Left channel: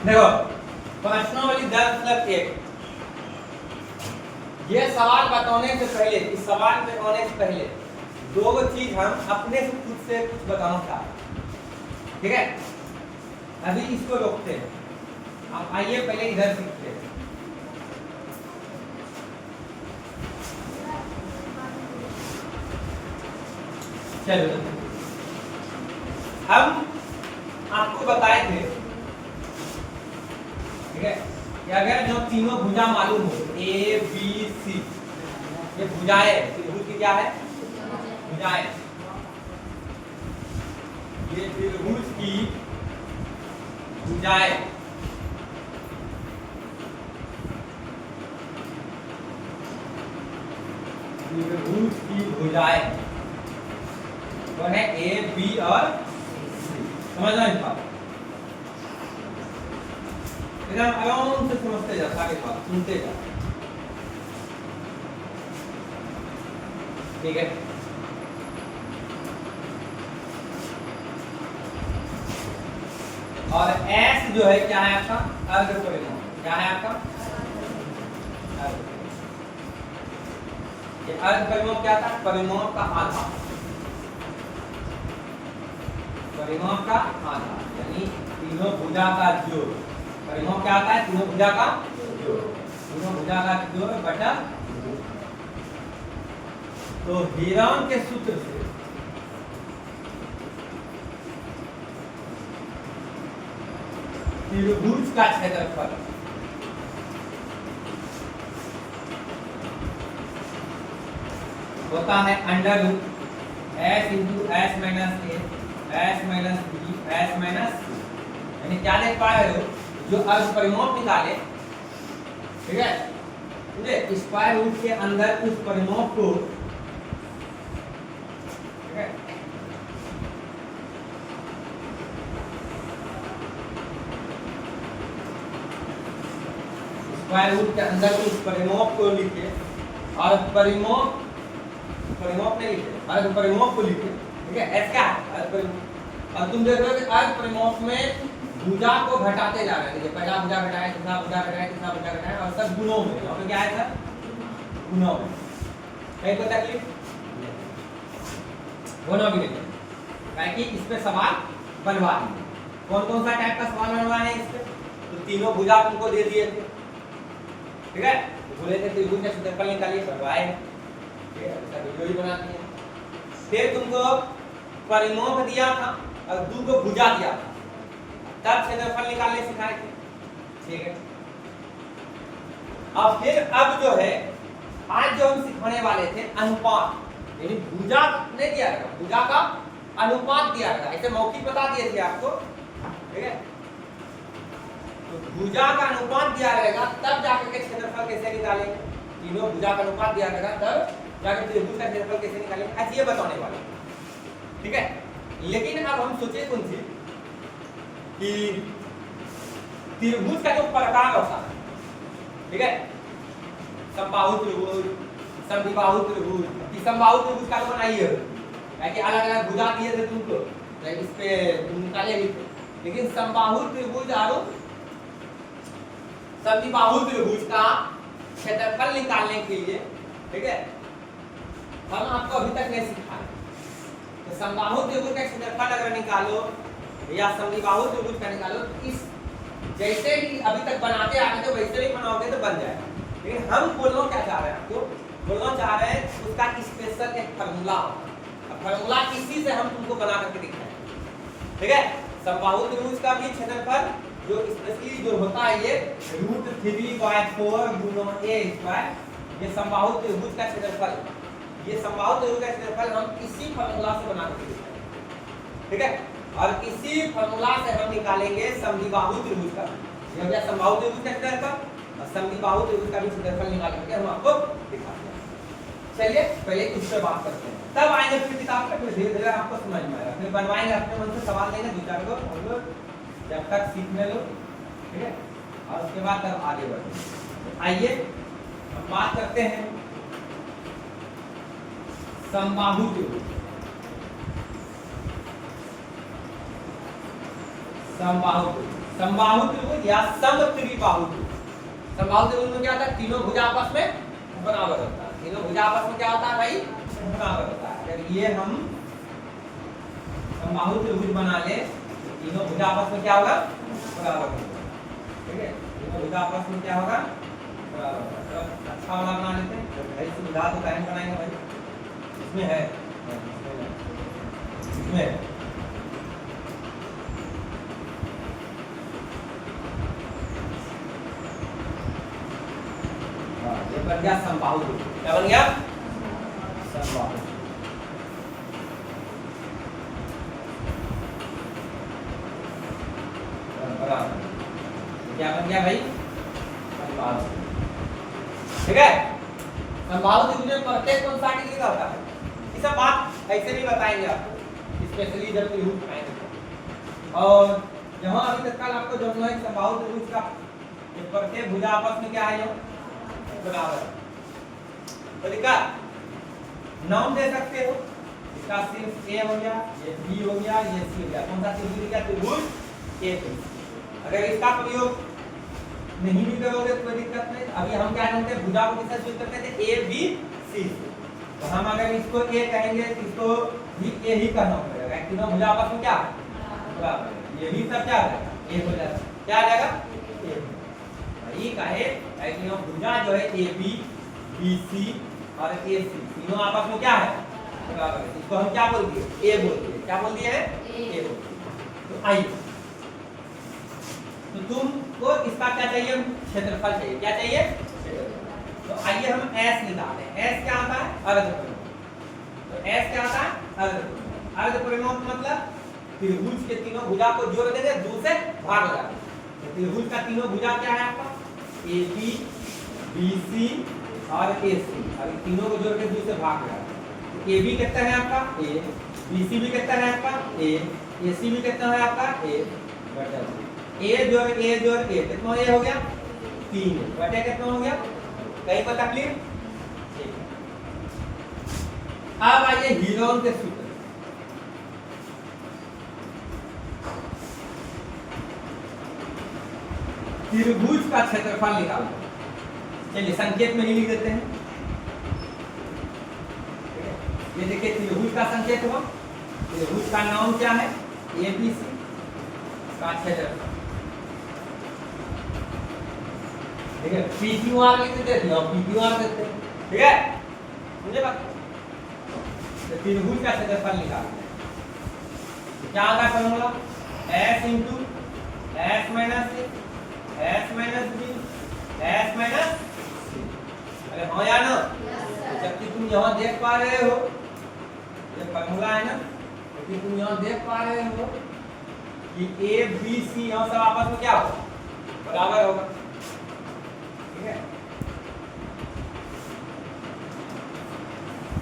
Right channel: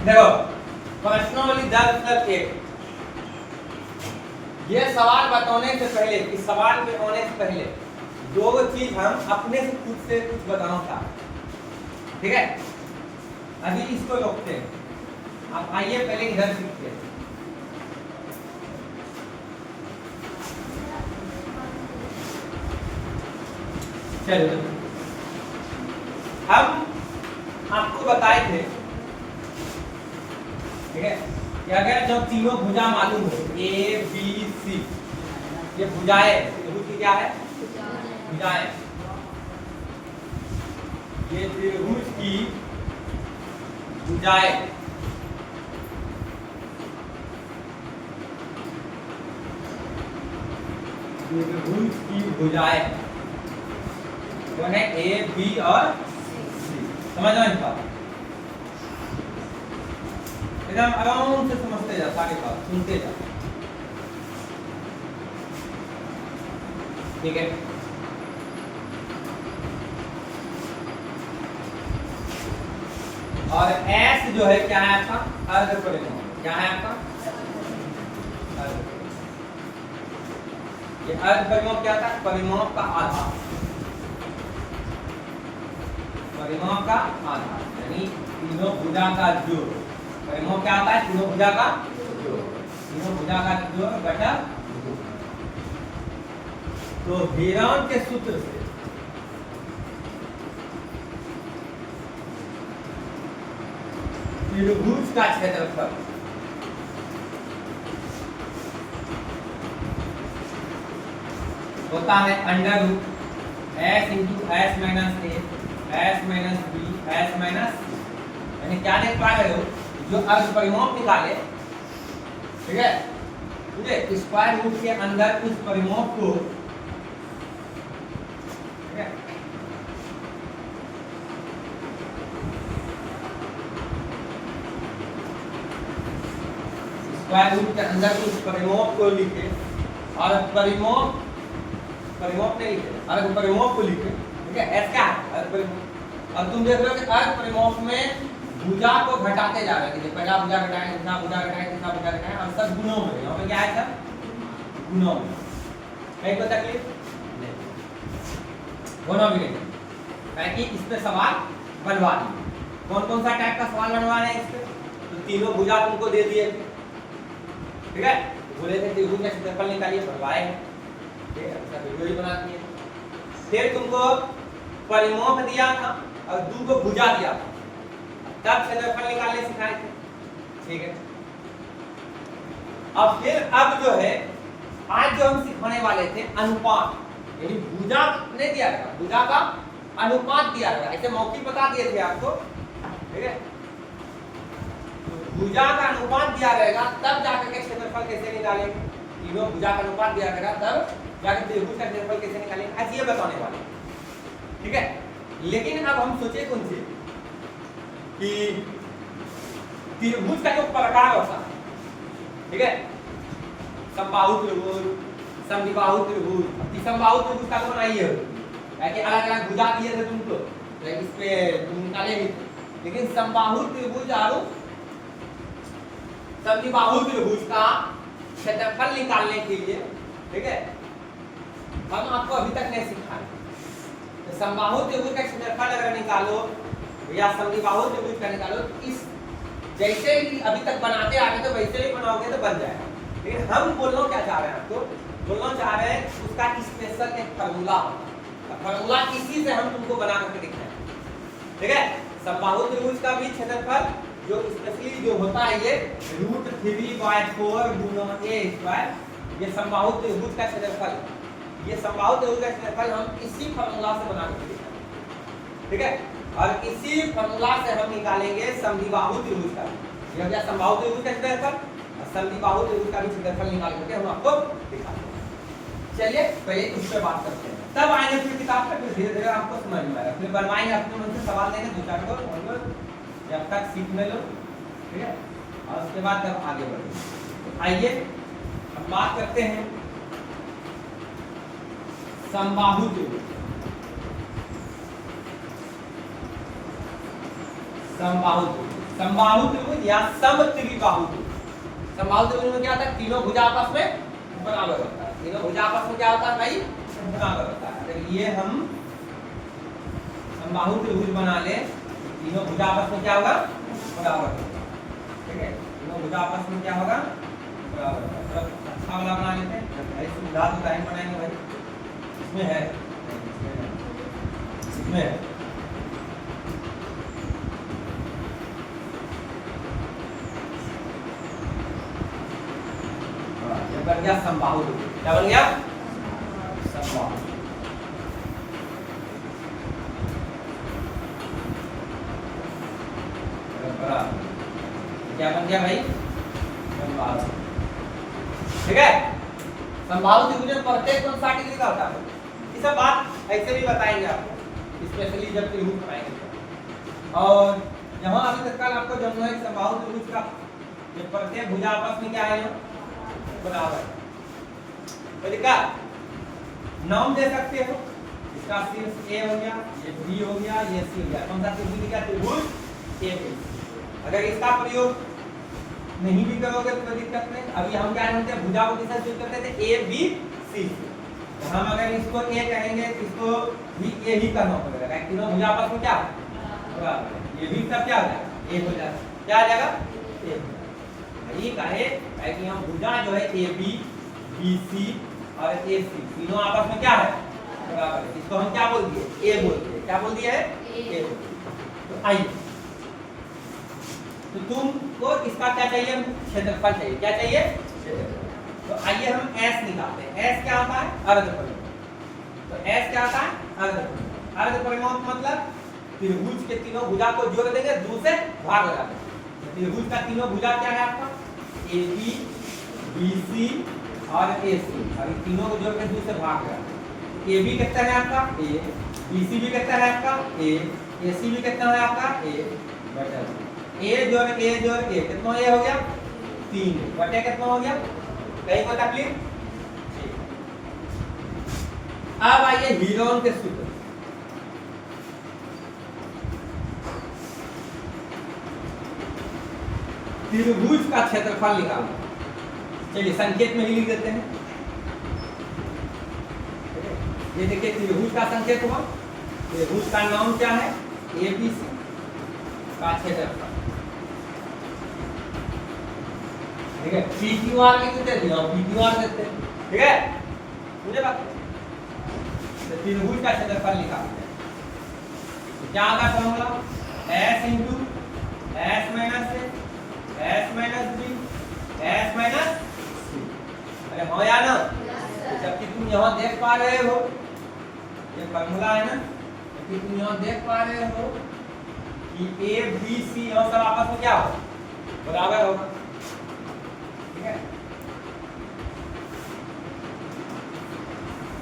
देखो प्रश्नावली 10+1 ये सवाल बताने से पहले, इस सवाल में होने से पहले दो चीज हम अपने से खुद से कुछ बताना चाहते, ठीक है। अभी इसको रोकते हैं, आप आइए पहले इधर सीखते हैं। चलो हम आपको बताए थे, ठीक है, कि अगर जो तीनों भुजा मालूम हो ए बी सी, ये भुजाएं, त्रिभुज की क्या है, भुजाएं, ये त्रिभुज की भुजाएं, त्रिभुज की भुजाएं वो है ए बी और सी। समझना इस बात, एकदम आराम से समझते जा, सारे बात सुनते जा, ठीक है। और एस जो है क्या है आपका, अर्ध परिमाण, क्या है आपका अर्ध। ये अर्ध परिमाण क्या था, परिमाण का आधार, परिमाण का आधार यानी तीनों भुजा का जोड़। परिमाण क्या आता है, तीनों भुजा का जोड़, तीनों भुजा का जोड़ बटा। तो हीरान के सूत्र से त्रिभुज का क्षेत्रफल होता है under root s into s minus a s minus b s minus c. यानी क्या देख पा रहे हो, जो अर्ध परिमाण निकाले, ठीक है, ठीक है, स्क्वायर रूट के अंदर उस परिमाण को, ठीक है, स्क्वायर रूट के अंदर उस परिमाण को लिखे और परिमाण नहीं लिखे, अर्ध परिमाण को लिखे, ठीक है। एस क्या है, अर्ध परिमाण। अब तुम देख रहे हो कि अर्ध परिमाण में भुजा को घटाते जा रहे हैं, पहला भुजा घटाए, दूसरा भुजा घटाए, तीसरा भुजा घटाए, और सब गुणों में, यहाँ पे क्या है सर, गुणों में। कहीं कोई तकलीफ नहीं, गुणों भी नहीं, ताकि इस पे सवाल बनवा दिए। कौन कौन सा टाइप का सवाल बनवाए हैं इस पे, तो तीनों भुजा तुमको दे दिए थे, ठीक है, बोले थे त्रिभुज का क्षेत्रफल निकालिए, बनवाए, ठीक है, उसका वीडियो ही बना दिए। फिर तुमको परिमाण दिया था और तुमको भुजा दिया था, तब क्षेत्रफल निकालने सिखाए थे, ठीक है। अब फिर अब जो है आज जो हम सिखाने वाले थे अनुपात, यानी भुजा नहीं दिया गया, भुजा का अनुपात दिया गया, ऐसे मौखिक बता दिए थे आपको, ठीक है। तो भुजा का अनुपात दिया रहेगा तब जाकर के क्षेत्रफल कैसे निकालेंगे, तीनों भुजा का अनुपात दिया रहेगा तब जाकर त्रिभुज का क्षेत्रफल कैसे निकालेंगे, आज ये बताने वाले, ठीक है। लेकिन अब हम सोचे कौन से कि त्रिभुज का जो प्रकार होता है, ठीक है, समबाहु त्रिभुज, समद्विबाहु त्रिभुज, समबाहु त्रिभुज का तो बनाइए, ऐसे अलग अलग भुजा दिए थे तुमको, इस पे तुम निकालेंगे, लेकिन समबाहु त्रिभुज और समद्विबाहु त्रिभुज का क्षेत्रफल निकालने के लिए, ठीक है, हम आपको अभी तक नहीं सिखाए। तो समबाहु त्रिभुज का क्षेत्रफल अगर निकालो या समद्विबाहु त्रिभुज का निकालो, इस जैसे ही अभी तक बनाते आ रहे थे वैसे ही बनाओगे तो बन जाएगा। लेकिन हम बोलना क्या चाह रहे हैं, आपको बोलना चाह रहे हैं उसका स्पेशल एक फार्मूला होता है, फार्मूला इसी से हम तुमको बना करके दिखाएं, ठीक है। समबाहु त्रिभुज का भी क्षेत्रफल जो स्पेशली जो होता है ये √3/4 गुना a², ये समबाहु त्रिभुज का क्षेत्रफल, ये समबाहु त्रिभुज का क्षेत्रफल हम इसी फार्मूला से बना करके दिखाएंगे, ठीक है। और इसी फार्मूला से हम निकालेंगे समद्विबाहु त्रिभुज का, ये हो गया समबाहु त्रिभुज का क्षेत्रफल, और समद्विबाहु त्रिभुज का भी क्षेत्रफल निकाल करके हम आपको दिखाएंगे। चलिए पहले इस पे बात करते हैं, तब आएंगे फिर किताब पे, फिर धीरे धीरे आपको समझ में आएगा, फिर बनवाएंगे, अपने मन से सवाल देंगे दो चार को, और लोग जब तक सीखने लो, ठीक है, और उसके बाद तब आगे बढ़ेंगे। तो आइए हम बात करते हैं समबाहु त्रिभुज, समबाहु त्रिभुज, समबाहु त्रिभुज या समत्रिबाहु त्रिभुज। समबाहु त्रिभुज में क्या होता है, तीनों भुजा आपस में बराबर होता है। तीनों भुजा आपस में क्या होता है भाई, बराबर होता है। अगर ये हम समबाहु त्रिभुज बना ले, तीनों भुजा आपस में क्या होगा, बराबर होगा। ठीक है, तीनों भुजा आपस में क्या होगा, बराबर होगा। तो अच्छा वाला बना लेते हैं भाई, सुविधा तो टाइम बनाएंगे भाई, इसमें है, इसमें है। ये बन गया समबाहु त्रिभुज। क्या बन गया, समबाहु। क्या बन गया भाई, समबाहु। ठीक है, समबाहु त्रिभुज में प्रत्येक कोण 60 डिग्री का होता है। ये सब बात ऐसे नहीं बताएंगे आपको, स्पेशली जब त्रिभुज बनाएंगे। और यहाँ अभी तक कल आपको जो है समबाहु त्रिभुज का ये प्रत्येक भुजा आपस में क्या है, बराबर। तो देखा नाम दे सकते हो, इसका सिर्फ ए हो गया, ये बी हो गया, ये सी हो गया। कौन सा त्रिभुज क्या, त्रिभुज ए। अगर इसका प्रयोग नहीं भी करोगे तो कोई दिक्कत नहीं। अभी हम क्या जानते हैं, भुजा को किससे जोड़ करते थे, ए बी सी। तो हम अगर इसको ए कहेंगे, इसको भी ए ही करना पड़ेगा, तीनों भुजा आपस में क्या बराबर। ये भी सब क्या है, ए हो जाएगा। क्या आ जाएगा, ए। यही कहे कि हम भुजा जो है ए बी, बी सी और ए सी तीनों आपस में क्या है, बराबर है। इसको हम क्या बोल दिए, ए बोल दिए। क्या बोल दिया है, ए बोल दिए। तो आइए, तो तुमको इसका क्या चाहिए, क्षेत्रफल चाहिए। क्या चाहिए, तो आइए हम S निकालते हैं। S क्या होता है, अर्धपरिमाण। तो S क्या होता है, अर्धपरिमाण। अर्धपरिमाण मतलब त्रिभुज के तीनों भुजा को जोड़ देंगे, 2 से भाग हो जाएगा। त्रिभुज का तीनों भुजा क्या है आपका, ए बी, बी सी और ए सी, और तीनों को जोड़ के 2 से भाग हो जाएगा। ए बी कितना है आपका, ए, बी सी भी कितना है आपका, ए सी भी कितना है आपका, ए, बढ़ जाएगा। ए जोड़ ए कितना ये हो गया, 3 बटे कितना हो गया, कहीं को तकलीफ। अब आइए हीरोन के सूत्र। त्रिभुज का क्षेत्रफल निकालना। चलिए संकेत में ही लिख देते हैं। ये देखिए त्रिभुज का संकेत हुआ, त्रिभुज का नाम क्या है, ए बी सी का क्षेत्रफल। ठीक है, पी क्यू आर लिख देते हैं, पी क्यू आर देते हैं। ठीक है, मुझे बात तो त्रिभुज का क्षेत्रफल निकालते हैं। क्या होगा formula, s into s minus a, s minus b, s minus c. अरे हाँ या ना, जबकि तुम यहाँ देख पा रहे हो, ये फॉर्मूला है ना, जबकि तुम यहाँ देख पा रहे हो कि ए बी सी यहाँ सब आपस में क्या होगा, बराबर होगा। ठीक है,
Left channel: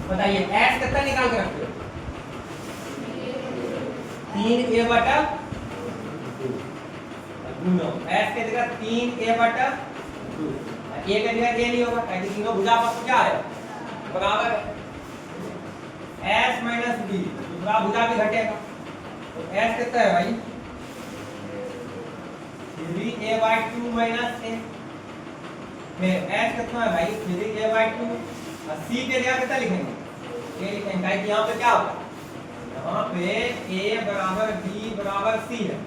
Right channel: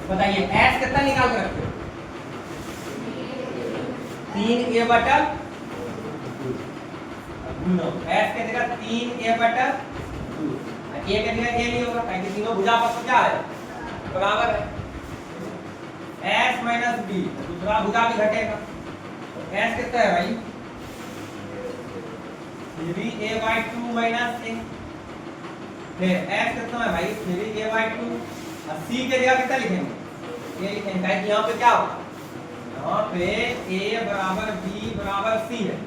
बताइए s कितना निकाल के रखते हो, 3a बटा 2 s के जगह 3a बटा 2, a के जगह a नहीं होगा क्योंकि तीनों भुजा आपस में क्या है, बराबर है। s माइनस b, दूसरा भुजा भी घटेगा, तो s कितना है भाई, 3a/2 माइनस a। फिर s कितना है भाई, 3a/2, और c के जगह कितना लिखेंगे, a लिखेंगे, क्योंकि यहाँ पे क्या होगा, यहाँ पे a बराबर b बराबर c है।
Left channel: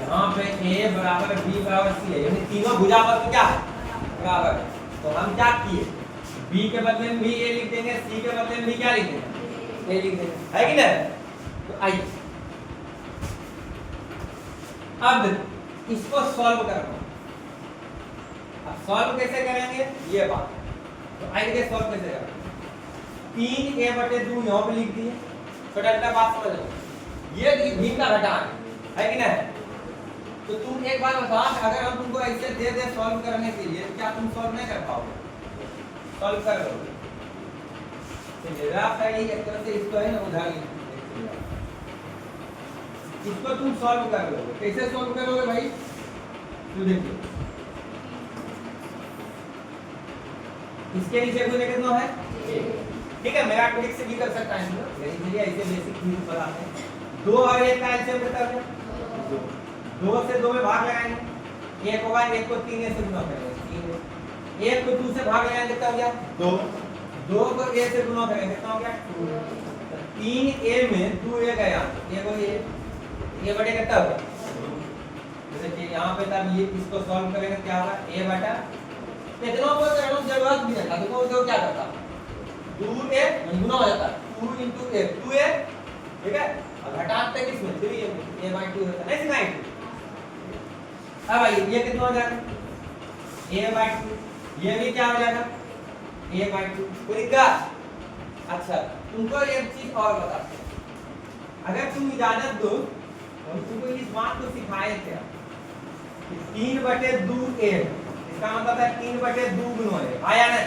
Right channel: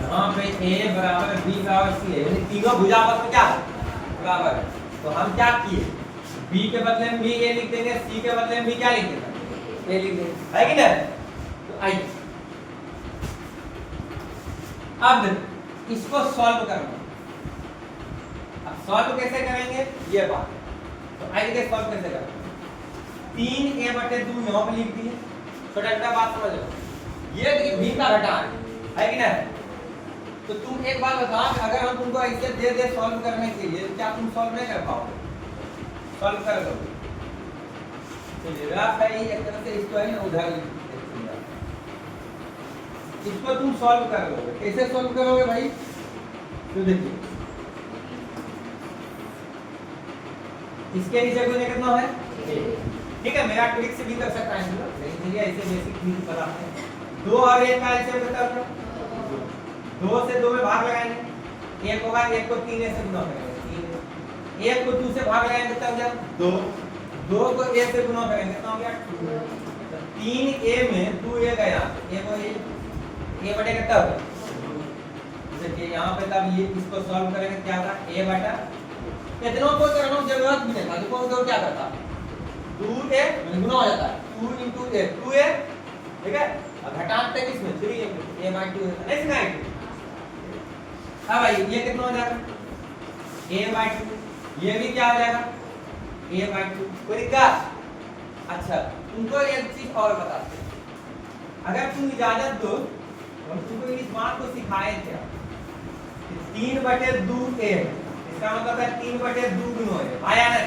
यहाँ पे a बराबर b बराबर c है, यानी तीनों भुजा पर क्या है, बराबर है। तो हम क्या किए, b के बदले में भी a लिख देंगे, c के बदले में भी क्या लिख देंगे, a लिख देंगे, है कि नहीं। तो आइए अब इसको सॉल्व करना। अब सॉल्व कैसे करेंगे ये बात, तो आइए सॉल्व कैसे करेंगे। 3a/2 यहाँ पे लिख दिए, छोटा छोटा बात समझ लो, ये भी का घटान है कि नहीं। तो तुम एक बात बताओ, अगर हम तुमको ऐसे दे दे सॉल्व करने के लिए, क्या तुम सॉल्व नहीं कर पाओगे, सॉल्व कर लोगे। चलिए रात है एक तरह से इसको है ना उधार, इसको तुम सॉल्व कर लोगे। कैसे सॉल्व करोगे भाई, तो देखिए इसके नीचे कोई कितना है, ठीक है, मेरा ट्रिक से भी कर सकता है, लेकिन चलिए ऐसे से बेसिक चीज बताते हैं। 2 और 1 का एलसीएम कितना हो गया? 2 से 2 में भाग लगाएंगे, 1 होगा, 1 को 3 से गुना करेंगे, 3। 1 को 2 से भाग लगाएंगे कितना हो गया? 2। 2 को a से गुना करेंगे कितना हो गया? 2। 3a में 2a गया, a को a बटे कितना होगा? देखिए यहाँ पे तब ये इसको सॉल्व करेंगे क्या होगा? a बटा कितनों को करने की जरूरत भी नहीं, देखो तो क्या करता 2a गुना हो जाता है 2 into a 2a, ठीक है। अब घटाते हैं इसमें 3a by 2 होता है, नहीं सिखाएंगे। अब भाई ये कितना हो जाएगा? a by 2, ये भी क्या हो जाएगा? a by 2। कोई दिक्कत? अच्छा तुमको एक चीज और बताते हैं, अगर तुम इजाजत दो हम तुमको इस बात को सिखाए थे 3/2a, इसका मतलब है 3/2 गुना a, आया ना?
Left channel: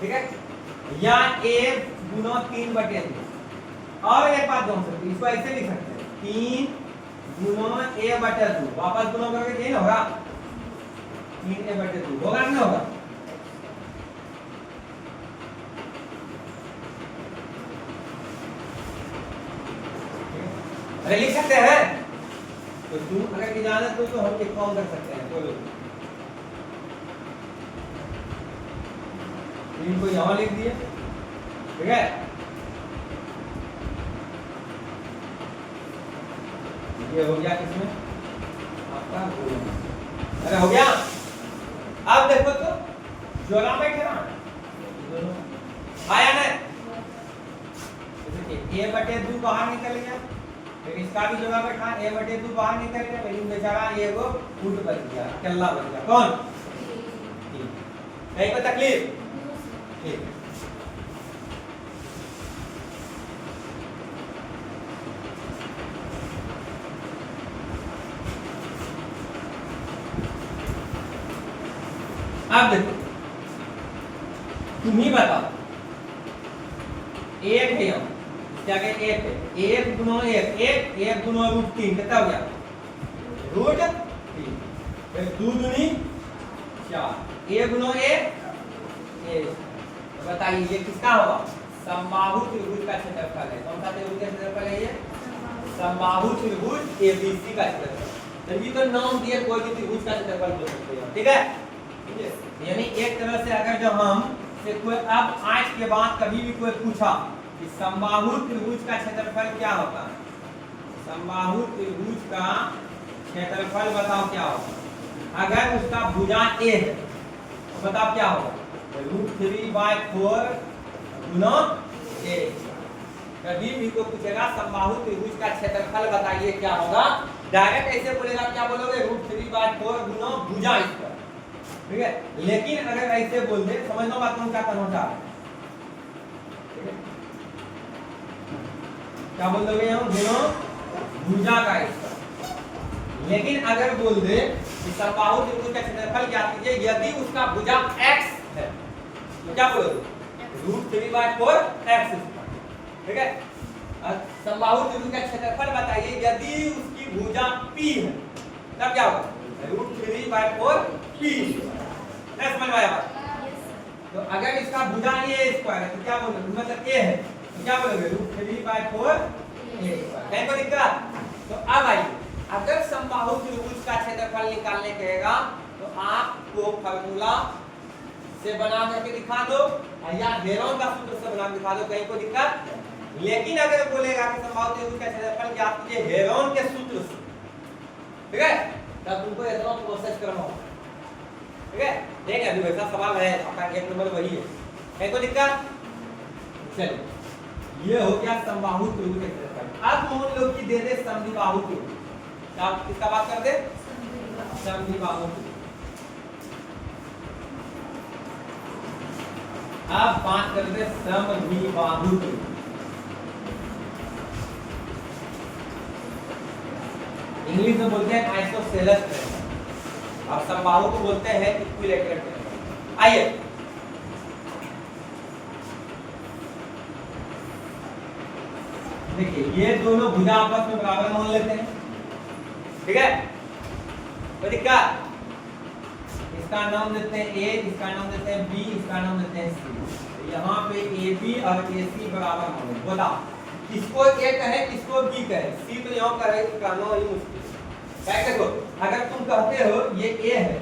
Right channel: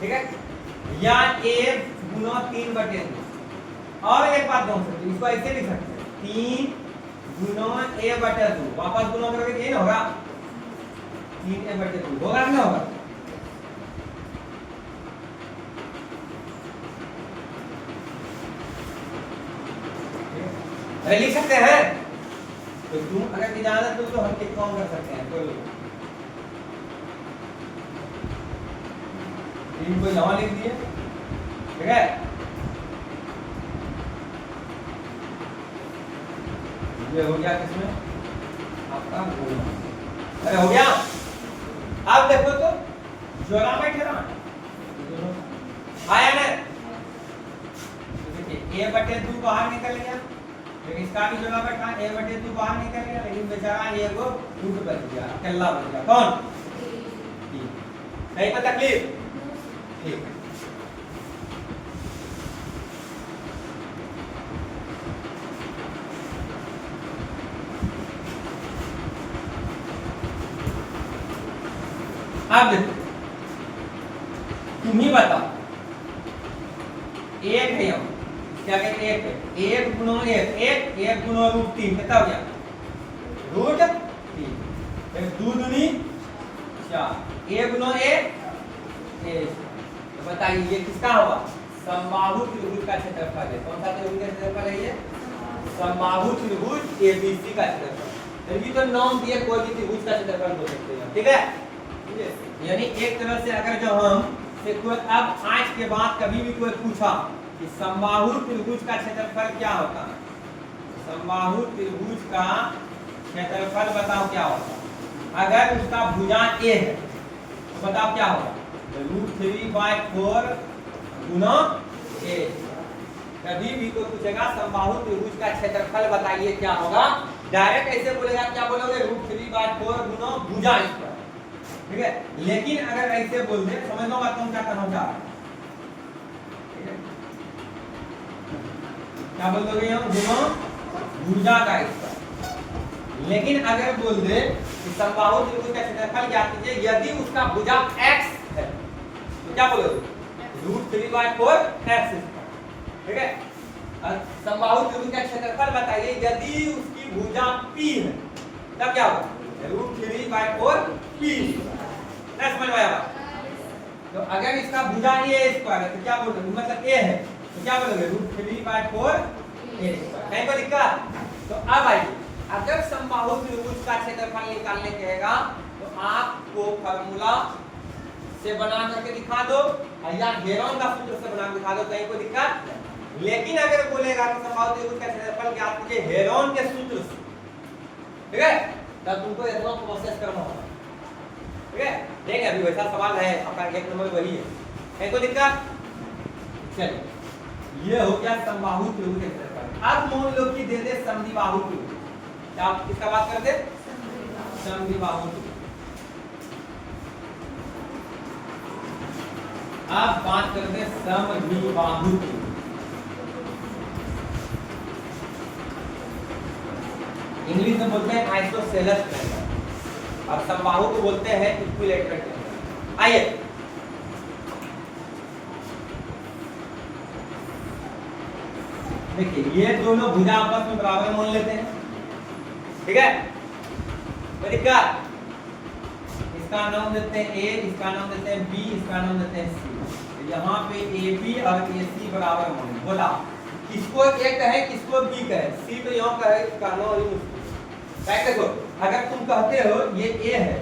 ठीक है, या a गुना 3/2। और एक बात कौन सकते, इसको ऐसे लिख सकते हैं 3 गुना a/2, वापस गुना करोगे ये होगा 3a/2, होगा ना? होगा। अरे लिख सकते हैं, तो तुम अगर इजाजत दो तो हम एक काम कर सकते हैं, कोई इनको यहाँ लिख दिए, ठीक है। ये हो गया किसमें आपका, अरे हो गया। अब देखो तो जोड़ा बैठे ना, आया ना? देखिए a/2 बाहर निकल गया, लेकिन इसका भी जोड़ा बैठा, a/2 बाहर निकल गया, लेकिन बेचारा ये को फुट बच गया, अकेला बच गया। कौन? नहीं तो तकलीफ, ठीक। अब देखो तुम ही बताओ, एक है यहाँ क्या कहते हैं, एक है, 1 गुना 1 गुना √3 कितना हो गया? √3। फिर 2 दूनी 4, a गुना a, तो बताइए ये किसका होगा? समबाहु त्रिभुज का क्षेत्रफल है। कौन सा त्रिभुज का क्षेत्रफल है ये? समबाहु त्रिभुज एबीसी का क्षेत्रफल। चलिए तो नाम दिए कोई भी त्रिभुज का क्षेत्रफल बोल सकते हैं, ठीक है। यानी एक तरह से अगर जब हम से कोई अब आज के बाद कभी भी कोई पूछा कि समबाहु त्रिभुज का क्षेत्रफल क्या होता है, समबाहु त्रिभुज का क्षेत्रफल बताओ क्या होता है। अगर उसका भुजा a है तो बताओ क्या होगा? √3/4 गुना a। कभी भी कोई पूछेगा समबाहु त्रिभुज का क्षेत्रफल बताइए क्या होगा, डायरेक्ट ऐसे बोलेगा, क्या बोलोगे? √3/4 गुना भुजा स्क्वायर, ठीक है। लेकिन अगर ऐसे बोल दे, समझ लो बात तुम क्या करना चाह रहे हैं, ठीक है। क्या बोल दोगे? गुना भुजा का स्क्वायर। लेकिन अगर बोल दे कि समबाहु त्रिभुज का क्षेत्रफल ज्ञात कीजिए यदि उसका भुजा x है, तो क्या बोलोगे? √3/4 x, ठीक है। समबाहु त्रिभुज का क्षेत्रफल बताइए यदि उसकी भुजा p है, तब क्या होगा? √3/4 p। नहीं समझ में आया बात? तो अगर इसका भुजा a स्क्वायर है तो क्या बोलोगे? मतलब a है तो क्या बोलोगे? √3/4 a। नहीं कोई दिक्कत? तो अब आइए, अगर समबाहु त्रिभुज का क्षेत्रफल निकालने कहेगा तो आपको फार्मूला से बना करके दिखा दो या हेरोन का सूत्र से बना के दिखा दो, कहीं कोई दिक्कत? लेकिन अगर बोलेगा कि समबाहु त्रिभुज का क्षेत्रफल ज्ञात कीजिए हेरोन के सूत्र से, ठीक है, तब तुमको इतना प्रोसेस करना होगा, ठीक है। देखें अभी वैसा सवाल है, आपका 1 नंबर वही है, कोई दिक्कत? चलिए ये हो गया समबाहु त्रिभुज का क्षेत्रफल। अब मान लो कि दे दे समद्विबाहु त्रिभुज, क्या किसका बात कर दे? समद्विबाहु त्रिभुज। अब बात कर दे समद्विबाहु त्रिभुज। इंग्लिश में बोलते हैं आइसोसेलेस ट्रायंगल और समबाहु को बोलते हैं इक्विलैटरल ट्रायंगल। आइए देखिए, ये दोनों भुजा आपस में बराबर मान लेते हैं, ठीक है। कोई दिक्कत? इसका नाम देते हैं a, इसका नाम देते हैं b, इसका नाम देते हैं c। यहाँ पे ए बी और ए सी बराबर होंगे। बताओ किसको ए कहे किसको बी कहे, सी तो यहाँ कहे कहना ही मुश्किल है। क्या देखो अगर तुम कहते हो ये ए है,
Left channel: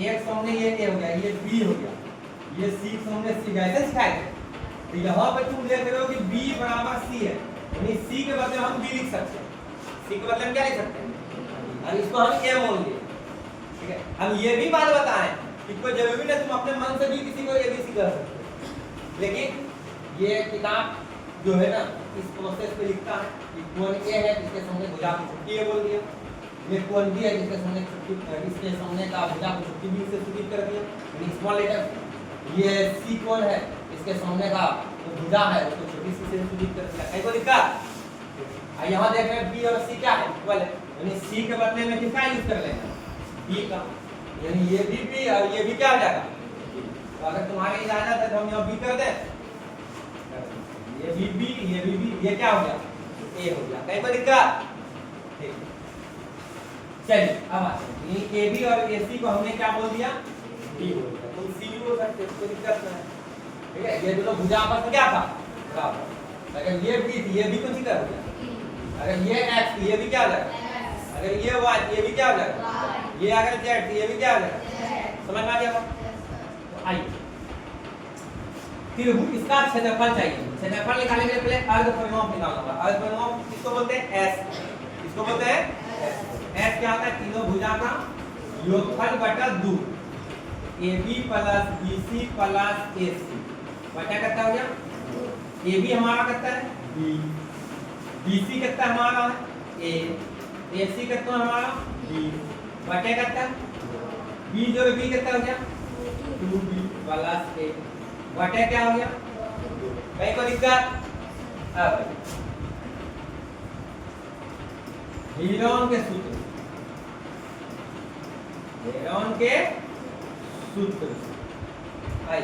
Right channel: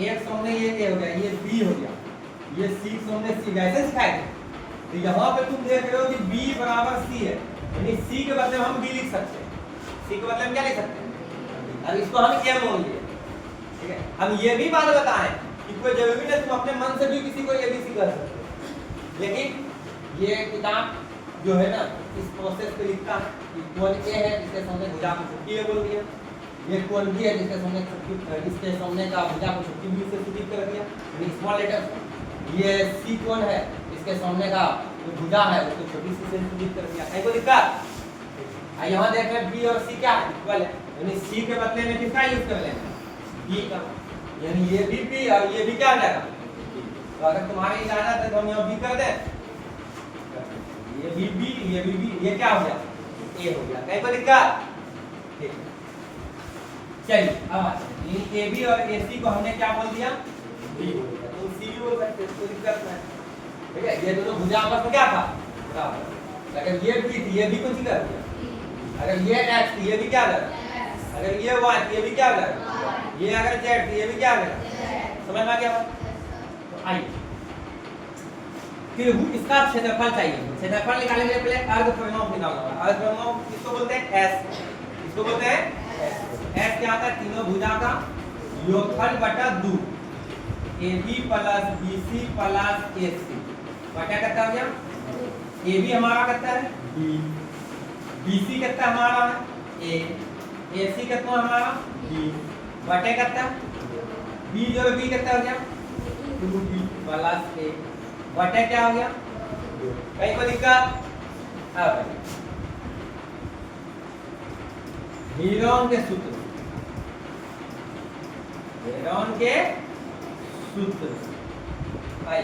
ए सामने ये ए हो गया, ये बी हो गया, ये सी सामने सी गया, ऐसे सिखाए थे। तो यहाँ पे तुम देख रहे हो कि बी बराबर सी है, यानी सी के बदले हम बी लिख सकते हैं, सी के बदले हम क्या लिख सकते हैं, अब इसको हम ए मान लिए। ठीक है, हम ये भी बात बताएं कि कोई जरूरी नहीं तुम अपने मन से भी किसी को एबीसी कह सकते हो, लेकिन ये किताब जो है ना इस प्रोसेस पे लिखता है कि कौन ए है जिसके सामने भुजा को छुट्टी है बोल दिया, ये कौन बी है जिसके सामने इसके सामने का भुजा को छुट्टी बी से सूचित कर दिया, यानी स्मॉल लेटर। ये सी कौन है इसके सामने का जो भुजा है उसको छोटी सी से सूचित कर दिया। कहीं को दिक्कत? यहाँ देख रहे हैं बी और सी क्या है इक्वल है, यानी सी के बदले में किसका यूज कर लेंगे बी का, यानी ये भी बी और ये भी क्या हो जाएगा। तो अगर तुम्हारी इजाजत है तो हम यहाँ बी कर दें, ये भी बी ये भी बी, ये क्या हो गया ए हो गया। कहीं को दिक्कत? ठीक चलिए अब ए बी और ए सी को हमने क्या बोल दिया बी बोल दिया, तुम सी भी बोल सकते हो, कोई दिक्कत नहीं। ठीक है, ये दोनों भुजा आपस में क्या था बराबर। अगर ये बी थी ये भी कौन सी कर दिया, अगर ये एक्स थी ये भी क्या कर, अगर ये वाई ये भी क्या कर, ये अगर जेड थी ये भी क्या कर, समझ में आ गया। तो आइए फिर इसका क्षेत्रफल चाहिए, क्षेत्रफल निकालने के लिए पहले अर्ध परिमाप निकालना होगा। अर्ध परिमाप किसको बोलते हैं एस, इसको बोलते हैं एस। एस क्या होता है तीनों भुजा का योगफल बटा 2, AB plus BC plus AC बटा कितना हो गया, AB हमारा कितना है B, BC कितना हमारा है A, AC कितना हमारा B बटे कितना B जो B कितना हो गया 2B प्लस A बटे क्या हो गया। कहीं को दिक्कत? अब हीरोन के सूत्र, हीरोन के सूत्र आई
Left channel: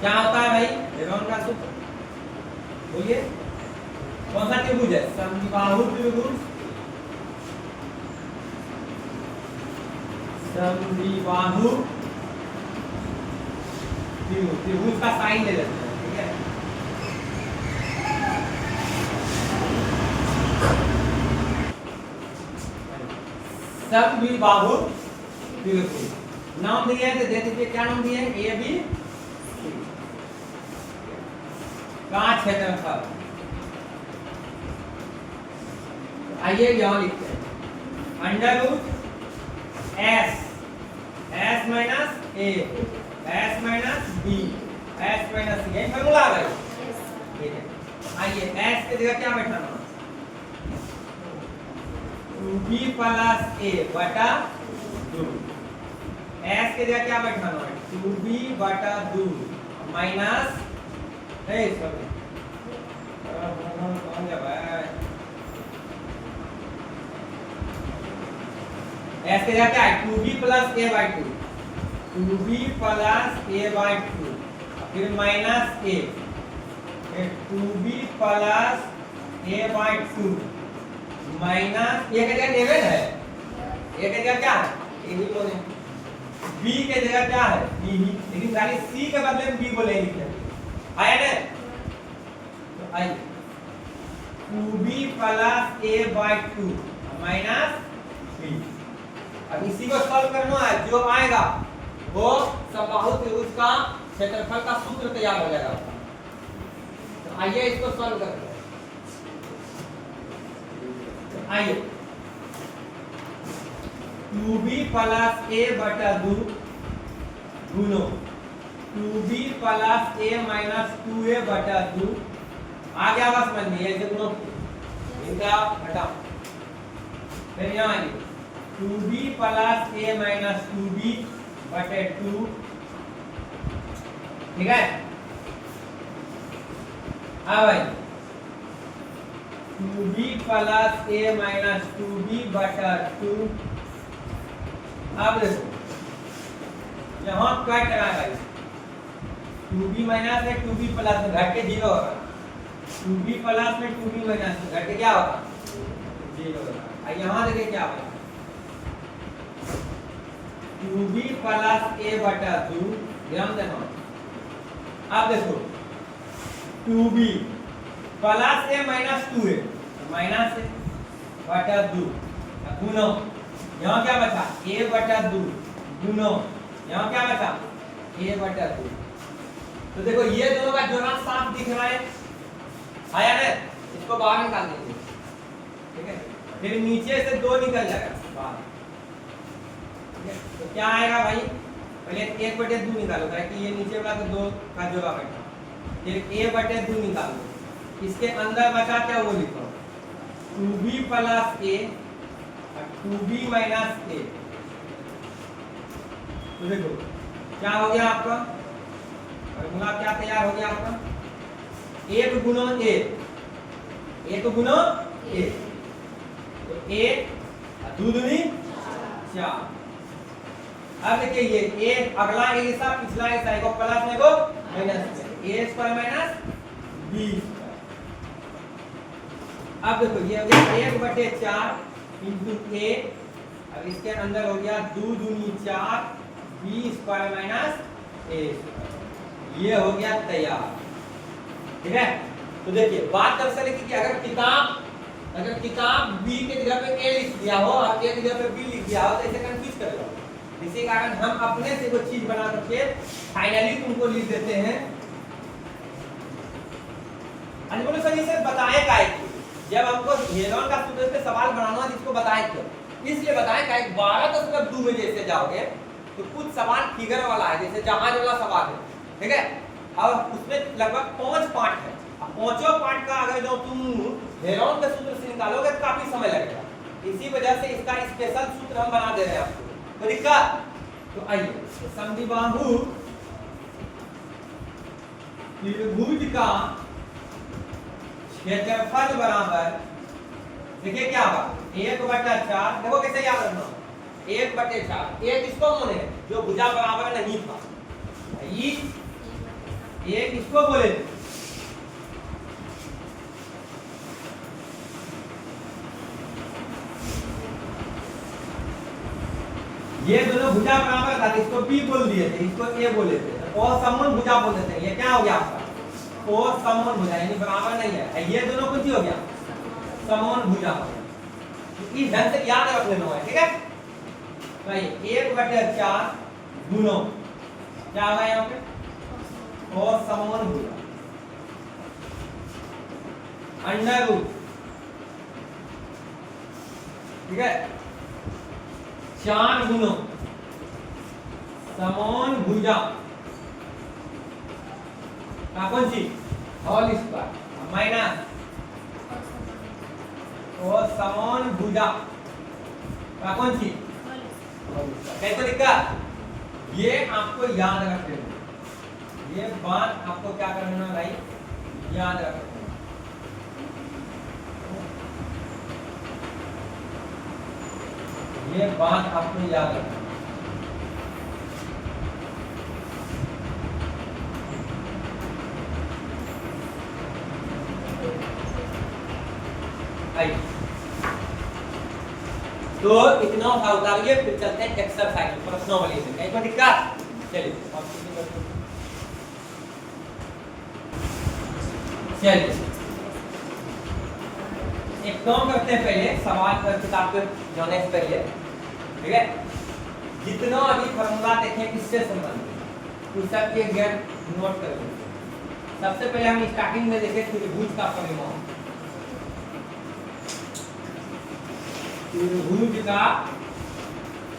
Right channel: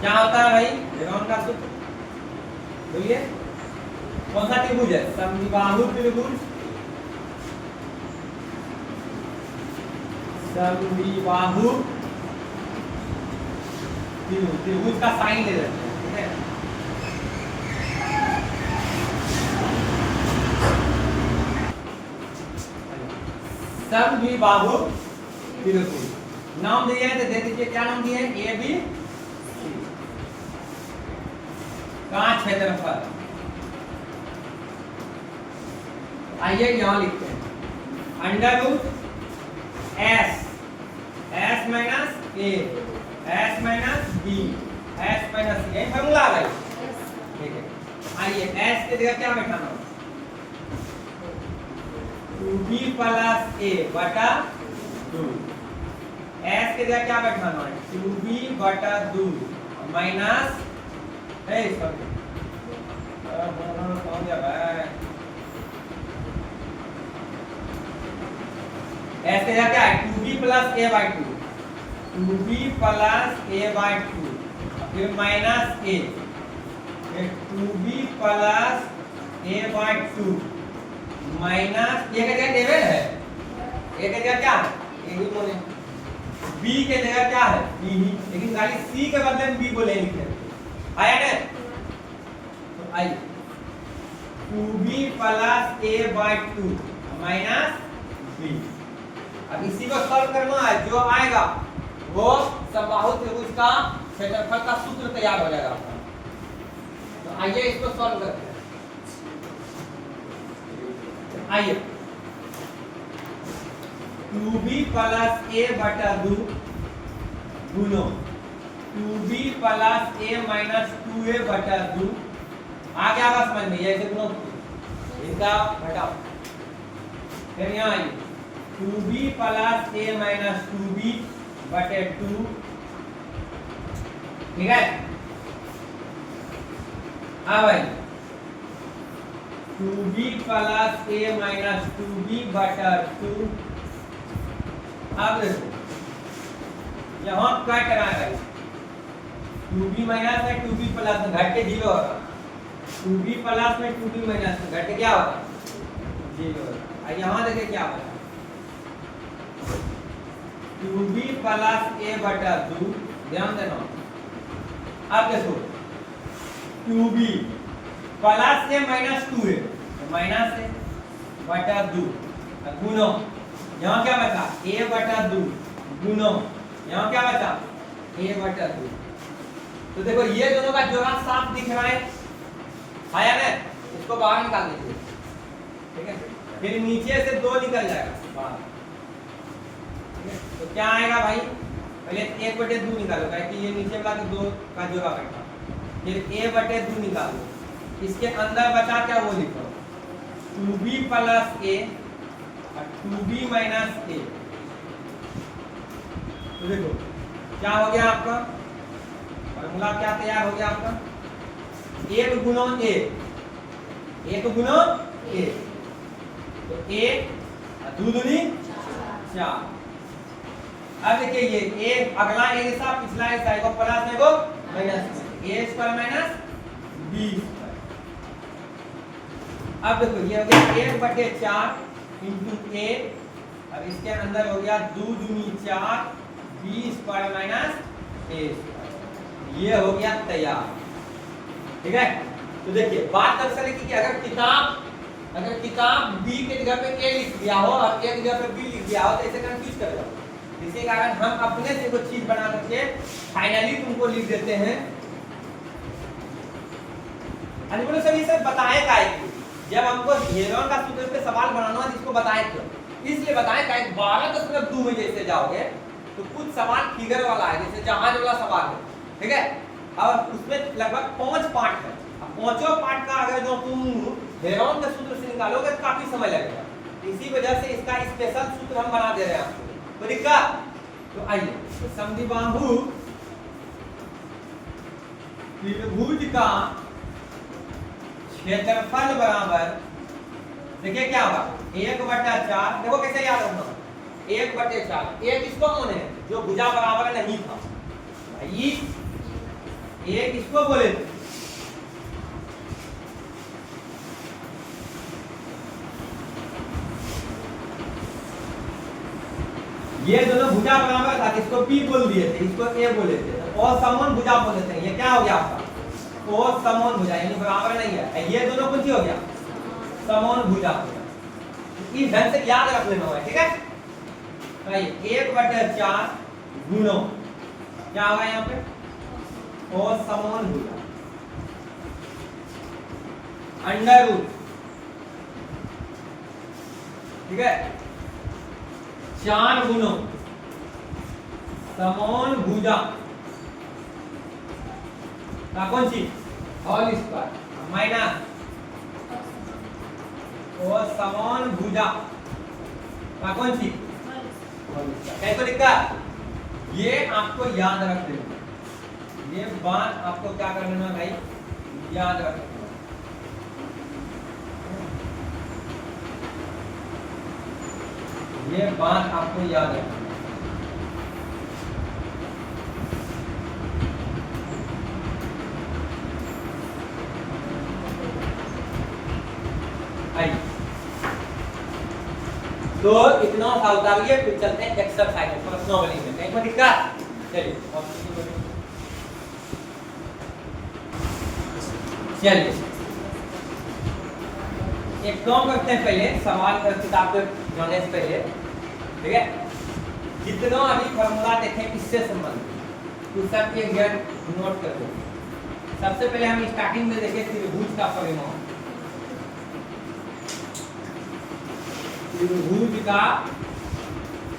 क्या होता है भाई हीरोन का सूत्र बोलिए, कौन सा त्रिभुज है समबाहु त्रिभुज, समबाहु त्रिभुज, त्रिभुज का साइन ले लेते हैं। ठीक है, समबाहु त्रिभुज नाम दिए तो दे दीजिए, क्या नाम दिए ए बी का क्षेत्रफल। आइए यहां लिखते हैं under root s, s minus a, s minus b, s minus c, यही फॉर्मूला आ गई। ठीक है, आइए एस के जगह क्या बैठाना, 2b प्लस a बटा 2, एस के जगह क्या बैठाना है 2b बटा 2 माइनस है इसका कौन गया भाई, एस के जगह क्या है 2b plus a by 2, 2b plus a by 2 फिर minus a, 2b plus a by 2 minus a के जगह लेवल है, ए के जगह क्या है ए ही बोले, बी के जगह क्या है बी ही, लेकिन खाली सी के बदले में बी बोले लिखे आया ना। तो आइए 2b plus a by 2 minus b, अब इसी को सॉल्व करना है, जो आएगा वो समबाहु त्रिभुज का क्षेत्रफल का सूत्र तैयार हो जाएगा। तो आइए इसको सॉल्व करते हैं। आइए 2b प्लस a बटा 2 गुनो 2b plus a minus 2a बटा 2 आ गया बस समझ में, ऐसे गुनो इनका घटाओ। फिर यहाँ आइए 2b plus a minus 2b बटे 2, ठीक है। अब आइए 2b plus a minus 2b बटा 2, अब देखो यहाँ कट करा है 2b माइनस है 2b प्लस में घट के 0 होगा, 2b प्लस में 2b माइनस में घट के क्या होगा 0 होगा। यहाँ देखिए क्या होगा 2b प्लस a बटा 2, ध्यान देना। अब देखो 2b plus a minus 2a, minus a बटा 2 गुनो, यहाँ क्या बचा a बटा 2 गुनो, यहाँ क्या बचा a बटा 2। तो देखो ये दोनों का जोड़ा साफ दिख रहा है आया ना, इसको बाहर निकाल देंगे, ठीक है। फिर नीचे से 2 निकल जाएगा बाहर, ठीक है। तो क्या आएगा भाई, पहले 1 बटे 2 निकालो, क्या कि ये नीचे वाला तो 2 का जोड़ा बैठा, फिर a बटे 2 निकालो, इसके अंदर बचा क्या वो लिखो 2b प्लस a और 2b माइनस a। तो देखो क्या हो गया आपका फॉर्मूला, क्या तैयार हो गया आपका, 1 गुणो a, 1 गुणो a, तो a 2 दूनी 4। अब देखिए ये a अगला a हिस्सा पिछला हिस्सा को प्लस में को माइनस में, a square minus b square. अब देखो ये हो गया 1 बटे 4 इंटू a, और इसके अंदर हो गया 2 दूनी 4 b square minus a square, ये हो गया तैयार, ठीक है। तो देखिए बात दरअसल है कि अगर किताब b के जगह पे a लिख दिया हो और a की जगह पे b लिख दिया हो तो इसे कंफ्यूज कर लो। इसी कारण हम अपने से कोई चीज बना करके फाइनली तुमको लिख देते हैं। बोलो सर ये बताए का है, जब हमको हेरोन का सूत्र पे सवाल बनाना है जिसको बताए क्यों, इसलिए बताए का 12.2 में जैसे जाओगे तो कुछ सवाल फिगर वाला है, जैसे जहाज वाला सवाल है, ठीक है। और उसमें लगभग 5 पार्ट है, अब पांचों पार्ट का अगर जो तुम हेरोन के सूत्र से निकालोगे तो काफी समय लगेगा, इसी वजह से इसका स्पेशल सूत्र हम बना दे रहे हैं आपको। तो दिक्कत तो आइए, समद्विबाहु त्रिभुज का क्षेत्रफल बराबर, देखिए क्या होगा 1/4, देखो कैसे याद रखना 1/4, एक इसको कौन है जो भुजा बराबर नहीं था, एक इसको बोले थे, ये दोनों भुजा बराबर था, इसको b बोल दिए थे, इसको a बोले थे, और समान भुजा बोल देते हैं। ये क्या हो गया आपका और समान भुजा, यानी बराबर नहीं है, ये दोनों कुछ ही हो गया समान भुजा। इस ढंग से याद रख लेना है, ठीक है। भाई 1/4 गुणो क्या होगा यहाँ पे और समान भुजा अंडर रूट, ठीक है, 4 गुणो समान भुजा का कौन सी होल स्क्वायर माइनस और समान भुजा का कौन सी कैसे दिक्कत, ये आपको याद रख लेना, ये बात आपको क्या करना है भाई याद रख लेना। ये बात आपको याद रखना। तो इतना सा उतारिए, फिर चलते हैं एक्सरसाइज प्रश्नावली में, कहीं पर दिक्कत। चलिए एक काम करते हैं, पहले सवाल का किताब के जाने से पहले, ठीक है, जितना अभी फॉर्मूला देखें इससे संबंधित उस सब के ज्ञान नोट कर लें। सबसे पहले हम स्टार्टिंग में देखें त्रिभुज का परिमाण, त्रिभुज का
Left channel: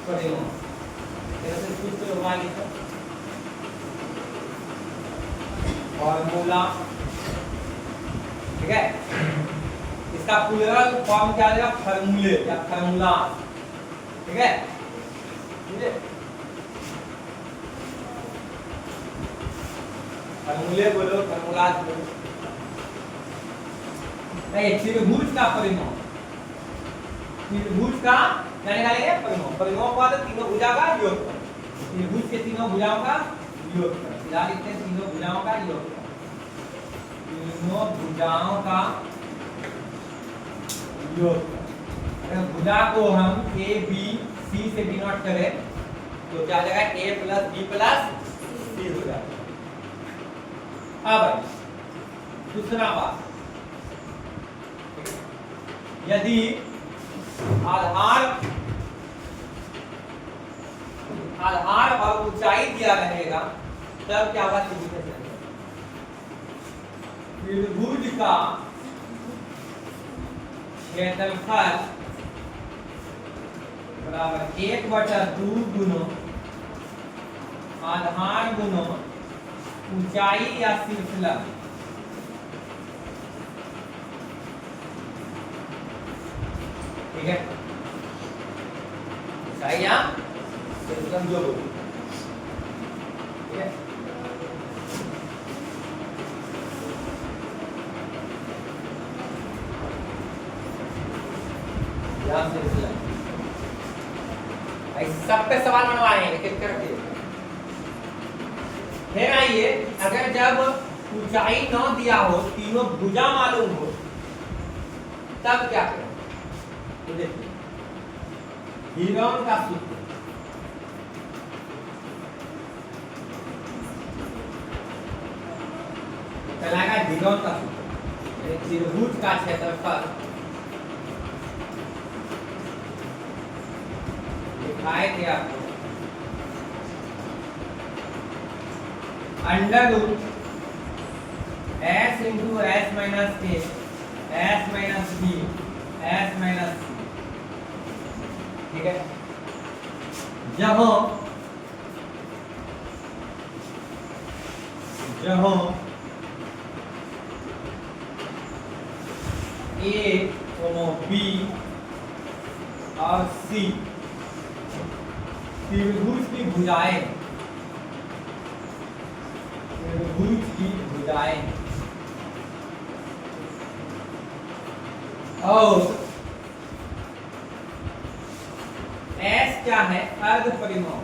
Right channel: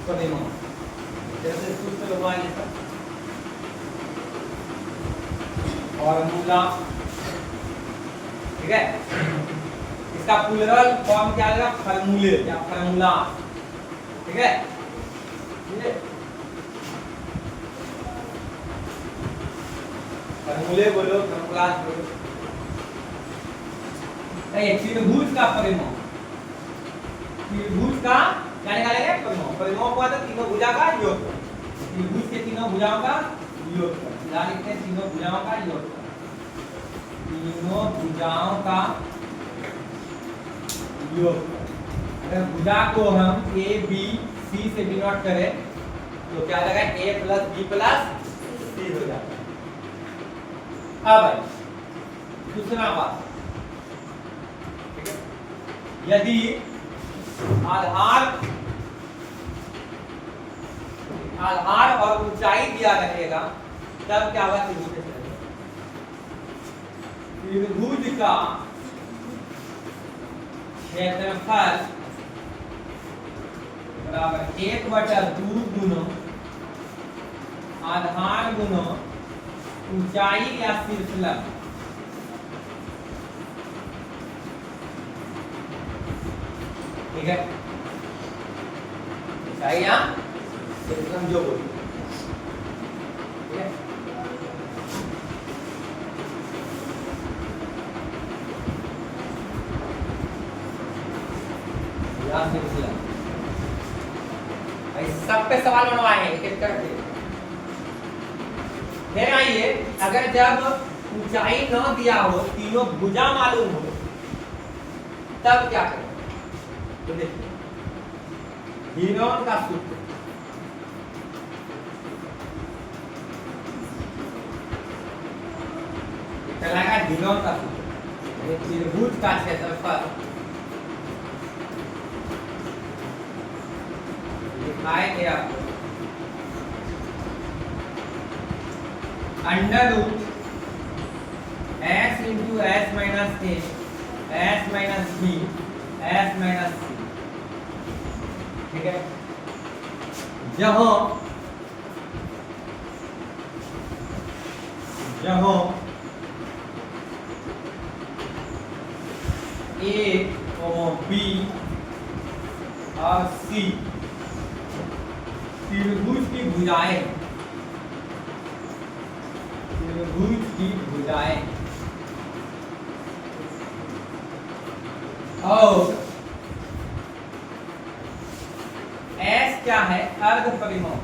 परिमाण जैसे सूत्र हुआ ये सब फॉर्मूला, ठीक है। इसका प्लूरल फॉर्म क्या आएगा फॉर्मूले या फॉर्मूला, ठीक है। फॉर्मूले बोलो फॉर्मूला बोलो। त्रिभुज का परिमाण, त्रिभुज का क्या निकालेंगे परिमाण, परिमाण को आता तीनों भुजा का योग, त्रिभुज के तीनों भुजाओं का योग, फिलहाल लिखते हैं तीनों भुजाओं का योग, तीनों भुजाओं का योग। अगर भुजा को हम ए बी सी से डिनोट करें तो तो क्या आ जाएगा a plus b plus c हो जाता है। अब दूसरा बात, ठीक है, यदि आधार और ऊंचाई दिया रहेगा तब क्या होगा त्रिभुज का क्षेत्रफल बराबर 1/2 गुना आधार गुना ऊंचाई या शीर्षलंब। ठीक है, ऊंचाई या शीर्षलंब जो बोलो, ठीक है। सब पे सवाल बनवाए हैं एक-एक करके। फिर आइए, अगर जब ऊंचाई न दिया हो, तीनों भुजा मालूम हो, तब क्या करें? तो देखिए हीरोन का सूत्र, चलाएगा हीरोन का सूत्र, त्रिभुज का क्षेत्रफल दिखाए थे आपको under root s into s minus a s minus b s minus c. ठीक है, जहां ए बी और सी त्रिभुज की भुजाएं और S क्या है? अर्ध परिमाप।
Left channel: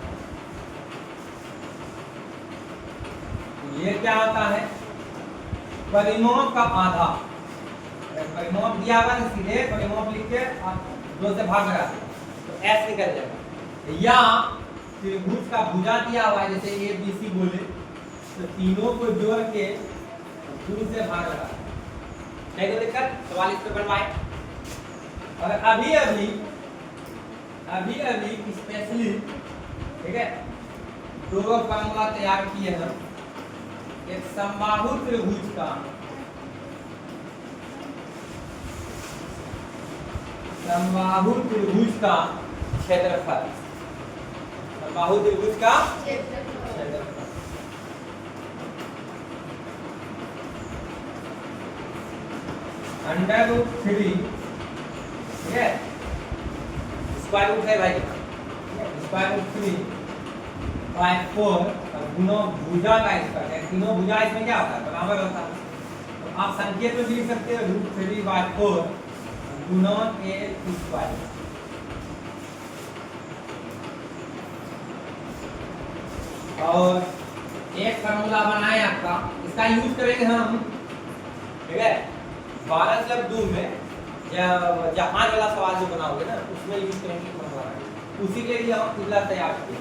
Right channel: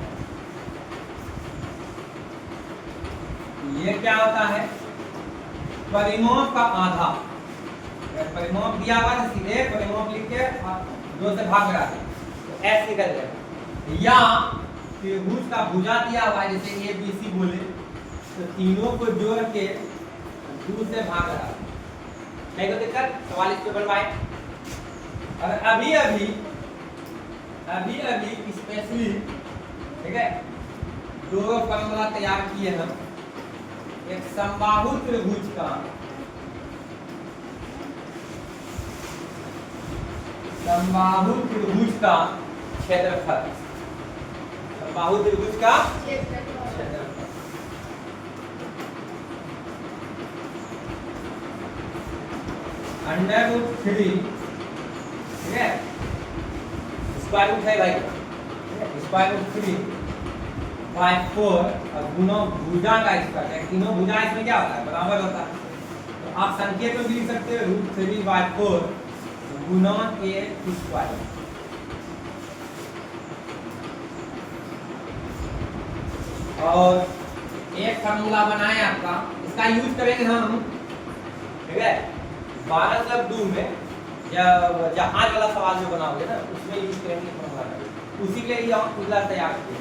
ये क्या होता है? परिमाप का आधा। परिमाप दिया हुआ है, सीधे परिमाप लिख के 2 से भाग करा तो S निकल जाएगा। या त्रिभुज का भुजा दिया हुआ है, जैसे ए बी सी बोले, तो तीनों को जोड़ के 2 से भाग करा। नहीं तो दिक्कत, सवाल इस पे बनवाए। और अभी स्पेशली, ठीक है, 2 फॉर्मूला तैयार किए हैं। एक समबाहु त्रिभुज का क्षेत्रफल, समबाहु त्रिभुज का क्षेत्रफल अंडर रूट 3, ठीक है, स्क्वायर रूट है भाई, स्क्वायर रूट 3/4 और गुना भुजा का स्क्वायर, तीनों भुजा इसमें क्या होता है? बराबर होता है। तो आप संकेत में भी लिख सकते हो √3/4 गुना a स्क्वायर। और एक फार्मूला बनाए आपका, इसका यूज करेंगे हम, ठीक है, 12/2 में जहाज वाला सवाल जो बनाओगे ना, उसमें यूज करेंगे फार्मूला। उसी के लिए हम अगला तैयार किए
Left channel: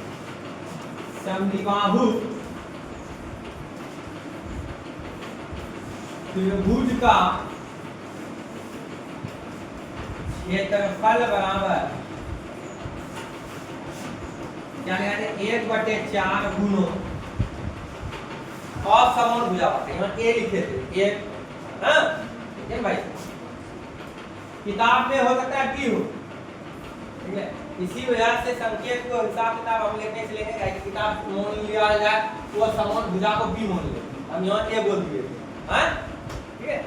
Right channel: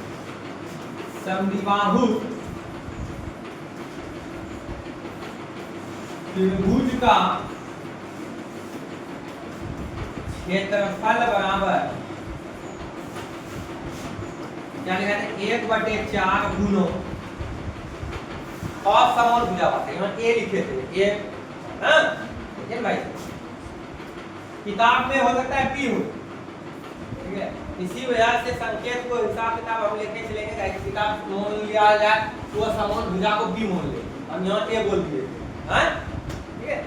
समद्विबाहु त्रिभुज का क्षेत्रफल बराबर क्या लिखा है? 1/4 गुना और समान भुजा पाते हैं, ए लिखे थे, ए, हाँ, ठीक है भाई। किताब में हो सकता है पी हो, ठीक है, इसी वजह से संकेत को हिसाब किताब हम लेके चलेंगे। गाइस किताब मान लिया जाए तो समान भुजा को बी मान ले, हम यहाँ ए बोल दिए, हाँ, ठीक है।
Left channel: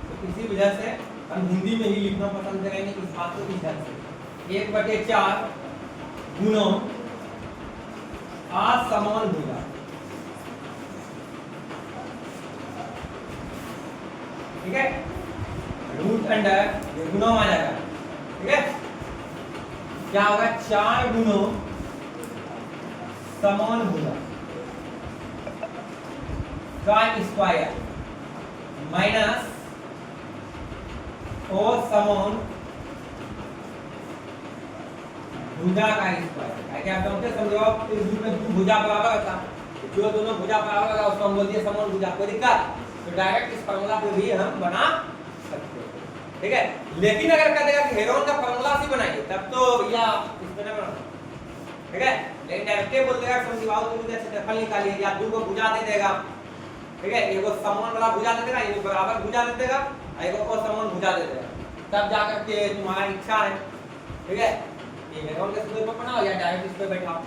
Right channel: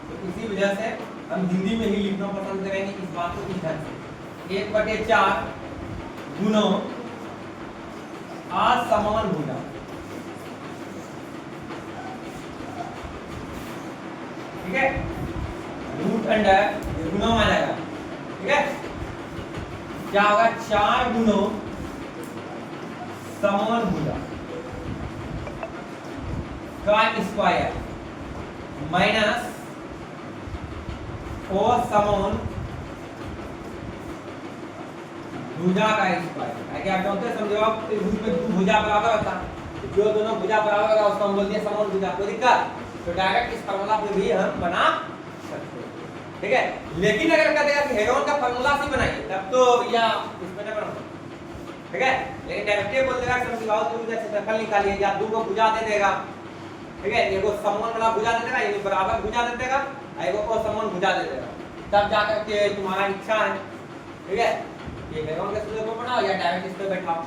तो इसी वजह से हम हिंदी में ही लिखना पसंद करेंगे इस बात को इस ढंग से, 1/4 गुना असमान भुजा, ठीक है, रूट अंडर गुना आ जाएगा, ठीक है, क्या होगा? 4 गुना समान भुजा का स्क्वायर माइनस और समान भुजा का स्क्वायर है। क्या आप जानते हैं, समझो आप त्रिभुज में दो भुजा बराबर होता है, जो दोनों भुजा बराबर होगा उसको हम बोलते हैं समभुजा। कोई दिक्कत? तो डायरेक्ट इस फार्मूला पे भी हम बना सकते हैं, ठीक है। लेकिन अगर कह देगा कि हेरोन का फार्मूला से बनाइए तब तो भैया इसमें ना बनाना, ठीक है। लेकिन डायरेक्ट बोल देगा समद्विबाहु त्रिभुज का क्षेत्रफल निकालिए, या दो को भुजा दे देगा, ठीक है। एगो समान वाला भुजा दे देगा, एगो बराबर भुजा दे देगा, एगो को समान भुजा दे देगा, तब जाकर के तुम्हारा इच्छा है, ठीक है, ये हेरोन के सूत्र पर बनाओ या डायरेक्ट इस पे बैठाओ।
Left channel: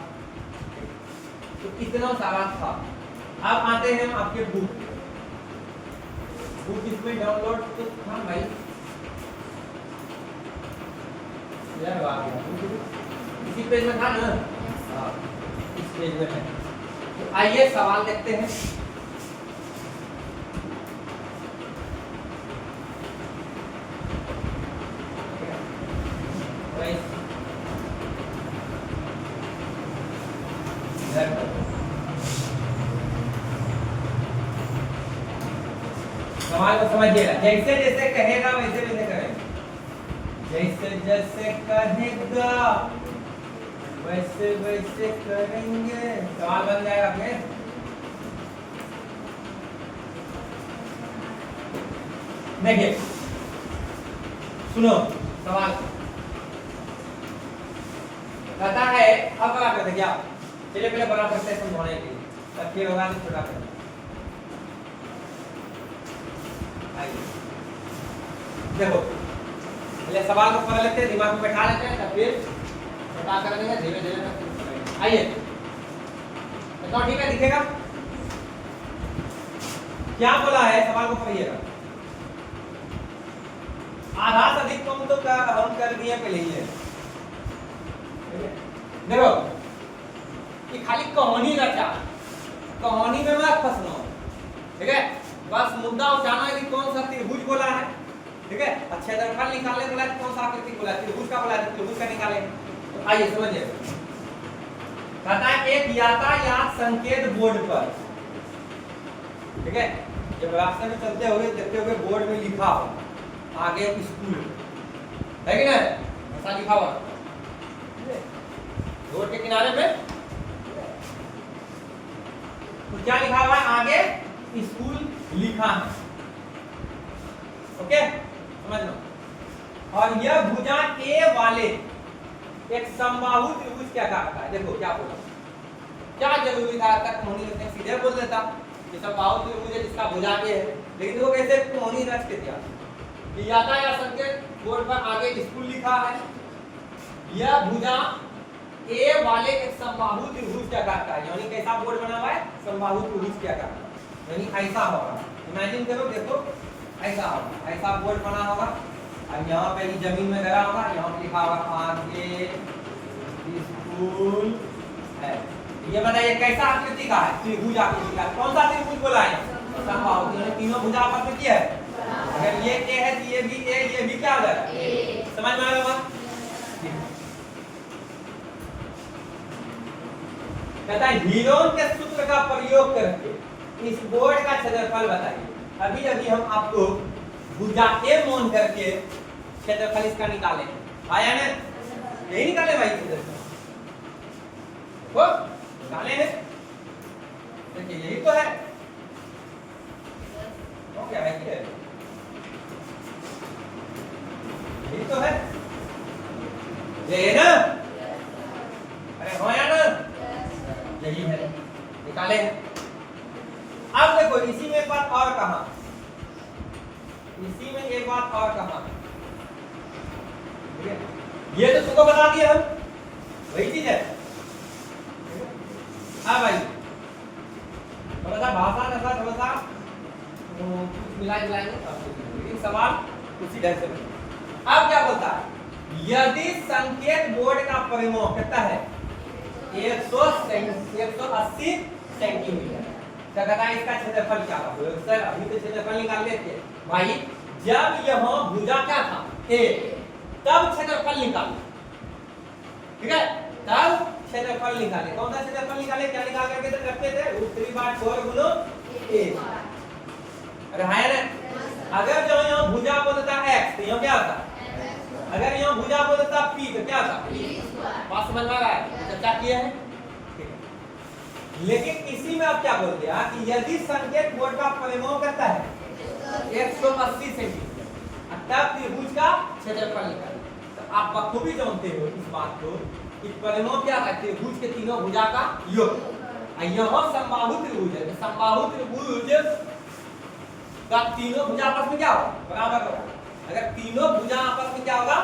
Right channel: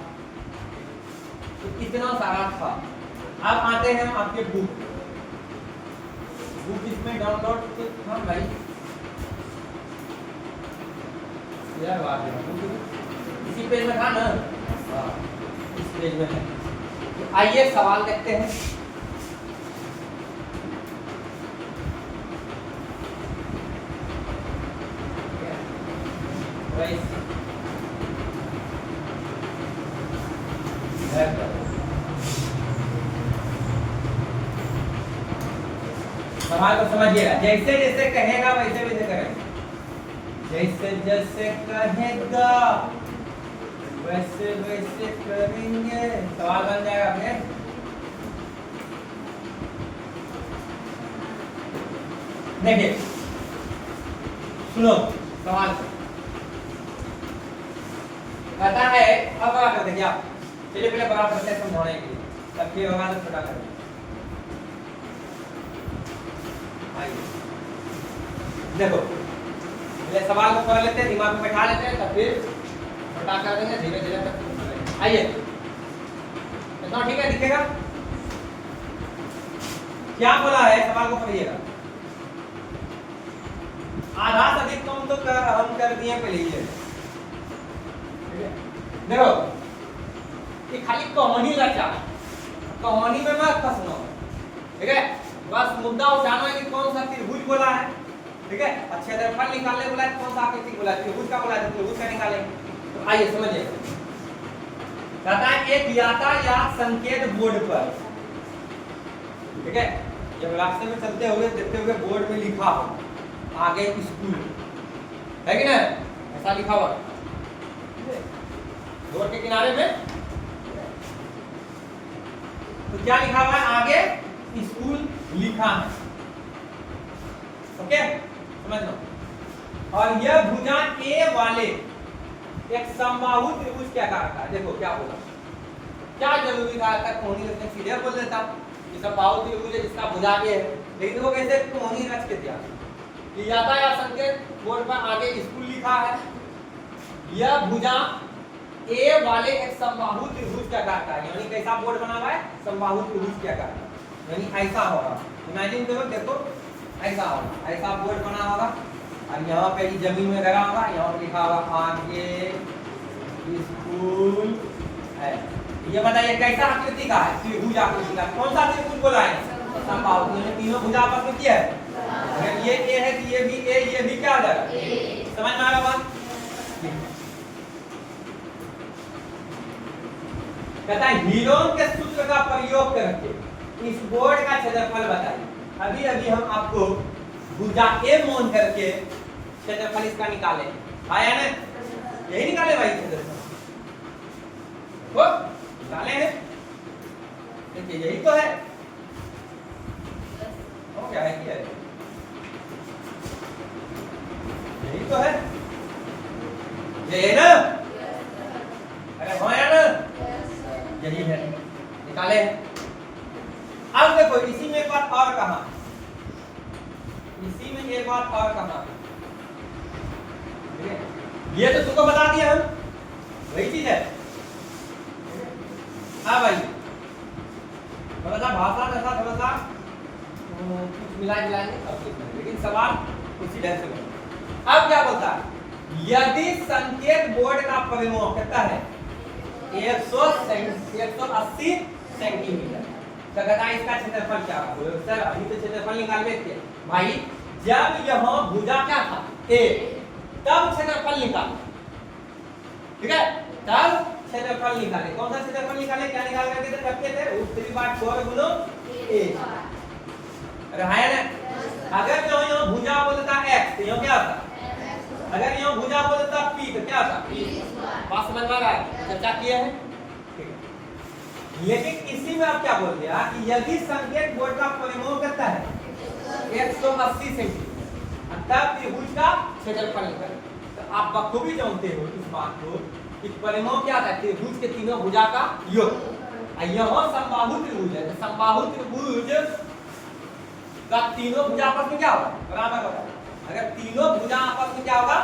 तो इतना सारा था। अब आते हैं आपके बुक इसमें डाउनलोड तो था भाई, यार बात है इसी पेज में था ना, हाँ इस पेज में है। तो आइए सवाल देखते हैं। सवाल को समझिएगा, जैसे जैसे कहेगा वैसे वैसे करेंगे, जैसे जैसे कहेगा वैसे वैसे करेंगे, सवाल बन जाएगा फिर। देखिए सुनो सवाल कहता है, अब बड़ा कर देंगे आप, चलिए पहले बड़ा करते हैं समझाने के लिए, तब फिर होगा तो छोटा करेंगे। देखो पहले सवाल को पढ़ लेते हैं, दिमाग में बैठा लेते हैं, तब फिर छोटा कर देंगे धीरे धीरे। आइए तो ठीक है, दिखेगा क्या बोला है, सवाल को पढ़िएगा। आधा से अधिक कम तो हम कर दिए पहले ही है, देखो ये खाली कहानी रचा, कहानी में मत फंसना, ठीक है। बस मुद्दा उठाना है कि कौन सा त्रिभुज बोला है, ठीक है। क्षेत्रफल निकालने बोला है, कौन सा आकृति बोला है, त्रिभुज का बोला है, त्रिभुज का निकाले। तो आइए समझिए, कहता है एक यातायात संकेत बोर्ड पर, ठीक है, जब रास्ते में चलते होगे देखते होगे बोर्ड में लिखा हो आगे स्कूल है कि नहीं, ऐसा लिखा हुआ रोड के किनारे में, तो क्या लिखा हुआ है, आगे स्कूल लिखा है, ओके समझ लो। और यह भुजा ए वाले एक समबाहु त्रिभुज क्या कहा है, देखो क्या बोला, क्या जरूरी था तक कहानी लिखने, सीधे बोल देता कि समबाहु त्रिभुज है जिसका भुजा ए है, लेकिन वो कैसे कहानी रच के दिया कि यातायात संकेत बोर्ड पर आगे स्कूल लिखा है, यह भुजा ए वाले एक समबाहु त्रिभुज क्या कहता है, यानी कैसा बोर्ड बना हुआ है, समबाहु त्रिभुज क्या कहता है, यानी ऐसा होगा, इमेजिन करो, देखो ऐसा होगा, ऐसा बोर्ड बना होगा और यहाँ पे जमीन में लगा होगा, यहाँ लिखा होगा आगे स्कूल है। ये बताइए कैसा आकृति का है, त्रिभुज आकृति का, कौन सा त्रिभुज बोला है, समबाहु, यानी तीनों भुजा आपस में क्या है, अगर ये ए है तो ये भी ए, ये भी क्या हो जाएगा, समझ में आ रहा है। कहता है हीरोन के सूत्र का प्रयोग करके इस बोर्ड का क्षेत्रफल बताइए। अभी अभी हम आपको भुजा ए मान करके क्षेत्रफल इसका निकाले, आया ना, यही निकाले भाई क्षेत्रफल वो निकाले हैं, देखिए यही तो है, तो क्या है, क्या है, यही तो है, ये है ना, अरे हो या ना, यही है, निकाले हैं। अब देखो इसी में एक बात और कहा, इसी में एक बात और कहा, ठीक है, ये तो तुमको बता दिया हम, वही चीज है। हाँ भाई थोड़ा सा भाषा ऐसा थोड़ा सा कुछ मिला जुलाएंगे, लेकिन सवाल उसी ढंग से बना। अब क्या बोलता है, यदि संकेत बोर्ड का परिमाप कितना है 180 सेंटीमीटर, तो कहता है इसका क्षेत्रफल क्या होगा, अभी तो क्षेत्रफल निकाल लेते भाई, जब यहाँ भुजा क्या था ए, तब क्षेत्रफल निकाले, ठीक है, तब क्षेत्रफल निकाले, कौन सा क्षेत्रफल निकाले, क्या निकाल करके तो रखते थे √3/4 गुना ए, अरे है ना। अगर जो यहाँ भुजा बोलता x तो यहाँ क्या होता, अगर यहाँ भुजा बोलता p तो क्या होता, बात समझ में आ रहा है? चर्चा किए हैं, ठीक है। लेकिन इसी में अब क्या बोल दिया कि यदि संकेत बोर्ड का परिमाप करता है 180 सेंटीमीटर तब त्रिभुज का क्षेत्रफल निकालें। तो आप बखूबी जानते हो इस बात को कि परिमाप क्या है? त्रिभुज के तीनों भुजा का योग। यहाँ समबाहु त्रिभुज है, तो समबाहु त्रिभुज का तीनों भुजा आपस में क्या होगा? बराबर होगा। अगर तीनों भुजा आपस में क्या होगा?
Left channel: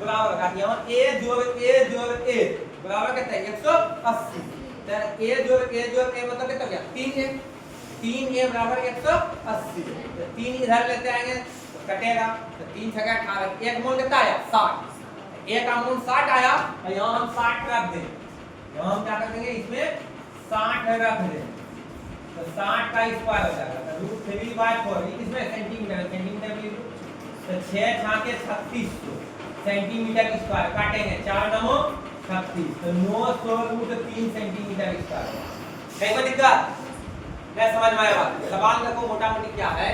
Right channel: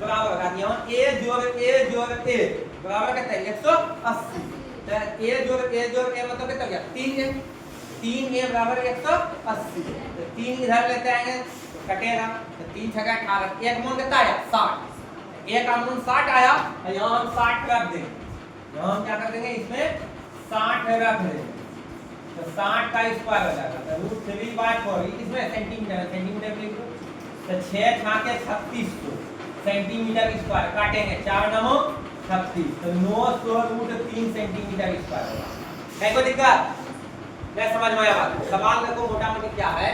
बराबर होगा। यहाँ a जोड़ a बराबर कितना है? 180। तो a जोड़ a मतलब कितना हो गया? 3a। 3a बराबर 180। तो 3 इधर लेते आएंगे तो कटेगा, तो 3 छक्का 18। एक मूल कितना आया? 60। एक का मूल 60 आया, और यहाँ हम 60 रख देंगे। यहाँ हम क्या कर देंगे? इसमें 60 रख देंगे, तो 60 का स्क्वायर हो जाएगा। तो √3/4 इसमें सेंटीमीटर लिख दो। तो 6 छाके 3600 सेंटीमीटर स्क्वायर काटेंगे, 4 9 36, तो 900√3 सेंटीमीटर स्क्वायर होगा। कहीं कोई दिक्कत? मैं समझ में आया बात? सवाल देखो मोटा मोटी क्या है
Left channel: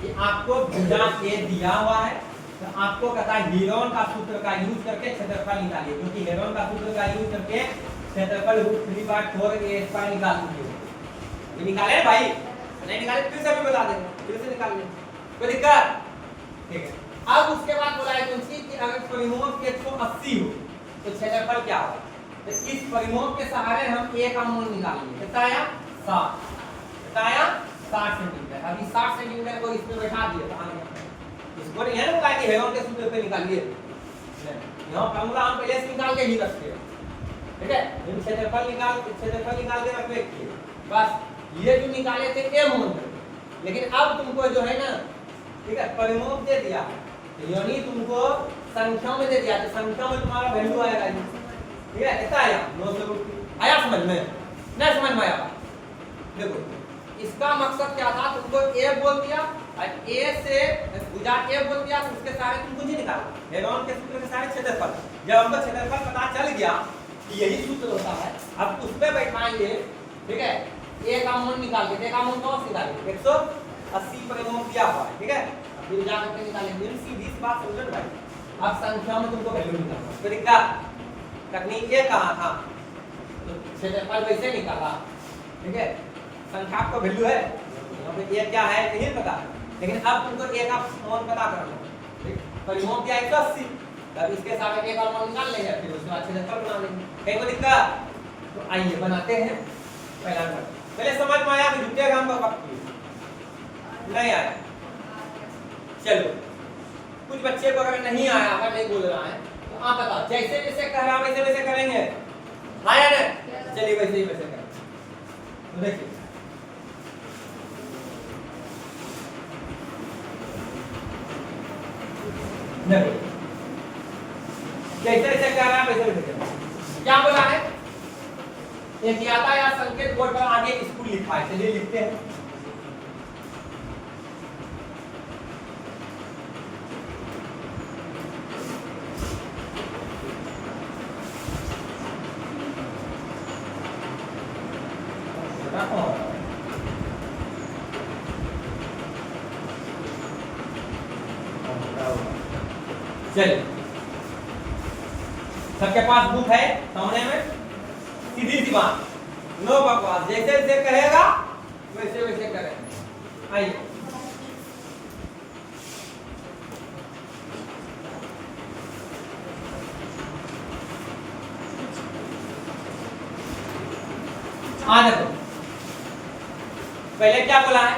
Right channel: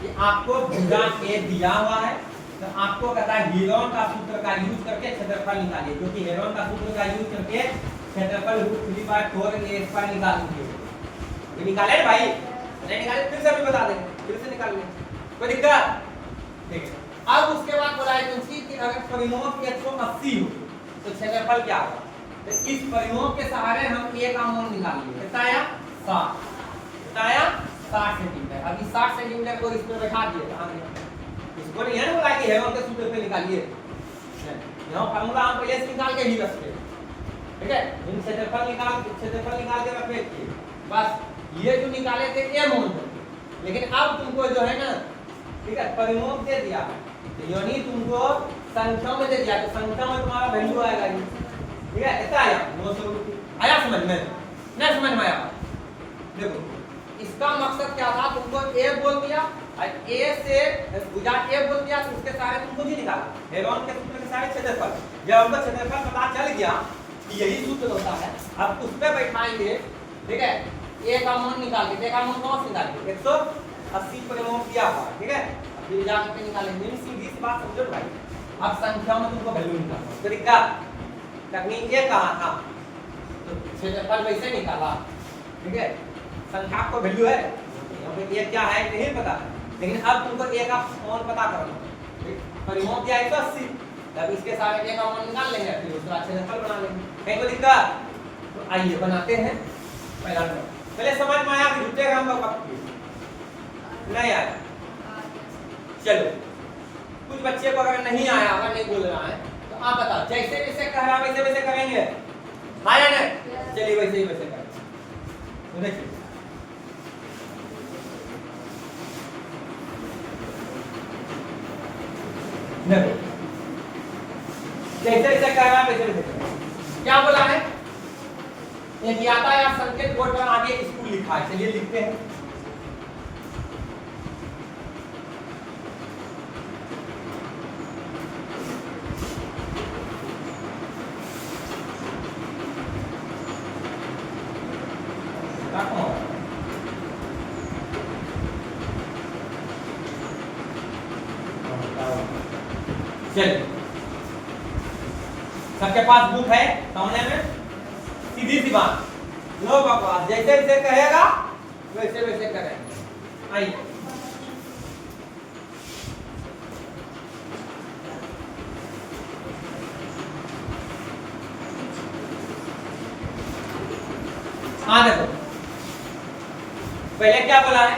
कि आपको भुजा ए दिया हुआ है, तो आपको कहता है हेरोन का सूत्र का यूज करके क्षेत्रफल निकालिए, क्योंकि हेरोन का सूत्र का यूज करके क्षेत्रफल √3/4a² निकाल लीजिए। निकाले भाई? नहीं निकाले फिर से भी बता देंगे, फिर से निकाल लेंगे, कोई दिक्कत? ठीक है। अब उसके बाद बोला है कि अगर परिमाप 180 हो तो क्षेत्रफल क्या होगा? तो इस परिमाप के सहारे हम a का मान निकालेंगे। कितना आया? 60। कितना आया? 60 सेंटीमीटर। अब इस 60 सेंटीमीटर को इसमें बैठा दिए, कहां गया? इसको नहीं है ना बोला कि हेरोन के सूत्र पे निकालिए, यहाँ फार्मूला हम पहले से निकाल के ही रखते हैं, ठीक है। इन क्षेत्रफल निकाल के रख लेते बस। ये जो निकाले थे ए मान, लेकिन अब तुमको जो है ना, ठीक है, परिमाप दे दिया, यानी तुमको संख्या में दे दिया, तो संख्या में तुम्हारा वैल्यू आएगा, ठीक है। इतना आया 900। आया समझ में? नहीं समझ में आया? देखो इसका मकसद क्या था? तुमको ए बोल दिया और ए से भुजा ए बोल दिया, तो उसके सारे तुमको जी निकाला, हेरोन के सूत्र के सारे क्षेत्रफल। जब हमको क्षेत्रफल पता चल गया कि यही सूत्र होता है, अब उस पे बैठाएंगे, ठीक है। ए का मान निकाल के, ए का मान कौन से निकालेंगे? 180 परिमाप दिया हुआ है, ठीक है। अब भुजा करके निकालेंगे, सीधी सी बात समझो भाई। अब संख्या में तुमको वैल्यू निकालना, तो दिक्कत तकनीक ये कहा था, तो क्षेत्रफल वैसे निकाला, ठीक है। संख्या को वैल्यू है, यहाँ पे ए क्या है नहीं पता है, लेकिन अब तुमको ए का मान पता करना। परिमाप दिया 180, तब इसके साथ ए का मान निकाल लेंगे, फिर उसके बाद क्षेत्रफल बना लेंगे। कहीं को दिक्कत? तो आइए बनाते हैं पहला नंबर। पहले समझ में आया? फिर जुटेगा हम पक्का नहीं आया? चलो कुछ बच्चे को अगर नहीं आया, अगर नहीं बोल रहा है तो आप बताओ, जैसे जैसे कह रहा वैसे वैसे करेंगे? हाँ या नहीं? चलिए वैसे ही वैसे करेंगे। देखिए जैसे जैसे कह रहा वैसे वैसे करेंगे। क्या बोला है? एक यातायात संकेत बोर्ड पर आगे स्कूल लिखा है, चलिए लिखते हैं। चलिए सबके पास बुक है सामने में, सीधी सी बात, नो बकवास, जैसे जैसे कहेगा वैसे वैसे करेंगे। आइए देखो पहले क्या बोला है?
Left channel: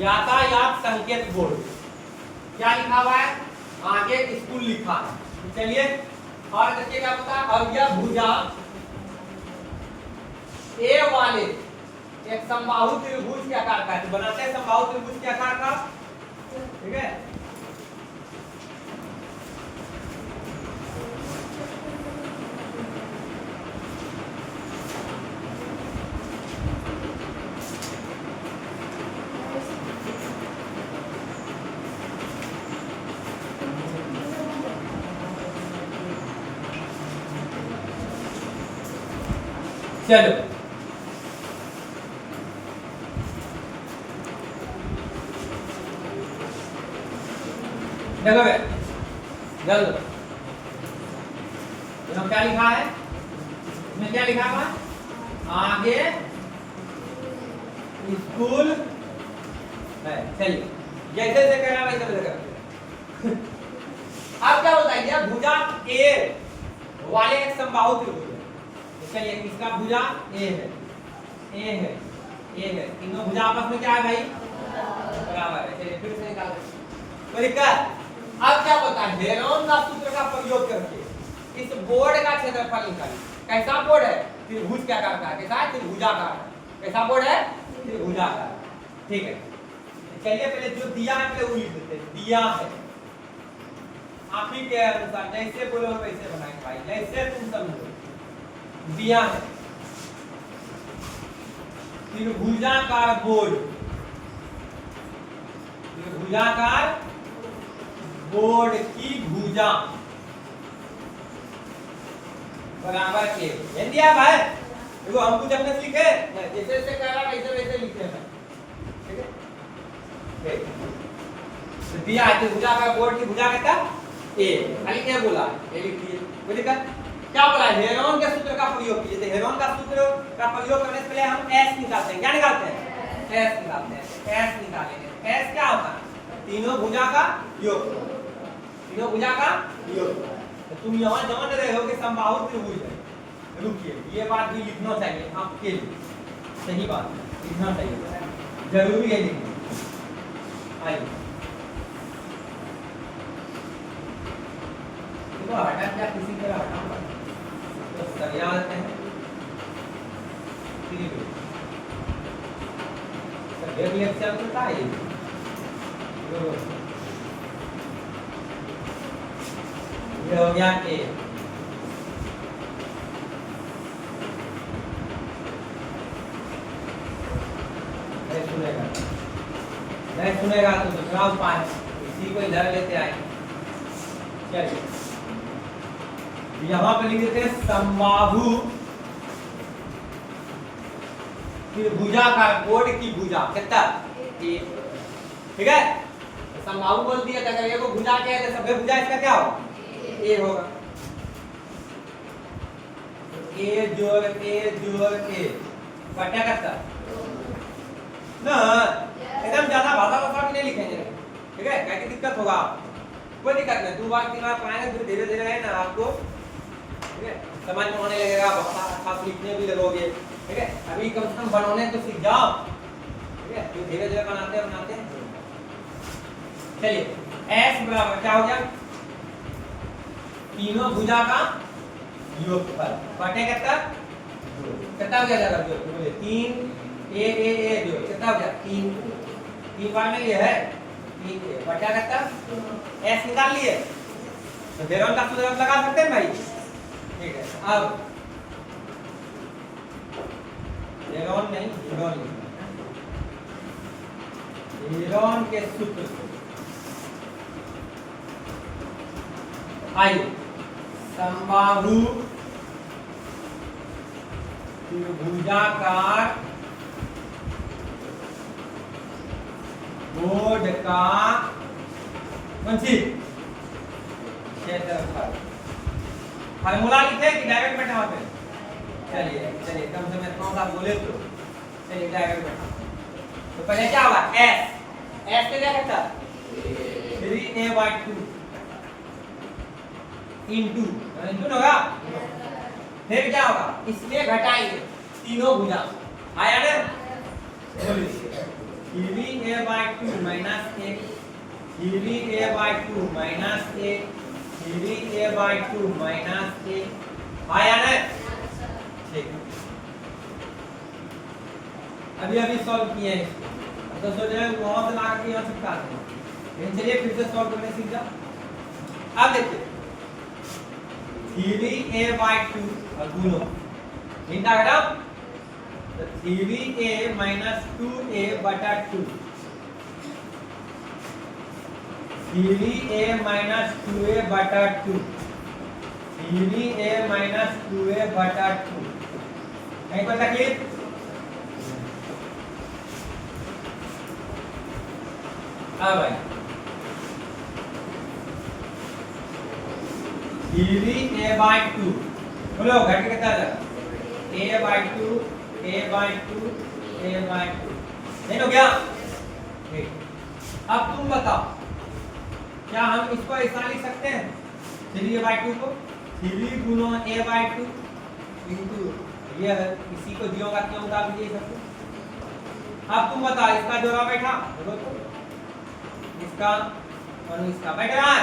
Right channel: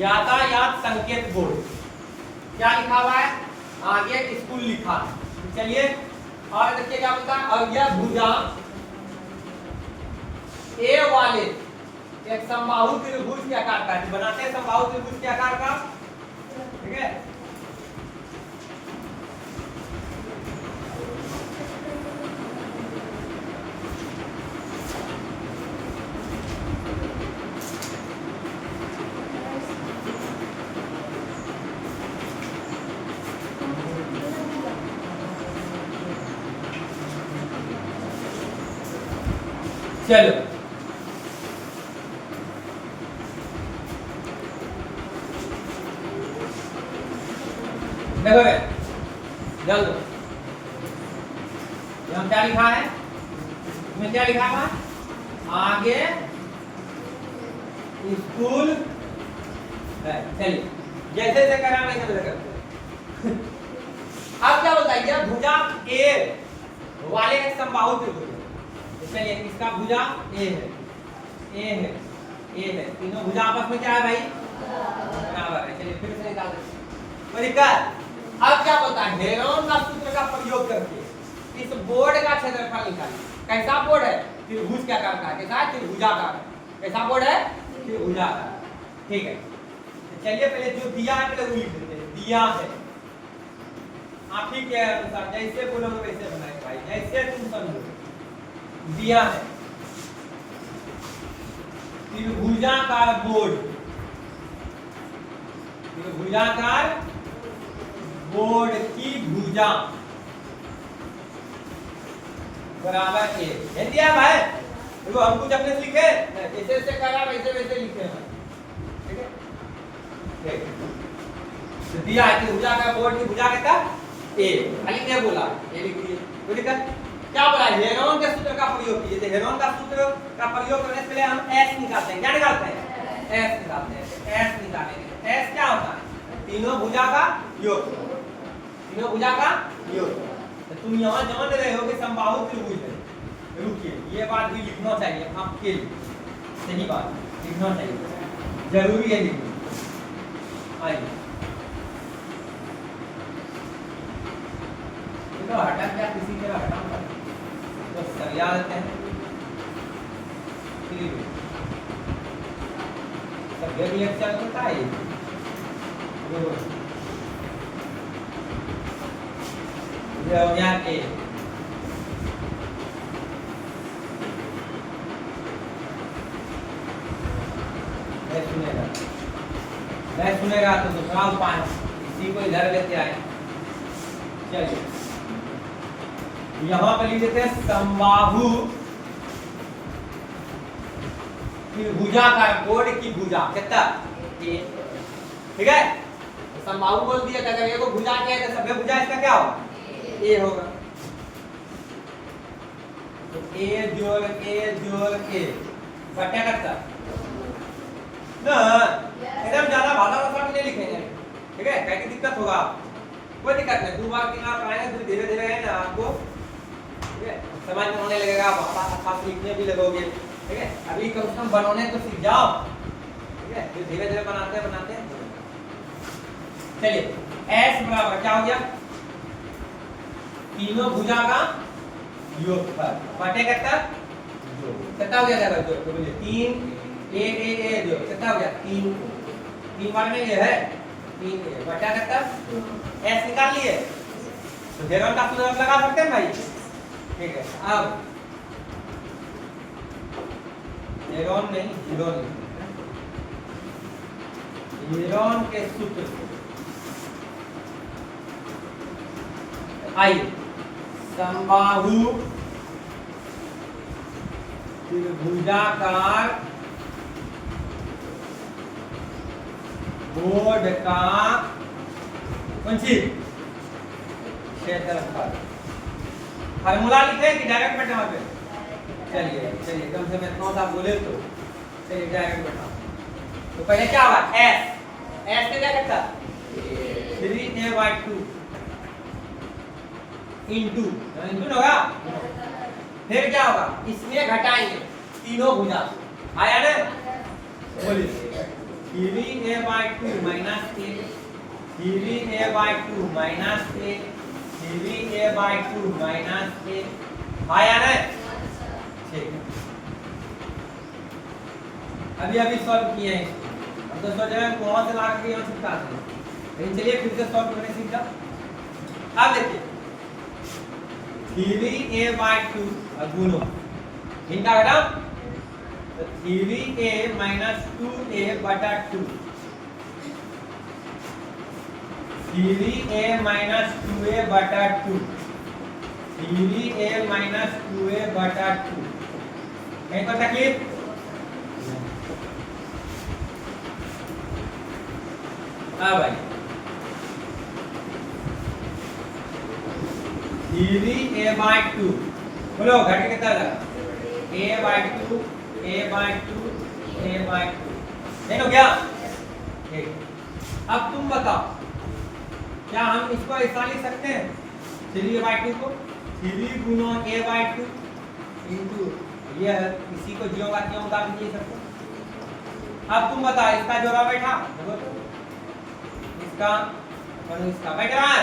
यातायात संकेत बोर्ड। क्या लिखा हुआ है? आगे स्कूल लिखा है। चलिए और देखिए क्या पता है, और यह भुजा ए वाले एक समबाहु त्रिभुज के आकार का है, बनाते हैं समबाहु त्रिभुज के आकार का, ठीक है। चलो देखो जल्द यहाँ क्या लिखा है? इसमें क्या लिखा हुआ आगे स्कूल है। चलिए जैसे जैसे करना वैसे वैसे करते हैं। अब क्या बताइए भुजा ए वाले एक समबाहु त्रिभुज है। तो चलिए इसका भुजा ए है तीनों भुजा आपस में क्या है भाई बराबर है। चलिए फिर से निकाल तो दिक्कत। अब क्या बोलता है हेरोन का सूत्र का प्रयोग करके इस बोर्ड का क्षेत्रफल निकालिए। कैसा बोर्ड है त्रिभुज क्या करता है कैसा त्रिभुजाकार कैसा बोर्ड है त्रिभुजाकार। ठीक है चलिए पहले जो दिया है पहले वो लिख देते हैं। दिया है आप ही के अनुसार जैसे बोलो वैसे बनाएंगे भाई जैसे तुम समझो। दिया है त्रिभुजाकार बोर्ड त्रिभुजाकार बोर्ड की भुजा बराबर के दिया भाई। देखो हम कुछ अपने से लिखे जैसे जैसे कर रहा वैसे वैसे लिखे हैं। ठीक है तो दिया है त्रिभुजाकार बोर्ड की भुजा कितना ए खाली क्या बोला ये लिखिए। तो दिक्कत क्या बोला हेरोन के सूत्र का प्रयोग कीजिए। तो हेरोन का सूत्र का प्रयोग करने से पहले हम एस निकालते हैं। क्या निकालते हैं एस निकालते हैं। एस निकालेंगे एस क्या होता है तीनों भुजा का योग तीनों भुजा का योग। तो तुम यहाँ जान रहे हो कि समबाहु त्रिभुज है। रुकिए ये बात भी लिखना चाहिए आपके लिए सही बात लिखना चाहिए जरूरी है लिखना। आइए तो हटा क्या किसी तरह हटा तो सरिया देते हैं। सब्जेक्ट लेक्चर होता है ये हो गया ए नहीं सुनेगा तो दूसरा उपाय इसी को इधर लेते आए। चलिए यहाँ पे लिख देते हैं समबाहु त्रिभुजाकार बोर्ड की भुजा कितना ठीक है। समबाहु बोल दिया था अगर को भुजा क्या है तो सभ्य भुजा इसका क्या होगा ए होगा। ए जोड़ ए बटा करता ना एकदम ज्यादा भाषा भी नहीं लिखेंगे। ठीक है क्या की दिक्कत होगा कोई दिक्कत नहीं 2 बार 3 बार पढ़ाएंगे तो धीरे धीरे है ना आपको ठीक है समझ में आने लगेगा आप लिखने भी लगोगे। ठीक है अभी कम से कम बनाने तो सीख जाओ। ठीक है फिर धीरे धीरे बनाते हैं। चलिए s बराबर क्या हो गया तीनों भुजा का योगफल बटे कितना हो गया जो तो बोलिए 3 ए जो कितना हो गया 3 बार में ये है 3 ए बटा कितना s निकाल लिए। तो हेरोन का सूत्र लगा सकते हैं भाई। ठीक है अब हेरोन के सूत्र आइए समबाहु त्रिभुजाकार बोर्ड का क्षेत्रफल फार्मूला लिखे कि डायरेक्ट बैठा वहां पे। चलिए कम से कम इतना सा बोले तो चलिए डायरेक्ट बैठा। तो पहले क्या हुआ s का क्या करता 3a/2 इंटू होगा। फिर क्या होगा इसमें घटाएंगे तीनों भुजा आया ना बोलिए 3a/2 minus 3a/2 minus 3a/2 minus आया ना। ठीक है अभी सॉल्व किए हैं इसको तो सोच रहे हैं वहां से ला करके यहाँ चिपका दें। लेकिन चलिए फिर से सॉल्व करने सीख जाओ। अब देखिए 3a/2 और गुणो इनका घटाओ तो 3a माइनस 2a बटा 2 3a माइनस 2a बटा 2 3a माइनस 2a बटा 2 कहीं पर तकलीफ हाँ भाई 3a/2 बोलो घट के कितना आ जाएगा a/2 a/2 a/2 नहीं हो गया? ठीक। अब तुम बताओ क्या हम इसको ऐसा लिख सकते हैं 3a/2 को 3 गुना a/2 इंटू ये इसी को जीरो का क्यों उतार दीजिए सबको। अब तुम बताओ इसका जोड़ा बैठा इसका और इसका बैठ रहा है,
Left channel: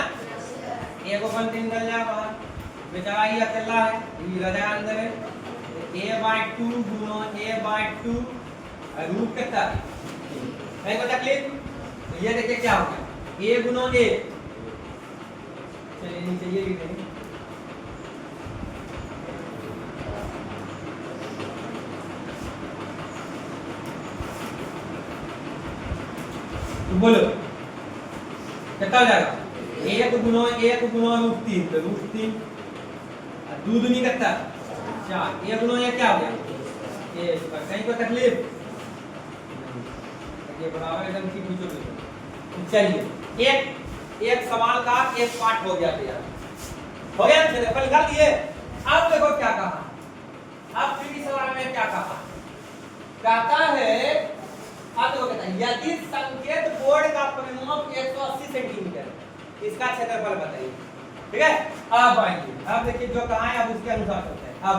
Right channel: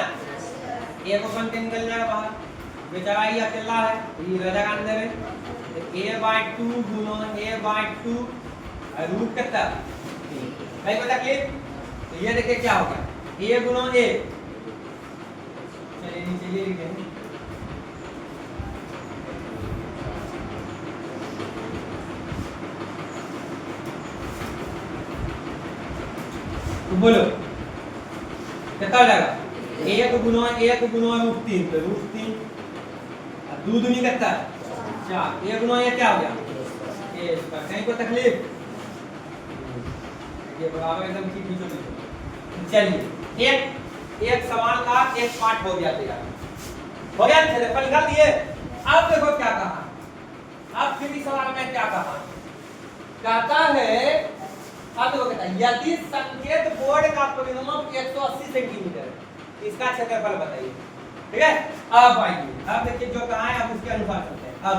ए को बनते निकल जाए बाहर, बेचारा ये चल रहा है ये रह जाएगा अंदर है, a/2 गुना a/2 रूट कितना है बता क्लियर। तो ये देखिए क्या हो गया a गुना a, चलिए नीचे ये लिख देंगे तो बोलो कितना हो जाएगा 1 गुना √3 तो √3 2 दूनी कितना 4 1 गुना ये क्या हो गया ये इसका कहीं कोई तकलीफ ये बराबर एकदम की बीचों में। चलिए एक सवाल का एक पार्ट हो गया तैयार हो गया चलिए पर निकाल दिए। अब देखो क्या कहा, अब फिर सवाल में क्या कहा, कहता है अब देखो कहता है यदि संकेत बोर्ड का परिमाप 180 सेंटीमीटर इसका क्षेत्रफल बताइए। ठीक है अब आइए अब देखिए जो कहा है अब उसके अनुसार चलते हैं। अब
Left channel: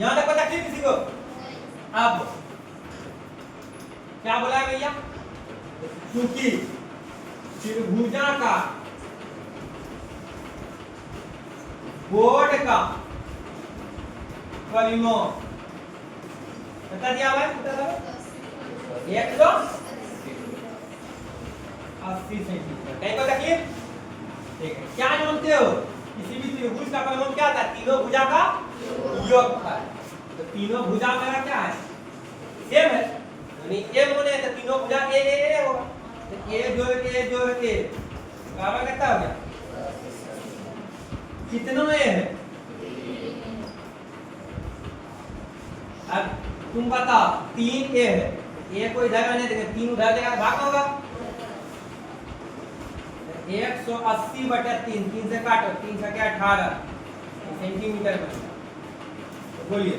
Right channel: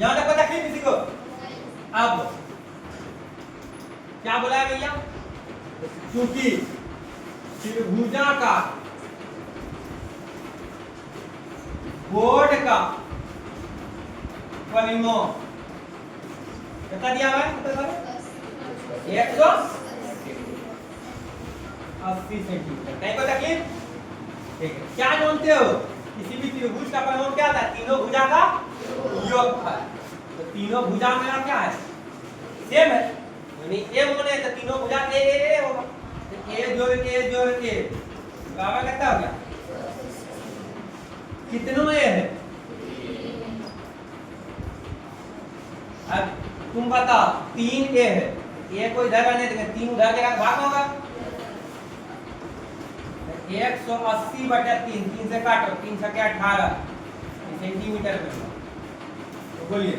यहां तक पता किसी को अब क्या बोला है भैया, क्योंकि त्रिभुजाकार बोर्ड का परिमाप कितना दिया हुआ है 180 सेंटीमीटर कहीं को तकलीफ। ठीक है क्या जानते हो किसी भी त्रिभुज का परिमाप क्या था, तीनों भुजा का योगफल। तो तीनों भुजा मेरा क्या है सेम है, यानी ए मोने तो तीनों भुजा ए होगा, तो ए जोड़ के बराबर कितना हो गया कितना ए है। अब तुम बताओ 3 ए है, ए को इधर आने देंगे 3 उधर देगा भाग होगा 180 बटा 3 3 से काटो 3 से 18 सेंटीमीटर में। तो बोलिए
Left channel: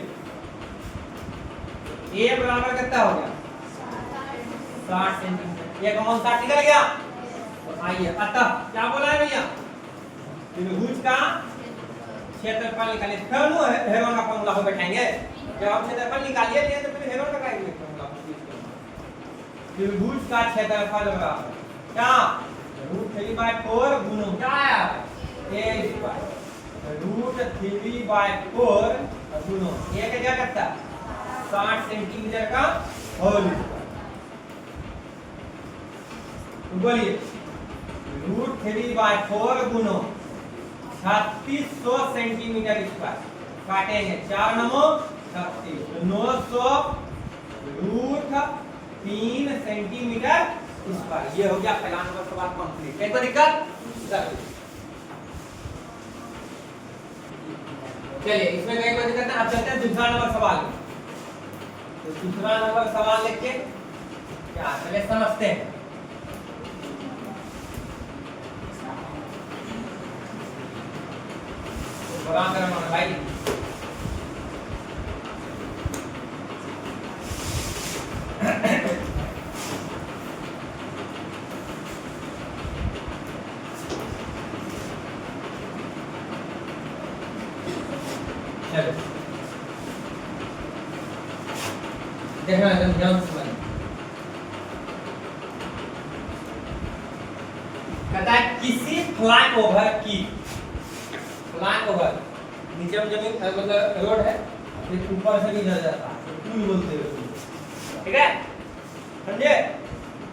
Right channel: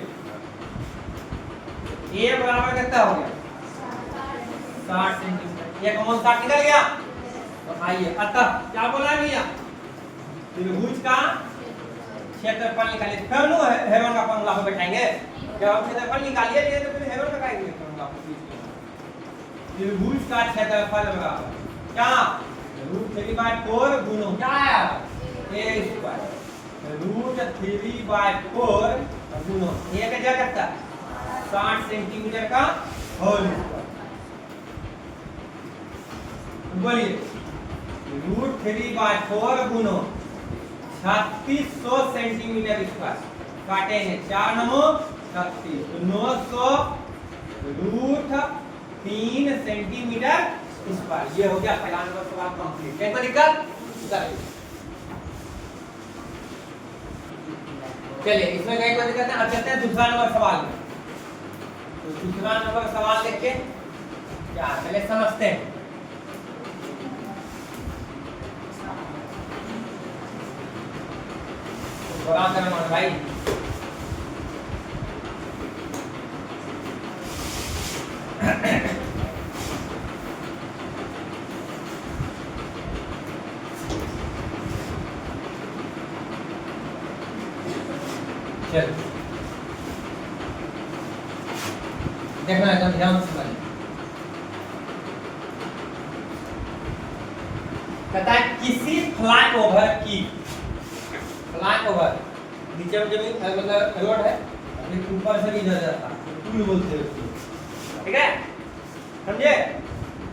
ए बराबर कितना हो गया 60 सेंटीमीटर, एक अमाउंट 60 निकल गया। तो आइए अतः क्या बोला है भैया त्रिभुज का क्षेत्रफल निकालिए। फिर नो हेरोन का फॉर्मूला को बैठाएंगे, जब हम क्षेत्रफल निकालिए तो फिर हेरोन लगाएंगे फॉर्मूला को। त्रिभुज का क्षेत्रफल बराबर क्या √3/4 गुणा क्या आया a², √3/4 गुणा a का क्या करता है 60 सेंटीमीटर का होल स्क्वायर। बोलिए √3/4 गुणा 3600 सेंटीमीटर स्क्वायर काटेंगे 4 9 36 900 √3 सेंटीमीटर स्क्वायर। ये हो गया पहला नंबर सवाल कंप्लीट। क्या कोई दिक्कत चलिए इसमें कहीं कोई दिक्कत है। अब चलते हैं दूसरा नंबर सवाल में। तो दूसरा नंबर सवाल लिख के क्या पहले समझते हैं। बड़ा करना भाई देखना एकदम ध्यान से सुनिए। कहता है किसी फ्लाईओवर की फ्लाईओवर नीचे में जमीन मतलब रोड है फिर ऊपर से भी जा जाता है पुल बोलते हैं उसको। ठीक है समझे,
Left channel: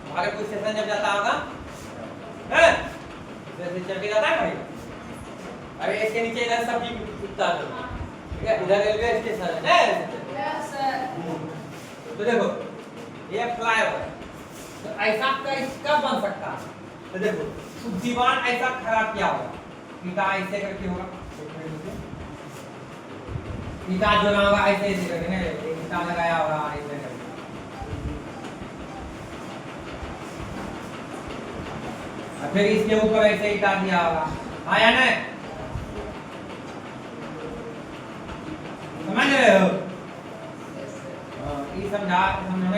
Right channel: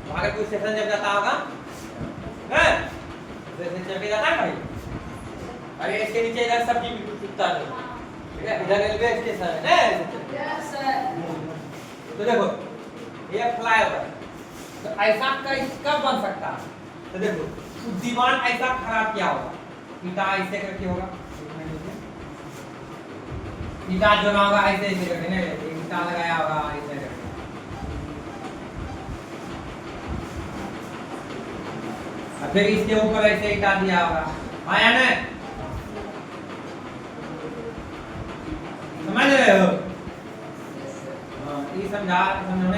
भागलपुर स्टेशन जब जाता होगा हैं जैसे चल के जाता है भाई, अरे इसके नीचे इधर सब भी उठता है। ठीक है इधर रेलवे स्टेशन है यस सर। तो देखो ये फ्लाईओवर तो ऐसा कब बन सकता है, तो देखो दीवार ऐसा खराब किया होगा, ईटा ऐसे करके होगा, ईटा जो ना होगा ऐसे ऐसे करके ईटा लगाया होगा ऐसे करके। फिर इसके ऊपर ऐसे ईटा दिया होगा आया ना।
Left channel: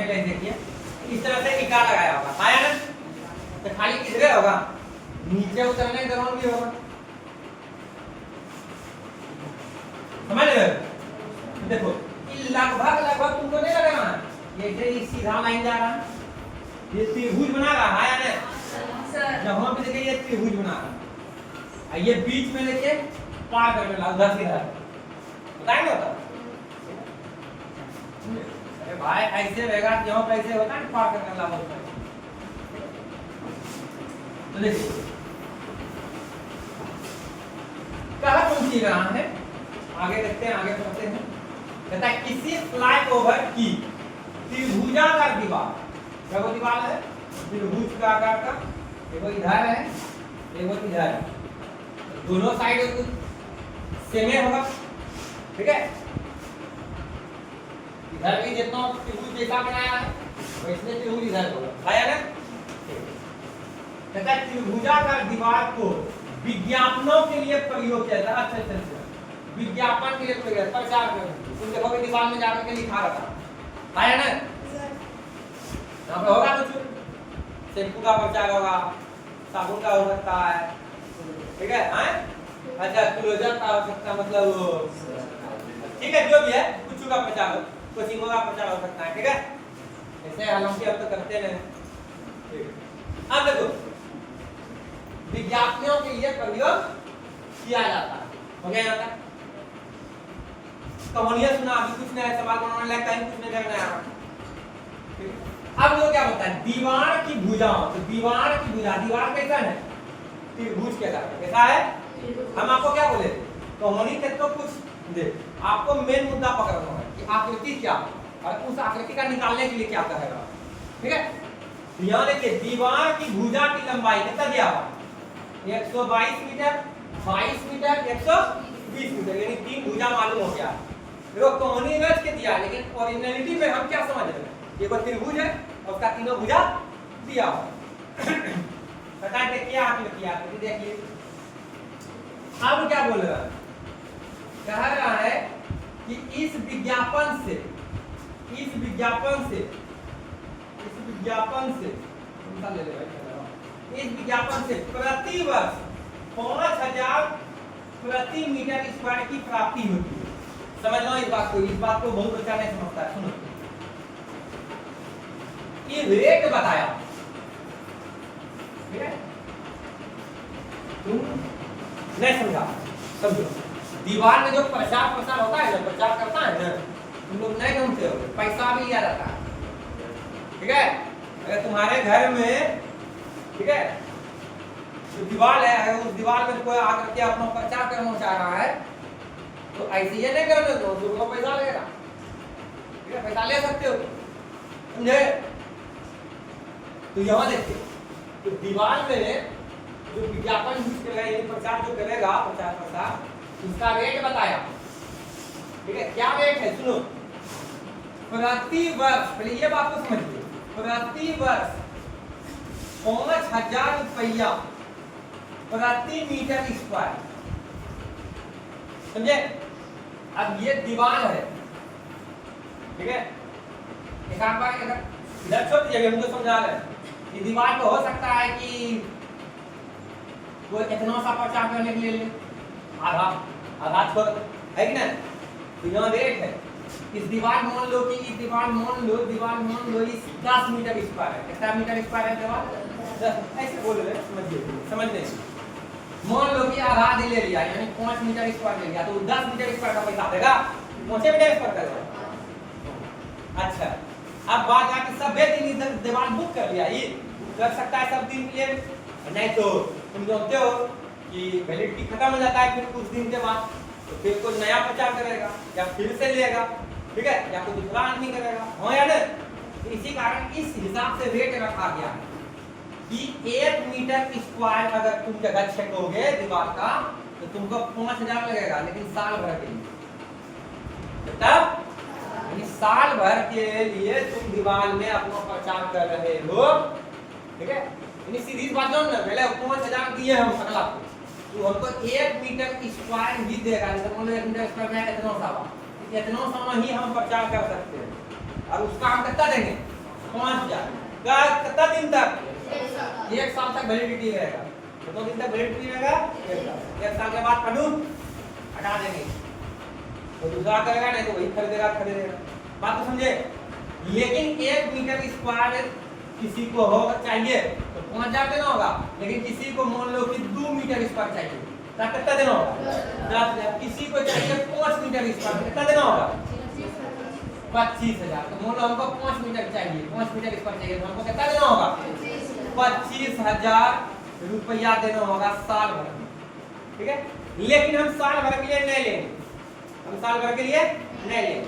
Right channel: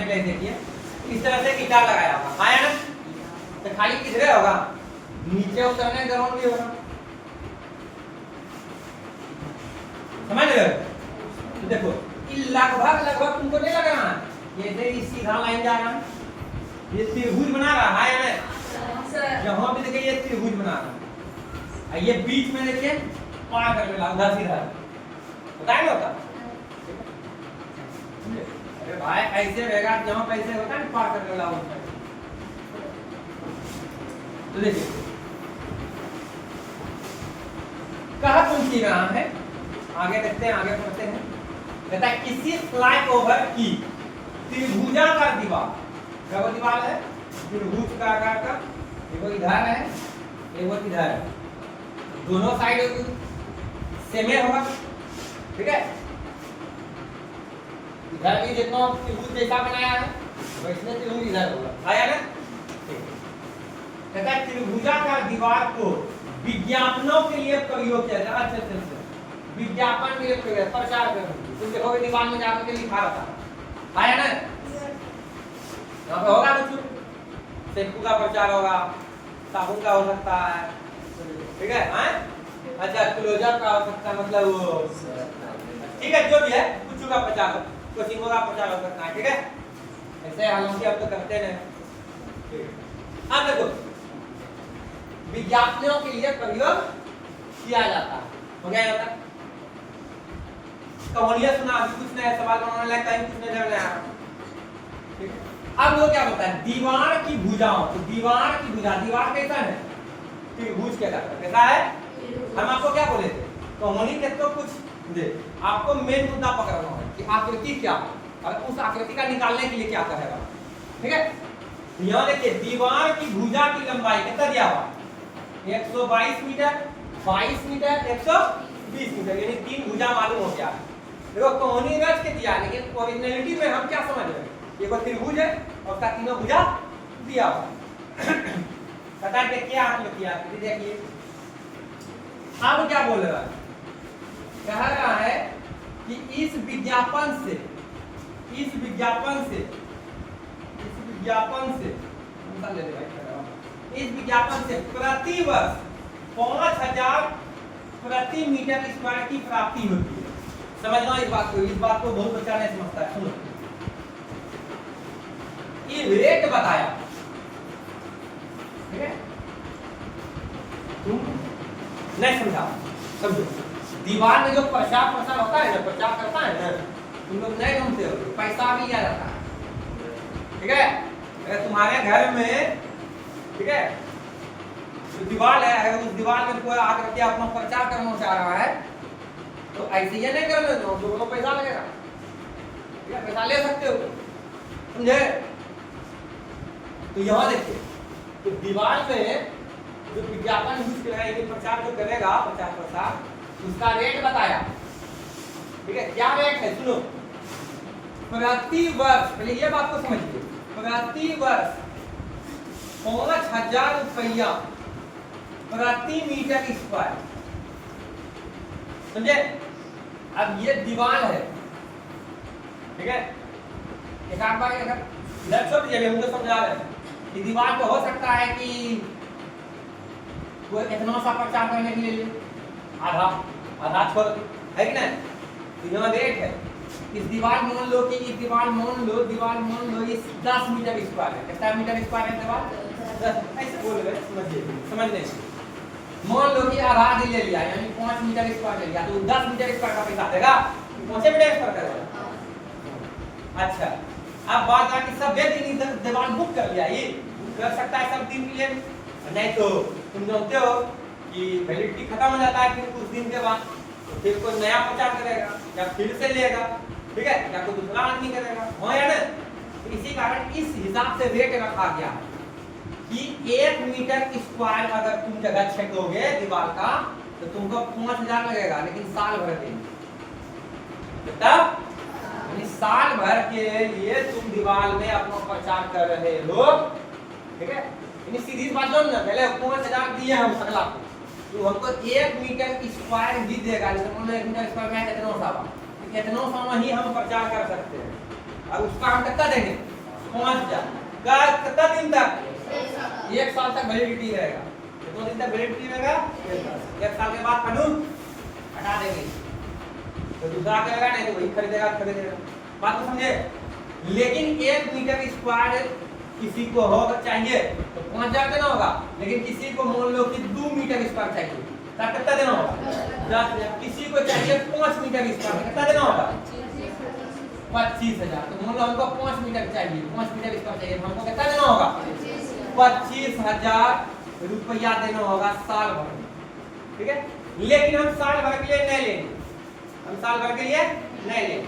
समझते हैं, देखिए इस तरह से ईटा लगाया होगा, हाँ या ना? तो खाली किधरे होगा, नीचे उतरने ग्राउंड भी होगा, समझ गए? तो देखो लगभग लगभग तुमको नहीं लग रहा है ये जो सीधा लाइन जा रहा है, ये त्रिभुज बना रहा है या नहीं? यहाँ पे देखिए ये त्रिभुज बना रहा है, ये बीच में देखिए पार कर लेगा उधर सीधा, बताएंगे होता? अरे भाई ऐसे रहेगा, यहाँ पे ऐसे होता है पार करने वाला होता है। तो देखिए कहा कौन सी रहा है, आगे देखते हैं, आगे पढ़ते हैं। कहता है किसी फ्लाईओवर की त्रिभुजाकार दीवार, क्या वो दीवार है त्रिभुज का आकार का, देखो इधर है देखो इधर है, दोनों साइड सेम होगा, ठीक है? इधर भी जितना त्रिभुज जैसा बनाया है वैसे त्रिभुज इधर होगा, आया ना? कहता है त्रिभुजाकार दीवार को विज्ञापनों के लिए प्रयोग किया जाता है। अच्छा, विज्ञापन के लिए प्रयोग, प्रचार करने, तुम देखोगे दीवार में जाकर के लिखा रहता है, आया ना? यहाँ पे होगा कुछ शैम्पू का प्रचार होगा, साबुन का हो सकता है, ठीक है? अच्छा क्लोजर का हो सकता है, मतलब ठीक है जो भी है कुछ का प्रचार हो, कोचिंगों का प्रचार हो सकता है, ठीक है? ऐसे हालांकि हम तो करते हैं। अब देखो विज्ञापनों के लिए प्रयोग किया जाता है, हो गया जाता है। कहानियां सुना, अभी कुछ नया सवाल बनाने लगा, कहीं कुछ नजर नहीं आ रहा। अब वो क्या बोलता है, दीवार की भुजाओं, तो दीवार की भुजा, दीवार कैसा है त्रिभुज कहलाता है, कैसा है? हम आपको क्या बोले थे, कहानी के तो कुछ दे, आपको मेन मुद्दा पकड़ना है कि आकृति क्या है और उस आकृति का निकालने के लिए क्या कहेगा, ठीक है? यहाँ देखिए दीवार की भुजा की लंबाई कितना दिया हुआ, 122 मीटर, 22 मीटर, 120 मीटर, यानी 3 भुजा मालूम हो गया। देखो कहानी रच के दिया, लेकिन ओरिजिनलिटी में हम क्या समझ रहे हैं, ये कोई त्रिभुज है और उसका तीनों भुजा दिया हुआ। पता है क्या आकृति, आकृति देखिए। अब क्या बोल रहा है, कह रहा है कि इस विज्ञापन से प्रतिवर्ष 5000 प्रति मीटर स्क्वायर की प्राप्ति होती है। समझना इस बात को बहुत बच्चा नहीं समझता है, सुनो। ये रेट बताया, ठीक है? तुम नहीं समझा, समझो। दीवार में जो प्रचार प्रसार होता है ना, प्रचार करता है ना, तुम लोग नहीं ढूंढते हो, पैसा भी लिया जाता है, ठीक है? अगर तुम्हारे घर में, ठीक है, जो दीवार है, अगर उस दीवार में कोई आकर के अपना प्रचार करना चाह रहा है तो ऐसे ये नहीं करने दो, तो पैसा लगेगा, ठीक है? पैसा ले सकते हो, समझे? तो यहाँ देखिए, तो दीवार में जो विज्ञापन यूज करेगा, ये प्रचार जो करेगा, प्रचार प्रसार, उसका रेट बताया, ठीक है? क्या रेट है सुनो, प्रति वर्ष, पहले ये बात को समझिए, प्रति वर्ष 5000 रुपया प्रति मीटर स्क्वायर, समझे? अब ये दीवार है, ठीक है? एक आध बार इधर छोड़ दीजिए, हम तो समझा रहे हैं। ये दीवार तो हो सकता है कि कोई इतना सा प्रचार करने के लिए आधा छोड़, है कि नहीं? तो यहाँ रेट है, इस दीवार मान लो कि इस दीवार मान लो इस 10 मीटर स्क्वायर है, कितना मीटर स्क्वायर है दीवार? ऐसे बोल रहे, समझिए, समझ नहीं। मान लो कि आधा दे ले लिया, यानी 5 मीटर स्क्वायर ले लिया, तो 10 मीटर स्क्वायर का पैसा देगा, 5 मीटर स्क्वायर देगा। अच्छा, अब बात है कि सब दिन इधर दीवार बुक कर लिया, ये कर सकता है सब दिन के लिए, नहीं तो तुम जानते हो कि वैलिडिटी खत्म हो जाता है फिर कुछ दिन के बाद, तो फिर कोई नया प्रचार करेगा या फिर से लेगा, ठीक है? या कोई दूसरा आदमी करेगा, हाँ या नहीं? तो इसी कारण इस हिसाब से रेट रखा गया कि 1 मीटर स्क्वायर अगर तुम जगह छेकोगे दीवार का तो तुमको 5000 लगेगा, लेकिन साल भर के लिए, तब यानी साल भर के लिए तुम दीवार में अपना प्रचार कर रहे हो, ठीक है? यानी सीधी बात जान ना, पहले 5000 दिए हम अगला को, तो हमको 1 मीटर स्क्वायर ही देगा, जैसे मान लो 1 मीटर स्क्वायर में इतना सा ही हम प्रचार कर सकते हैं, और उसका हम कितना देंगे 5000 कितना दिन तक? 1 साल तक वैलिडिटी रहेगा। कितने दिन तक वैलिडिटी रहेगा? 1 साल के बाद पढ़ूं हटा देंगे तो दूसरा करेगा, नहीं तो वही खरीदेगा। बात को समझे? लेकिन 1 मीटर स्क्वायर किसी को होगा चाहिए तो 5000 देना होगा, लेकिन किसी को मान लो कि 2 मीटर स्क्वायर चाहिए तो कितना देना होगा? 10,000। किसी को चाहिए 5 मीटर स्क्वायर कितना देना होगा? 25,000। तो मान लो हमको 5 मीटर चाहिए, 5 मीटर स्क्वायर चाहिए तो हमको कितना देना होगा? 25,000 रुपया देना होगा साल भर में। ठीक है, लेकिन हम साल भर के लिए नहीं लेंगे, हम साल भर के लिए नहीं लेंगे,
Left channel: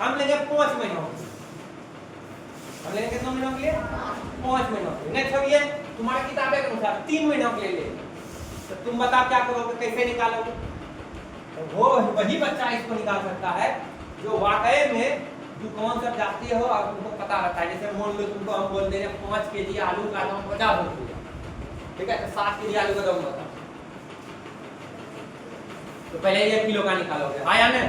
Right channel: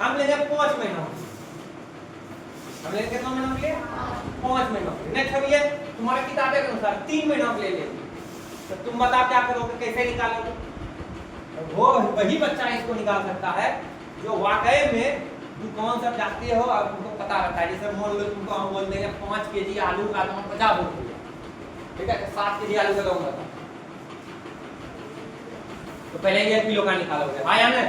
हम लेंगे 5 महीनों। हम लेंगे कितना महीनों के लिए? 5 महीनों के लिए। नहीं छोड़िए, तुम्हारे किताबे के अनुसार 3 महीनों के लिए लेंगे। तो तुम बताओ क्या करोगे, कैसे निकालोगे? तो वो वही बच्चा इसको निकाल सकता है जो वाकई में दुकान से जाते हो और तुमको पता रहता है। जैसे मान लो तुमको हम बोल देंगे 5 केजी आलू का दाम 50 रुपया, ठीक है, तो 7 केजी आलू का दाम बताओ। तो पहले 1 किलो का निकालोगे, हाँ या नहीं?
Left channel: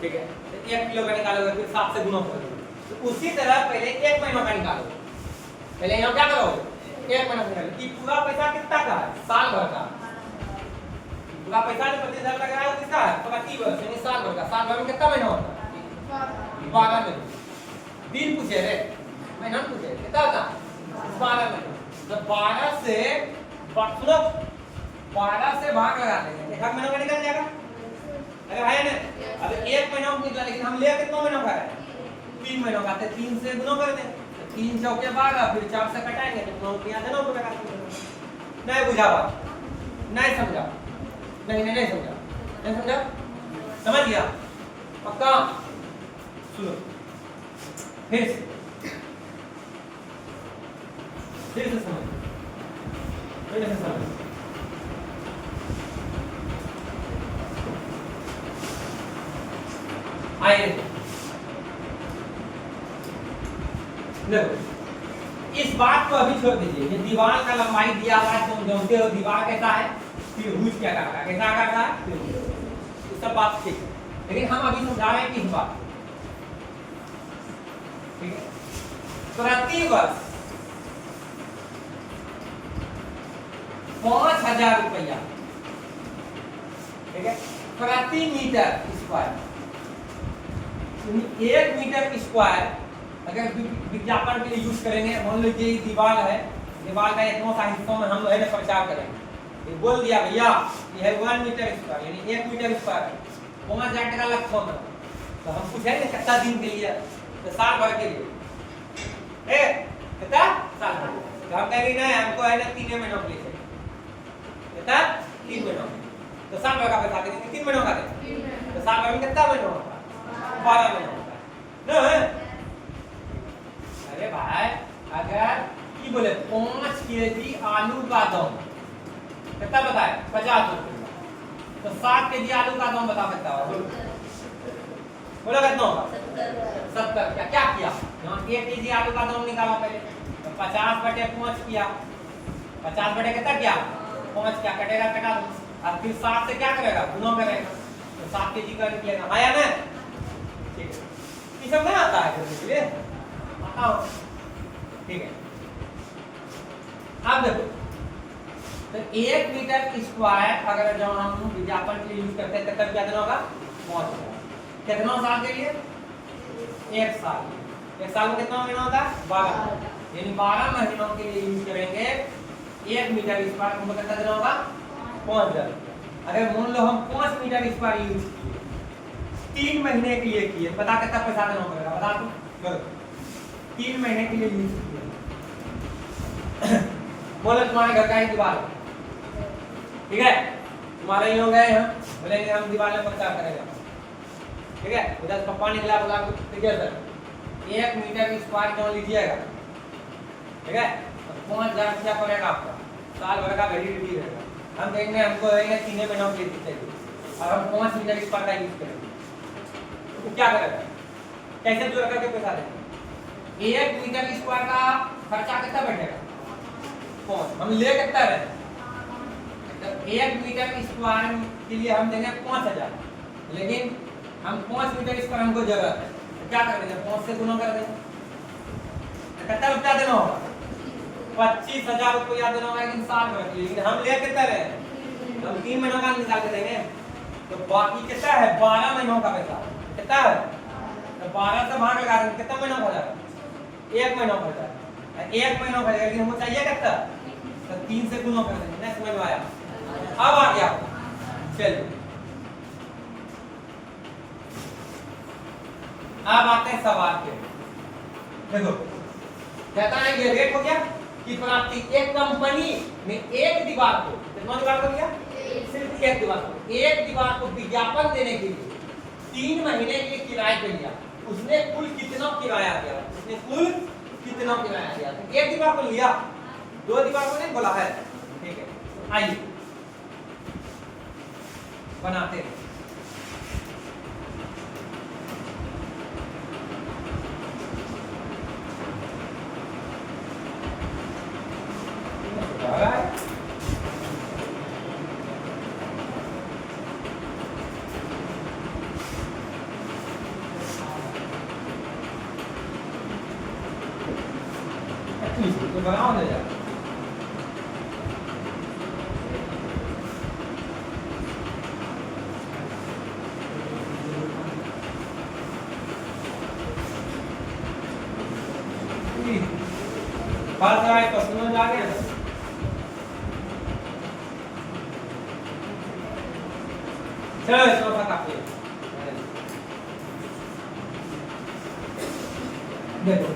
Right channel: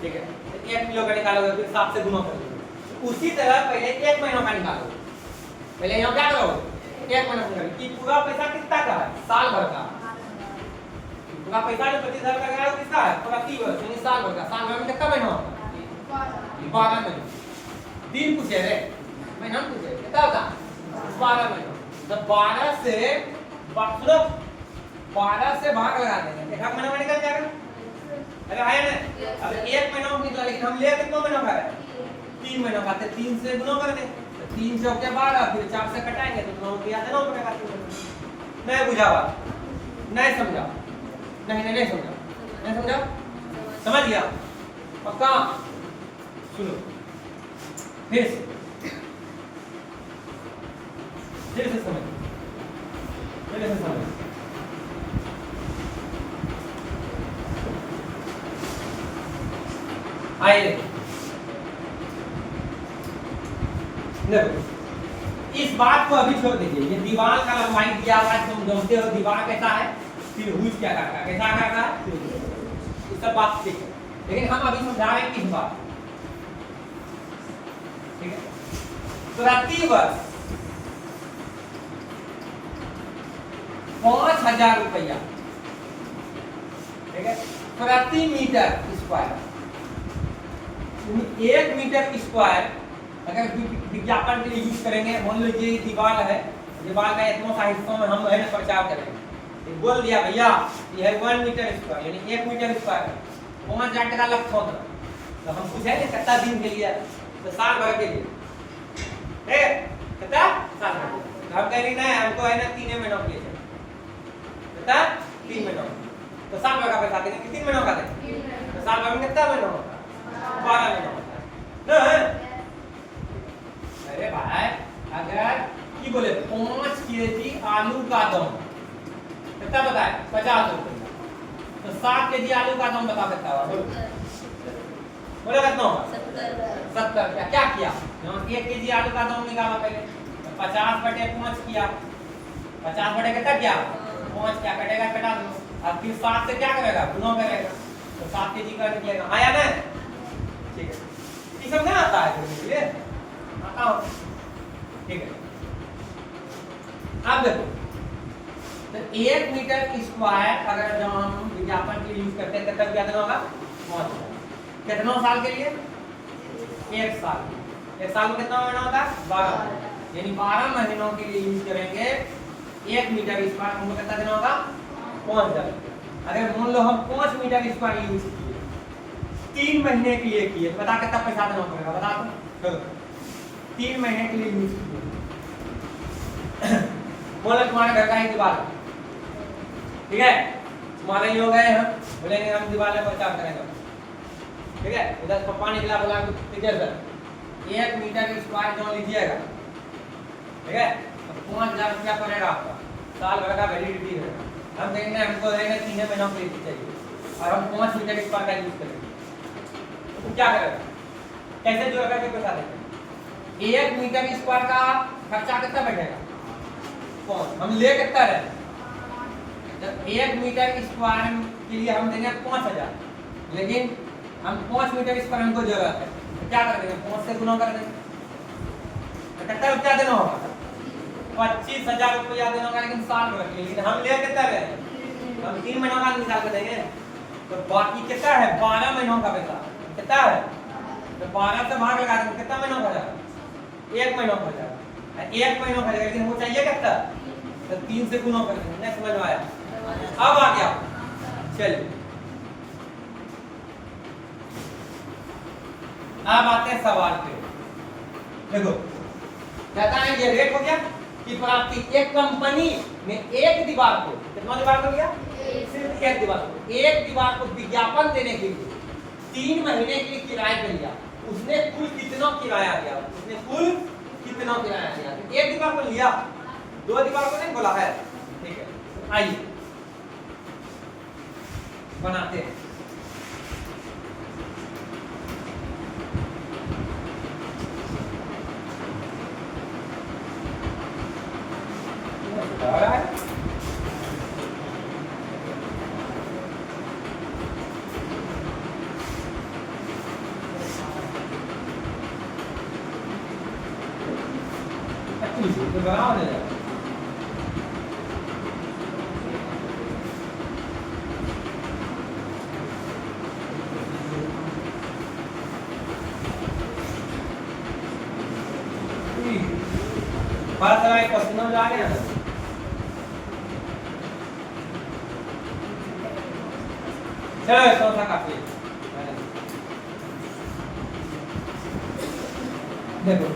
ठीक है, 1 किलो का निकालोगे, फिर 7 से गुना करोगे। तो उसी तरह पहले 1 महीनों का निकालोगे। पहले यहाँ क्या करोगे? 1 महीना निकालोगे कि पूरा पैसा कितना का है? साल भर का। पूरा पैसा जो 25,000 का है वो कितना है? प्रति वर्ष यानी साल भर का। साल भर में कितना महीना होता है? 12 महीने। दिन पूछे रे, महीना पूछे कितना होता? 12 महीना। तो 12 से सुनो, 12 से भाग लगा देंगे, 1 महीना में निकल जाएगा। अरे भाई ने अब 1 महीना में निकला, लेकिन हम ले कितना महीना का है? 3 महीनों का। 3 से गुना कर दें, 3 चौके 12, फिर 4 से कटाएंगे तो 9 किया देना पड़ेगा। नहीं बुझा बात? नहीं समझा? नहीं समझा? नहीं समझा? समझ गया? पक्का? सुनो फिर से समझ, फिर से समझ। आइए देखो, इस बात को अभी छोड़ दीजिए। ये दीवार का लंबाई दिया हुआ है, तुम जानते हो दीवार कैसा है? त्रिभुज क्या करता है? कैसा करता है? ये सब बात ठीक है, लेकिन हम अभी समझा रहे हैं किस बात? ठीक है, प्रति वर्ष 5,000 रुपया, ठीक है, प्रति मीटर स्क्वायर। 1 मीटर स्क्वायर अगर विज्ञापन के लिए यूज करेंगे, मान लीजिए ये दीवार है, दीवार का इतना सा हिस्सों में हम है ना प्रचार करेंगे, ये बोल दिया भैया ये है 1 मीटर स्क्वायर यानी 1 मीटर स्क्वायर 5,000 टका लगता होगा। तो हम पूछेंगे कितना दिन के लिए? तो साल भर के लिए। कितना? साल भर। तो हम कहेंगे नहीं, हमको है ना 3 महीनों के लिए। कितना? 3 महीनों। तो साल भर का पैसा देंगे, 3 महीनों का देंगे। तो साल भर में कितना महीना होता है? 12 महीना होता है। अरे भाई अगर की बोले 5 केजी आलू का दाम कितना बताए? 50 रुपये। तो 7 केजी आलू का दाम बता सकता है? बोले कितना होगा? 70। क्या किया? यहाँ 1 केजी आलू का दाम निकाला पहले, तो 50/5 किया। 50 कितना किया? 5 क्या कटेगा? कटा दो। अब फिर 7 से क्या करेगा? गुना करेगा, तो 7 केजी कर दिएगा। हाँ या नहीं? ठीक है, ये सब नहीं आता है इसलिए आता हो। ठीक है, अब देखो तो 1 मीटर स्क्वायर अगर जो हम विज्ञापन के लिए यूज करते हैं तब क्या देना होगा? 5,000। कितना साल के लिए? 1 साल। 1 साल में कितना महीना होता है? 12, यानी 12 महीनों के लिए यूज करेंगे 1 मीटर स्क्वायर। हमको कितना देना होगा? 5,000। अगर मान लो हम 5 मीटर स्क्वायर यूज किए, 3 महीने के लिए किए, पता कितना पैसा देना पड़ेगा? बता दो। चलो 3 महीने के लिए यूज किए। बोले तुम्हारे घर का ही दीवार है, ठीक है, तुम्हारे ही हो गए हैं, बोलेंगे हम दीवार में प्रचार करेंगे, ठीक है। इधर पप्पा निकला बोला ठीक है सर 1 मीटर स्क्वायर जो लीजिएगा, ठीक है, 5,000 रुपया पड़ेगा आपका, साल भर का वैलिडिटी है। हम देंगे, हमको देंगे 3 महीनों के लिए चाहिए और हम 5 मीटर स्क्वायर का यूज करेंगे, तो क्या करेगा? कैसे जोड़ करके पैसा देंगे? 1 मीटर स्क्वायर का खर्चा कितना बैठेगा? 5। हम ले कितना रहे? 1 मीटर स्क्वायर के लिए हम देंगे 5,000, लेकिन हम 5 मीटर स्क्वायर हमको जरूरत है, तो क्या कर देंगे? 5 से गुना कर देंगे, कितना रुपया देना होगा? 25,000 रुपया देना होगा, लेकिन साल में रखिए। लेकिन हम ले कितना रहे, हम 3 महीनों का निकाल के देंगे। तो बाकी कितना है? 12 महीनों का पैसा कितना है? तो 12 से भाग लगा देंगे, कितना महीनों का हो जाएगा? 1 महीनों का हो जाएगा। 1 महीनों का जाएगा, लेकिन हमको चाहिए कितना? तो 3 से गुना कर देंगे। नेक्स्ट महीनों आया, अब आ गया। चलिए अब आते हैं सवाल पे। देखो कहता है ये रेट हो गया कि प्राप्ति एक कंपनी में एक दीवार को, कितना दीवार को लिया? सिर्फ एक दीवार को, एक दीवार को विज्ञापन देने के लिए 3 महीने के किराए पे लिया। उसने कुल कितना किराया दिया? उसने कुल कितना किराया दिया? एक दीवार को लिया, 2 दीवार को नहीं बोला है। ठीक है, आइए बनाते हैं। तो बनाओ ना यार। बात करा है क्वेश्चन में आ गया ना। चलो चौथा काफी है। देखो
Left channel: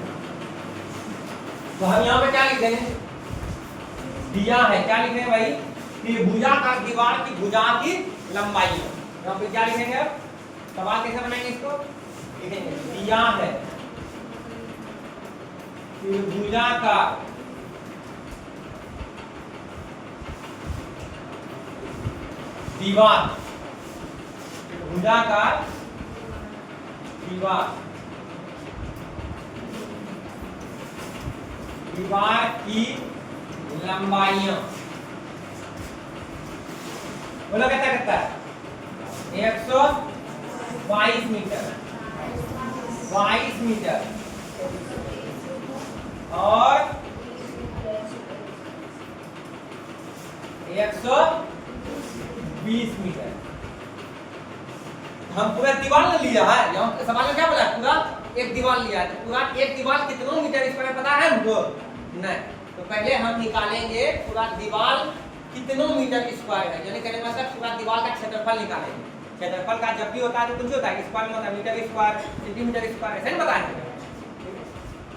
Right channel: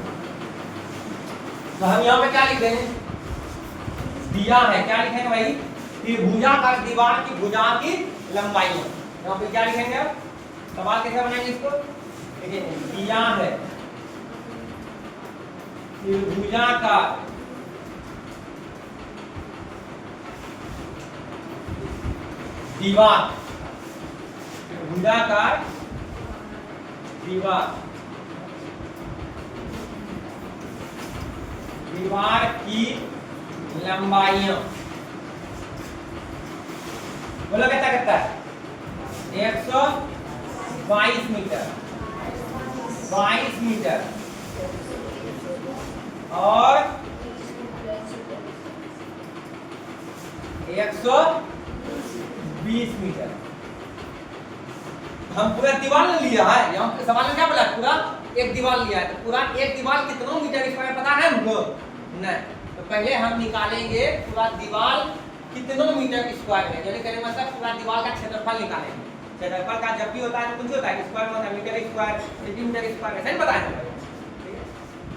तो हम यहाँ पे क्या लिख देंगे? दिया है, क्या लिखेंगे भाई? त्रिभुजाकार दीवार की भुजा की लंबाई है। यहाँ पे क्या लिखेंगे? अब सवाल कैसे बनाएंगे इसको? लिखेंगे दिया है त्रिभुजाकार दीवार, त्रिभुजाकार दीवार, दीवार की लंबाइयां, बोलो कितना कितना है? 122 मीटर, 22 मीटर और 120 मीटर। हम पूरा दीवार ले लिया है। यहाँ सवाल में क्या बोला है? पूरा एक दीवार लिया है। तो पूरा एक दीवार कितना मीटर स्क्वायर पता है हमको? नहीं। तो पहले हम निकालेंगे पूरा दीवार कितना मीटर स्क्वायर है, यानी कहने मतलब पूरा दीवार का क्षेत्रफल निकालेंगे। क्षेत्रफल का जब भी होता है तो कुछ होता है स्क्वायर में होता है, मीटर स्क्वायर, सेंटीमीटर स्क्वायर, ऐसे नहीं बताएंगे।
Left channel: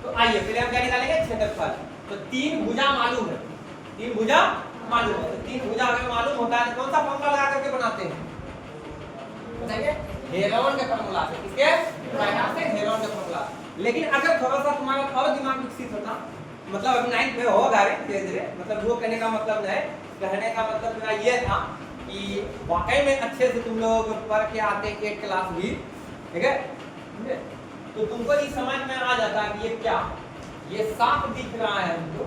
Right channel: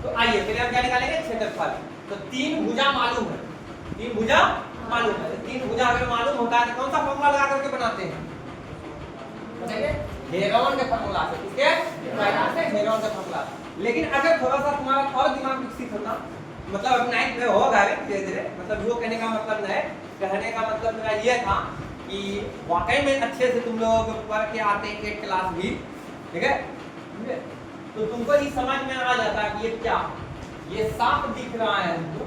तो आइए पहले हम क्या निकालेंगे? क्षेत्रफल। तो 3 भुजा मालूम है, 3 भुजा मालूम है। तो 3 भुजा अगर मालूम होता है तो कौन सा फॉर्मूला लगा करके बनाते हैं? बताइए, हेरोन के फॉर्मूला से। किसके? से हेरोन का फॉर्मूला। लेकिन अगर थोड़ा सा तुम्हारा और दिमाग विकसित होता, मतलब अब 9th में होगा धीरे धीरे, मतलब वो कहने का मतलब नहीं, कहने का मतलब मेरा ये था कि वाकई में अच्छे से तुम लोग पढ़ के आते हैं 8 क्लास भी, ठीक है? तो तुमको ये समझ में आ जाता है कि ये क्या, ये साफ दिख रहा है तुमको,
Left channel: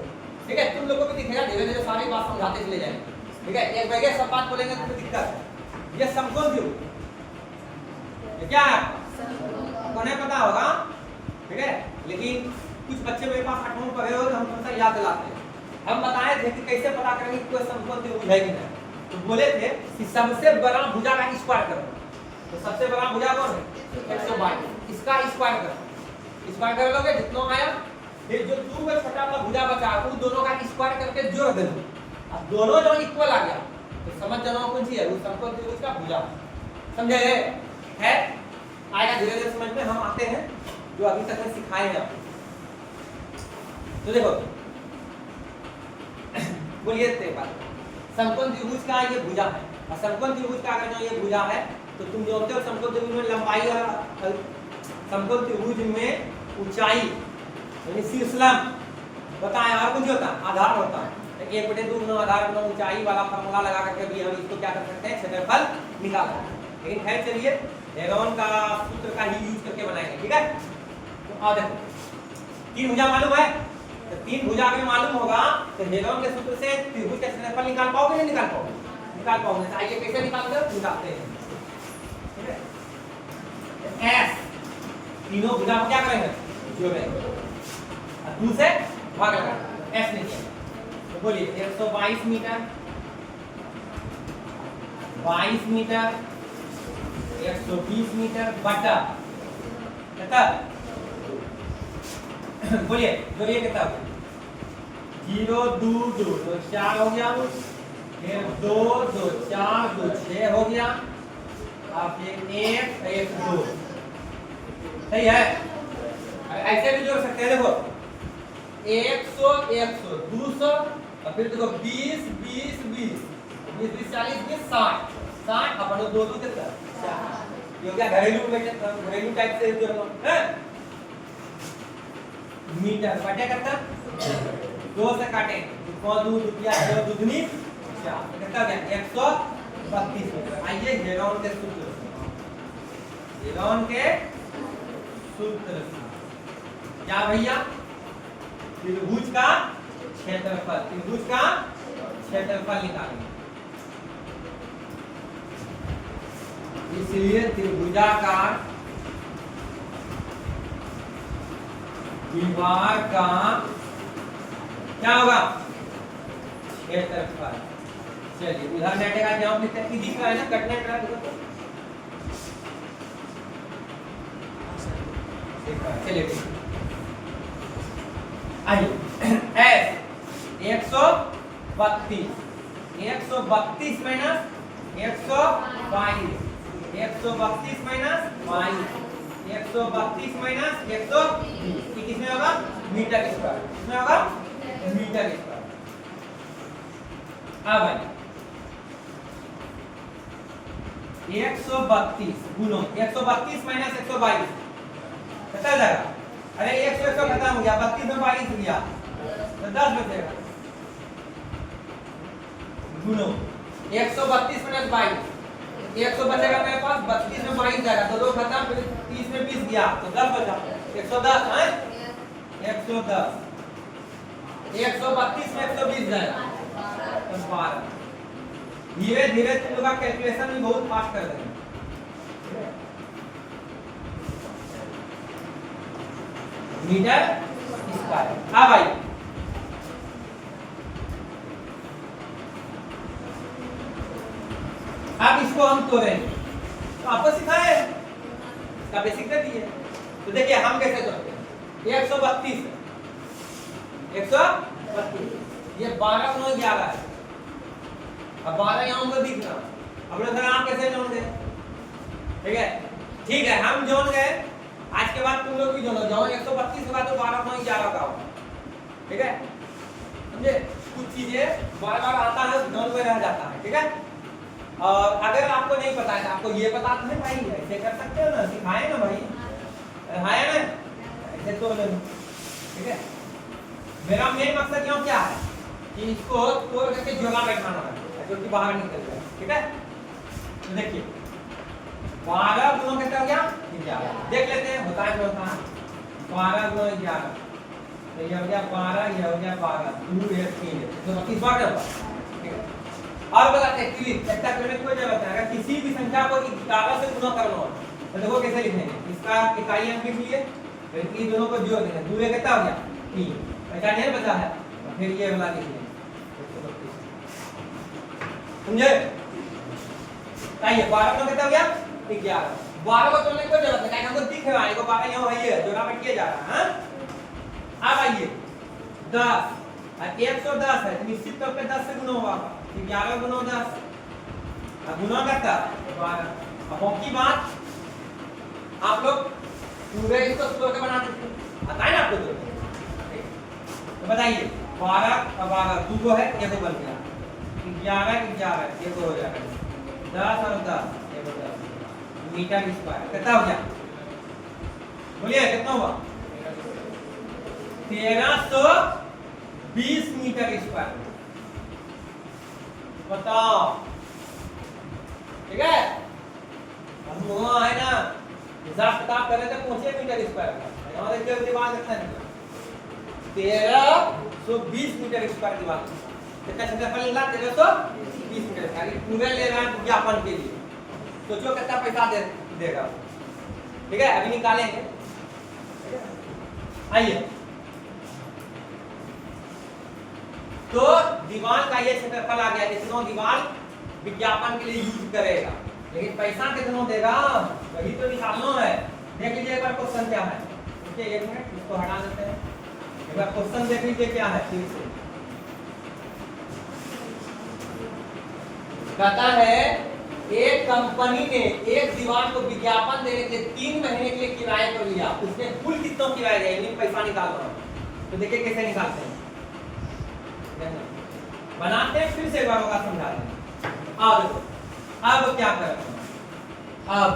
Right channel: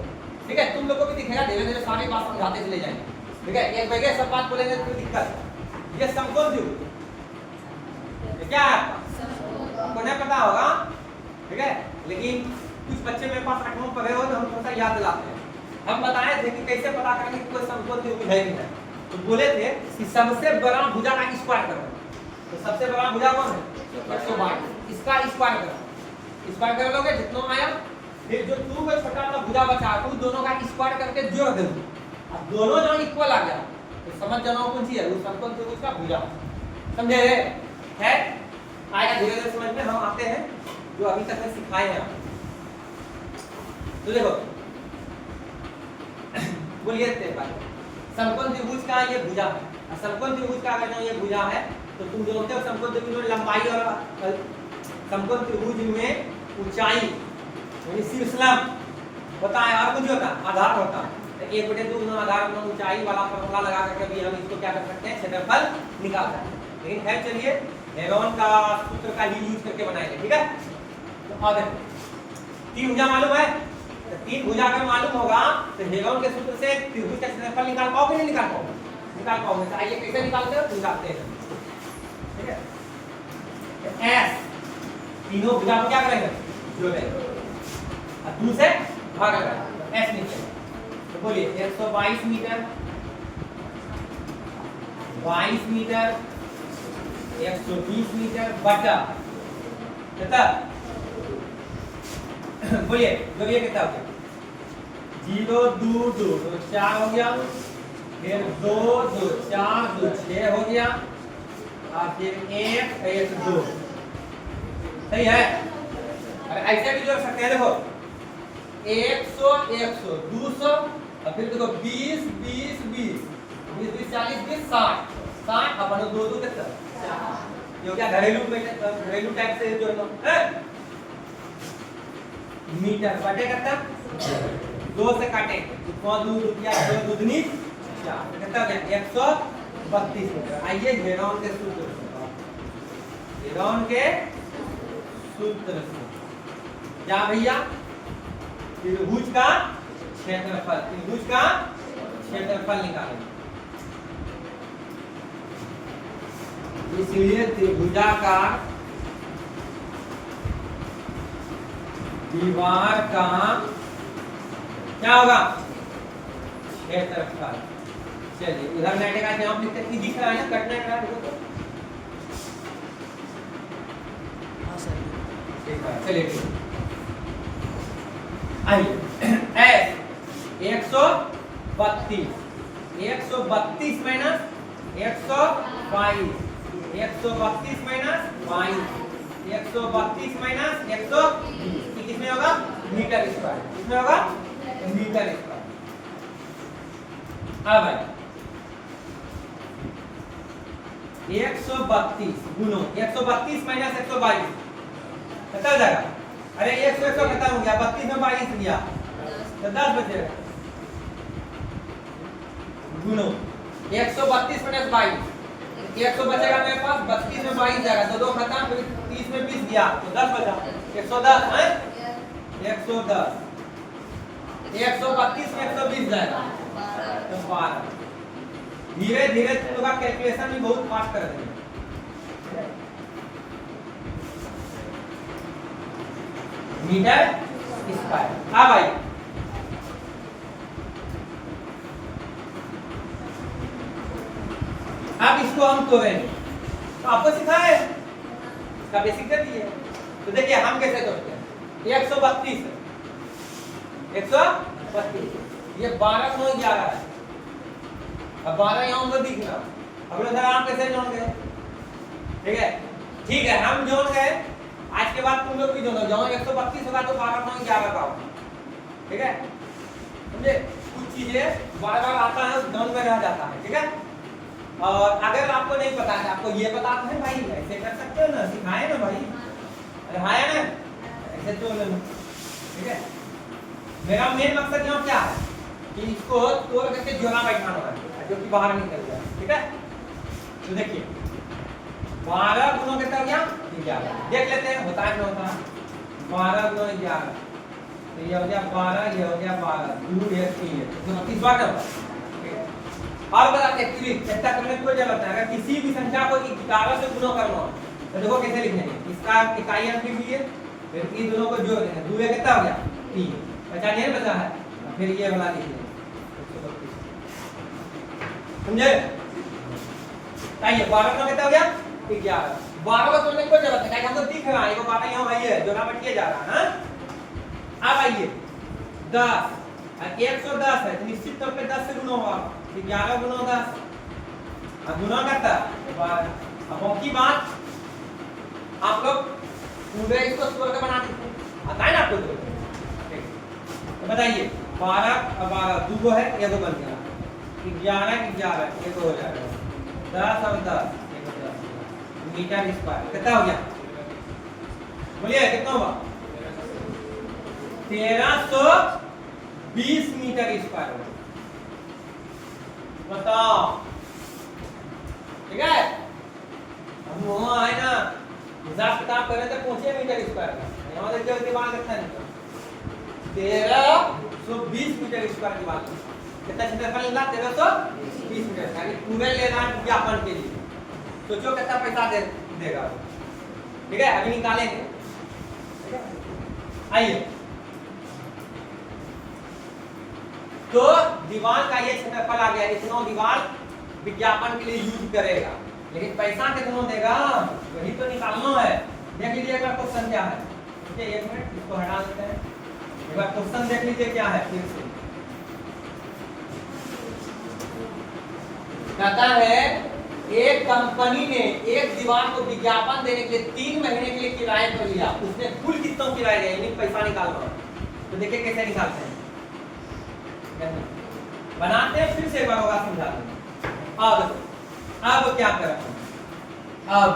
ठीक है? तुम लोग को भी दिखेगा, धीरे धीरे सारी बात समझाते चले जाएंगे, ठीक है? एक बैगे सब बात बोलेंगे तो दिक्कत है। ये समकोण त्रिभुज क्या है? आपको नहीं पता होगा, ठीक है? लेकिन कुछ बच्चे मेरे पास 8वीं पढ़े हो तो हम थोड़ा याद दिलाते हैं। हम बताए थे कि कैसे पता करेंगे कि कोई समकोण त्रिभुज है कि नहीं। तो बोले थे कि सबसे बड़ा भुजा का स्क्वायर करो। तो सबसे बड़ा भुजा कौन है? 122। इसका स्क्वायर करो, स्क्वायर कर लोगे जितना आया, फिर जो 2 में छोटा सा भुजा बचा उन दोनों का स्क्वायर करके जोड़ दे दो। अब दोनों जो इक्वल आ गया तो समझ जाना कौन सी है? वो समकोण त्रिभुज का भुजा। समझे? है आएगा धीरे धीरे समझ में। हम आते हैं जो अभी तक में सिखाए हैं आपको। तो देखो बोलिए समकोण त्रिभुज का ये भुजा है, और समकोण त्रिभुज का अगर जो ये भुजा है तो तुम जानते हो समकोण त्रिभुज में लंबाई और समकोण त्रिभुज में ऊंचाई यानी शीर्षलंब होता है, और कुछ होता है आधार होता है। 1/2 आधार गुना ऊंचाई वाला फॉर्मूला लगा करके भी हम इसको क्या कर सकते हैं? क्षेत्रफल निकाल सकते हैं। लेकिन खैर चलिए हेरोन का सूत्र का ही यूज करके बनाएंगे, ठीक है? तो और देखो 3 भुजा मालूम है, तो 3 भुजा अगर मालूम होगा तो हेरोन के सूत्र से त्रिभुज का क्षेत्रफल निकाल पाओगे? नहीं निकाल पाओगे? निकाल पाओगे। तो आइए कैसे निकालते हैं निकालते हैं, ठीक है? एस तीनों भुजा को क्या करेंगे? जोड़ेंगे। और 2 से भाग लगा एस निकलेगा। तो बोलिए 122 मीटर, 22 मीटर, 120 मीटर बटा कितना, बोलिए तो ये कितना हो गया, 0 2 2 तो 4 हो गया, फिर 2 2 4 2 6 हो गया, और फिर 1 1 2, सही है। अरे ऐसे भी जोड़ सकते हैं, देखो 100 100 200 और फिर देखो 20 20 20 20 40 20 60 60 अपन 2 2 कितना, ये क्या घरेलू टाइप से जोड़ लो है। मीटर बटे कितना, 2 से काटे तो 2 रुपया 2 दूनी 4 कितना हो गया 132 मीटर। आइए हेरोन के सूत्र, हेरोन के सूत्र क्या भैया, त्रिभुज का क्षेत्रफल, त्रिभुज का क्षेत्रफल निकालेंगे। इसलिए त्रिभुजाकार दीवार का क्या होगा, क्षेत्रफल। चलिए उधर मैंने कहा कि हम लिखते हैं कि दिख रहा है ना, कटना करा देखो तो, चलिए ठीक आइए एस 132 132 माइनस 122 132 माइनस 22 132 माइनस 120 किसमें होगा, मीटर स्क्वायर, किसमें होगा मीटर स्क्वायर। अब भाई 132 गुणो 132 माइनस 122 कितना हो जाएगा, अरे 100 100 खत्म हो गया, 32 में 22 गया तो 10 बचेगा, गुणो 132 माइनस 22 100 बचेगा मेरे पास, 32 में 22 जाएगा तो 2 खत्म, फिर 30 में 20 गया तो 10 बचा 110 है 110, 132 में 120 जाएगा तो 12। धीरे धीरे तुम लोग का कैलकुलेशन भी बहुत फास्ट कर देंगे। मीटर स्क्वायर, हाँ भाई अब इसको हम तोड़ेंगे, तो आपको सिखाए इसका बेसिक कर दिए। तो देखिए हम कैसे तोड़ते हैं, 132 ये 12 को 11 है, अब 12 यहाँ हमको दिख रहा, हम लोग हम कैसे जोड़ गए, ठीक है हम जोड़ गए, आज के बाद तुम लोग भी जोड़ो, जहाँ 132 होगा तो 12 को 11 का होगा, ठीक है समझे। कुछ चीजें बार बार आता है ध्यान में रह जाता है, ठीक है। और अगर आपको नहीं पता है, आपको ये पता तो है भाई, ऐसे कर सकते हो ना, सिखाए ना भाई, है ना, ऐसे तो नहीं, ठीक है। मेरा मेन मकसद यहाँ क्या है कि इसको तोड़ करके जोड़ा बैठाना है, जो कि बाहर निकल जाए, ठीक है। तो देखिए 12 गुणों कितना हो गया 11, देख लेते हैं बताएं क्या होता है, 12 गुणों 11 तो ये हो गया 12, ये हो गया 12 2 1 3 तो 32 बार होगा, ठीक है। और बताते हैं क्विक चेक करने की कोई जरूरत है, अगर किसी भी संख्या को 11 से गुणा करना हो तो देखो कैसे लिखेंगे, इसका इकाई अंक लिख लिए, फिर इन दोनों को जोड़ देंगे, 2 कितना हो गया 3, बचा नहीं बचा है, फिर ये वाला लिख लेंगे, समझे। आइए 12 का कितना हो गया 11, 12 को तोड़ने की कोई जरूरत नहीं, हमको दिख रहा है, 12 यहाँ है, जोड़ा में किया जा रहा है। अब आइए 10 110 है तो निश्चित तौर पे 10 से गुणा होगा, 11 गुणा 10 अब गुणा करता 12। अब बाकी बात आप लोग पूरे इसको तोड़ के बना देते आता है ना आपको, तो बताइए 12 और 12 दो है, ये तो बन गया 11 11 ये तो हो जाएगा 10 और 10 मीटर स्क्वायर कितना हो गया, बोलिए कितना हुआ 1320 मीटर स्क्वायर, बताओ ठीक है। हम वहाँ है ना हिसाब किताब करें तो पहुंचे मीटर स्क्वायर का, यहाँ देखिए दिमाग अच्छा निकला 1320 मीटर स्क्वायर की बात कितना क्षेत्रफल निकला 1320 मीटर यानी पूरे ले रहा है विज्ञापन के लिए, सोचो कितना पैसा देगा, ठीक है अभी निकालेंगे, ठीक है। आइए तो दीवार का ये क्षेत्रफल आ गया, इतना दीवार विज्ञापन के लिए यूज करेगा, लेकिन पैसा कितना देगा वही तो निकालना है। देख लीजिए एक बार क्वेश्चन क्या है, ठीक है, एक मिनट इसको हटा देते हैं, एक बार क्वेश्चन देख लीजिए क्या है फिर से। कहता है एक कंपनी ने एक दीवार को विज्ञापन देने के लिए 3 महीने के लिए किराए पर लिया, उसने कुल कितना किराया दिया, यानी पैसा निकालना है। तो देखिए कैसे निकालते हैं, बनाते हैं, फिर से एक बार होगा समझा देंगे। अब क्या करें, अब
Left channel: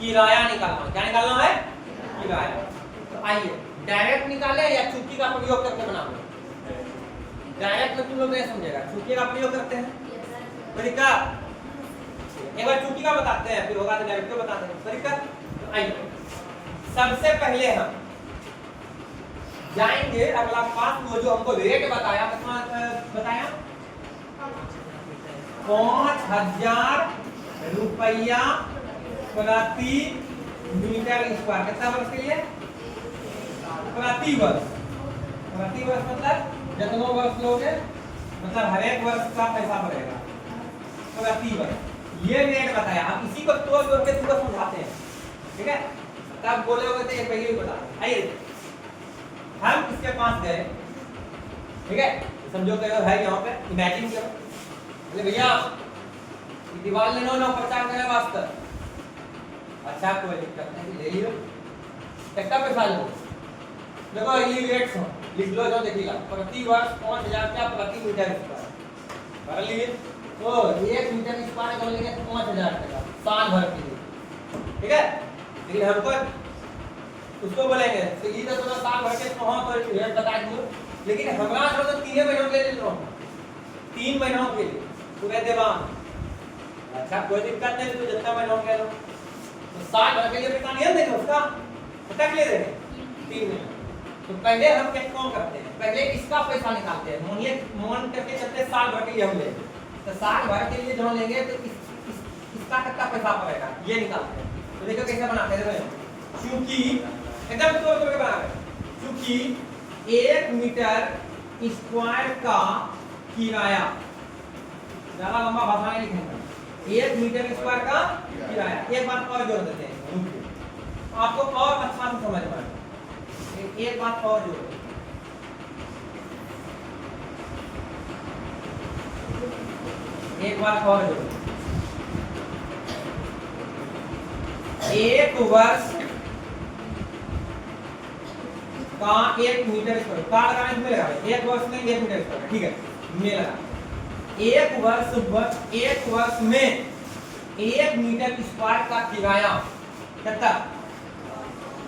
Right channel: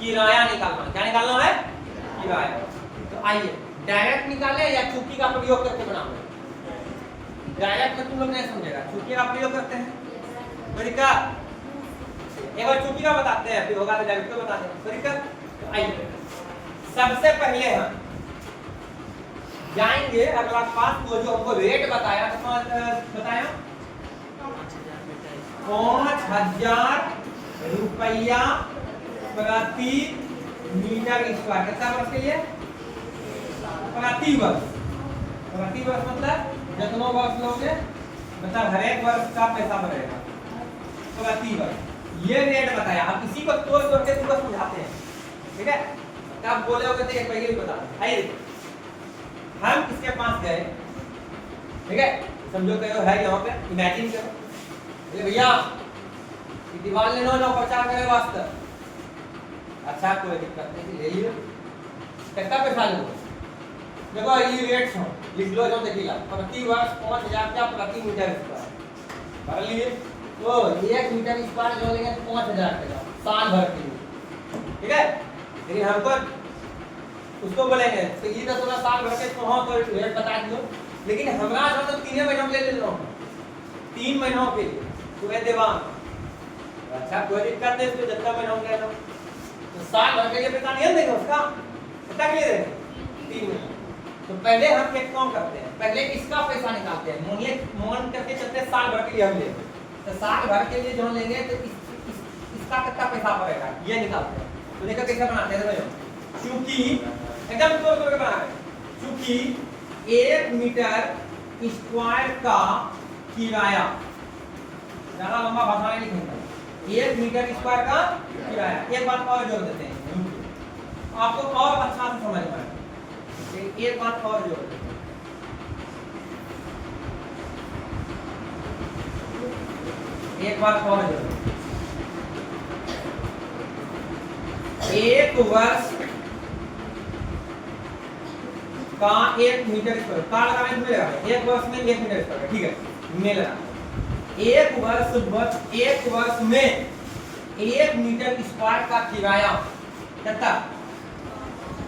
किराया निकालना है, क्या निकालना है, किराया। तो आइए डायरेक्ट निकाले या चुटकी का प्रयोग करके बनाना है। डायरेक्ट में तुम लोग नहीं समझेगा, चुटकी का प्रयोग करते हैं। तरीका एक बार चुटकी का बताते हैं, फिर होगा तो डायरेक्ट का बताते हैं तरीका। तो आइए सबसे पहले हम जाएंगे अगला पास, वो जो हमको रेट बताया, बताया 5000 रुपया प्रति मीटर स्क्वायर, कितना वर्ष के लिए, प्रति वर्ष। प्रति वर्ष मतलब जितना वर्ष लोगे मतलब हर एक वर्ष का पैसा बढ़ेगा, प्रति वर्ष। ये रेट बताया, अब इसी को तोड़ तोड़ के तुमको समझाते हैं, ठीक है। तब बोले होगे तो एक पहले ही बता दें। आइए हम किसके पास गए, ठीक है, समझो कि है यहाँ पे, इमेजिन करो, बोले भैया दीवार लेना ना प्रचार करने वास्ते, अच्छा कोई दिक्कत नहीं, ले लियो, कितना पैसा लो, देखो ये रेट हो लिख लो, जो देखिएगा प्रति वर्ष 5000 का प्रति मीटर स्क्वायर भर लिए, तो 1 मीटर स्क्वायर जो लेंगे तो 5000 का साल भर के लिए, ठीक है। लेकिन हमको उसको बोलेंगे तो ये तो थोड़ा साल भर के कहाँ तो रेट बता दियो, लेकिन हमरा जो तो 3 महीनों के लिए ले लो, 3 महीनों के लिए पूरे देवान, अच्छा कोई दिक्कत नहीं, तो जितना महीनों के लो, तो साल भर के लिए पैसा नहीं देंगे उसका, कितना के लिए देंगे, 3 महीने। तो पहले हम एक काम करते हैं, पहले इसका पैसा निकालते हैं, मोनिए मोन करके चलते साल भर के लिए हम लेंगे, तो साल भर के लिए जो लेंगे तो इसका कितना पैसा पड़ेगा ये निकालते हैं। तो देखो कैसे बनाते हैं, देखो क्योंकि एकदम तोड़ तोड़ के बना रहे हैं, क्योंकि 1 मीटर स्क्वायर का किराया, ज्यादा लंबा भाषा नहीं लिखेंगे, 1 मीटर स्क्वायर का किराया। एक बात और जोड़ देते हैं आपको और अच्छा से समझ में आएगा, एक बात और जोड़, एक बात और जोड़, 1 वर्ष का 1 मीटर स्क्वायर का लगाना मिलेगा, 1 वर्ष में 1 मीटर स्क्वायर, ठीक है, मिला। 1 वर्ष में 1 मीटर स्क्वायर का किराया कितना,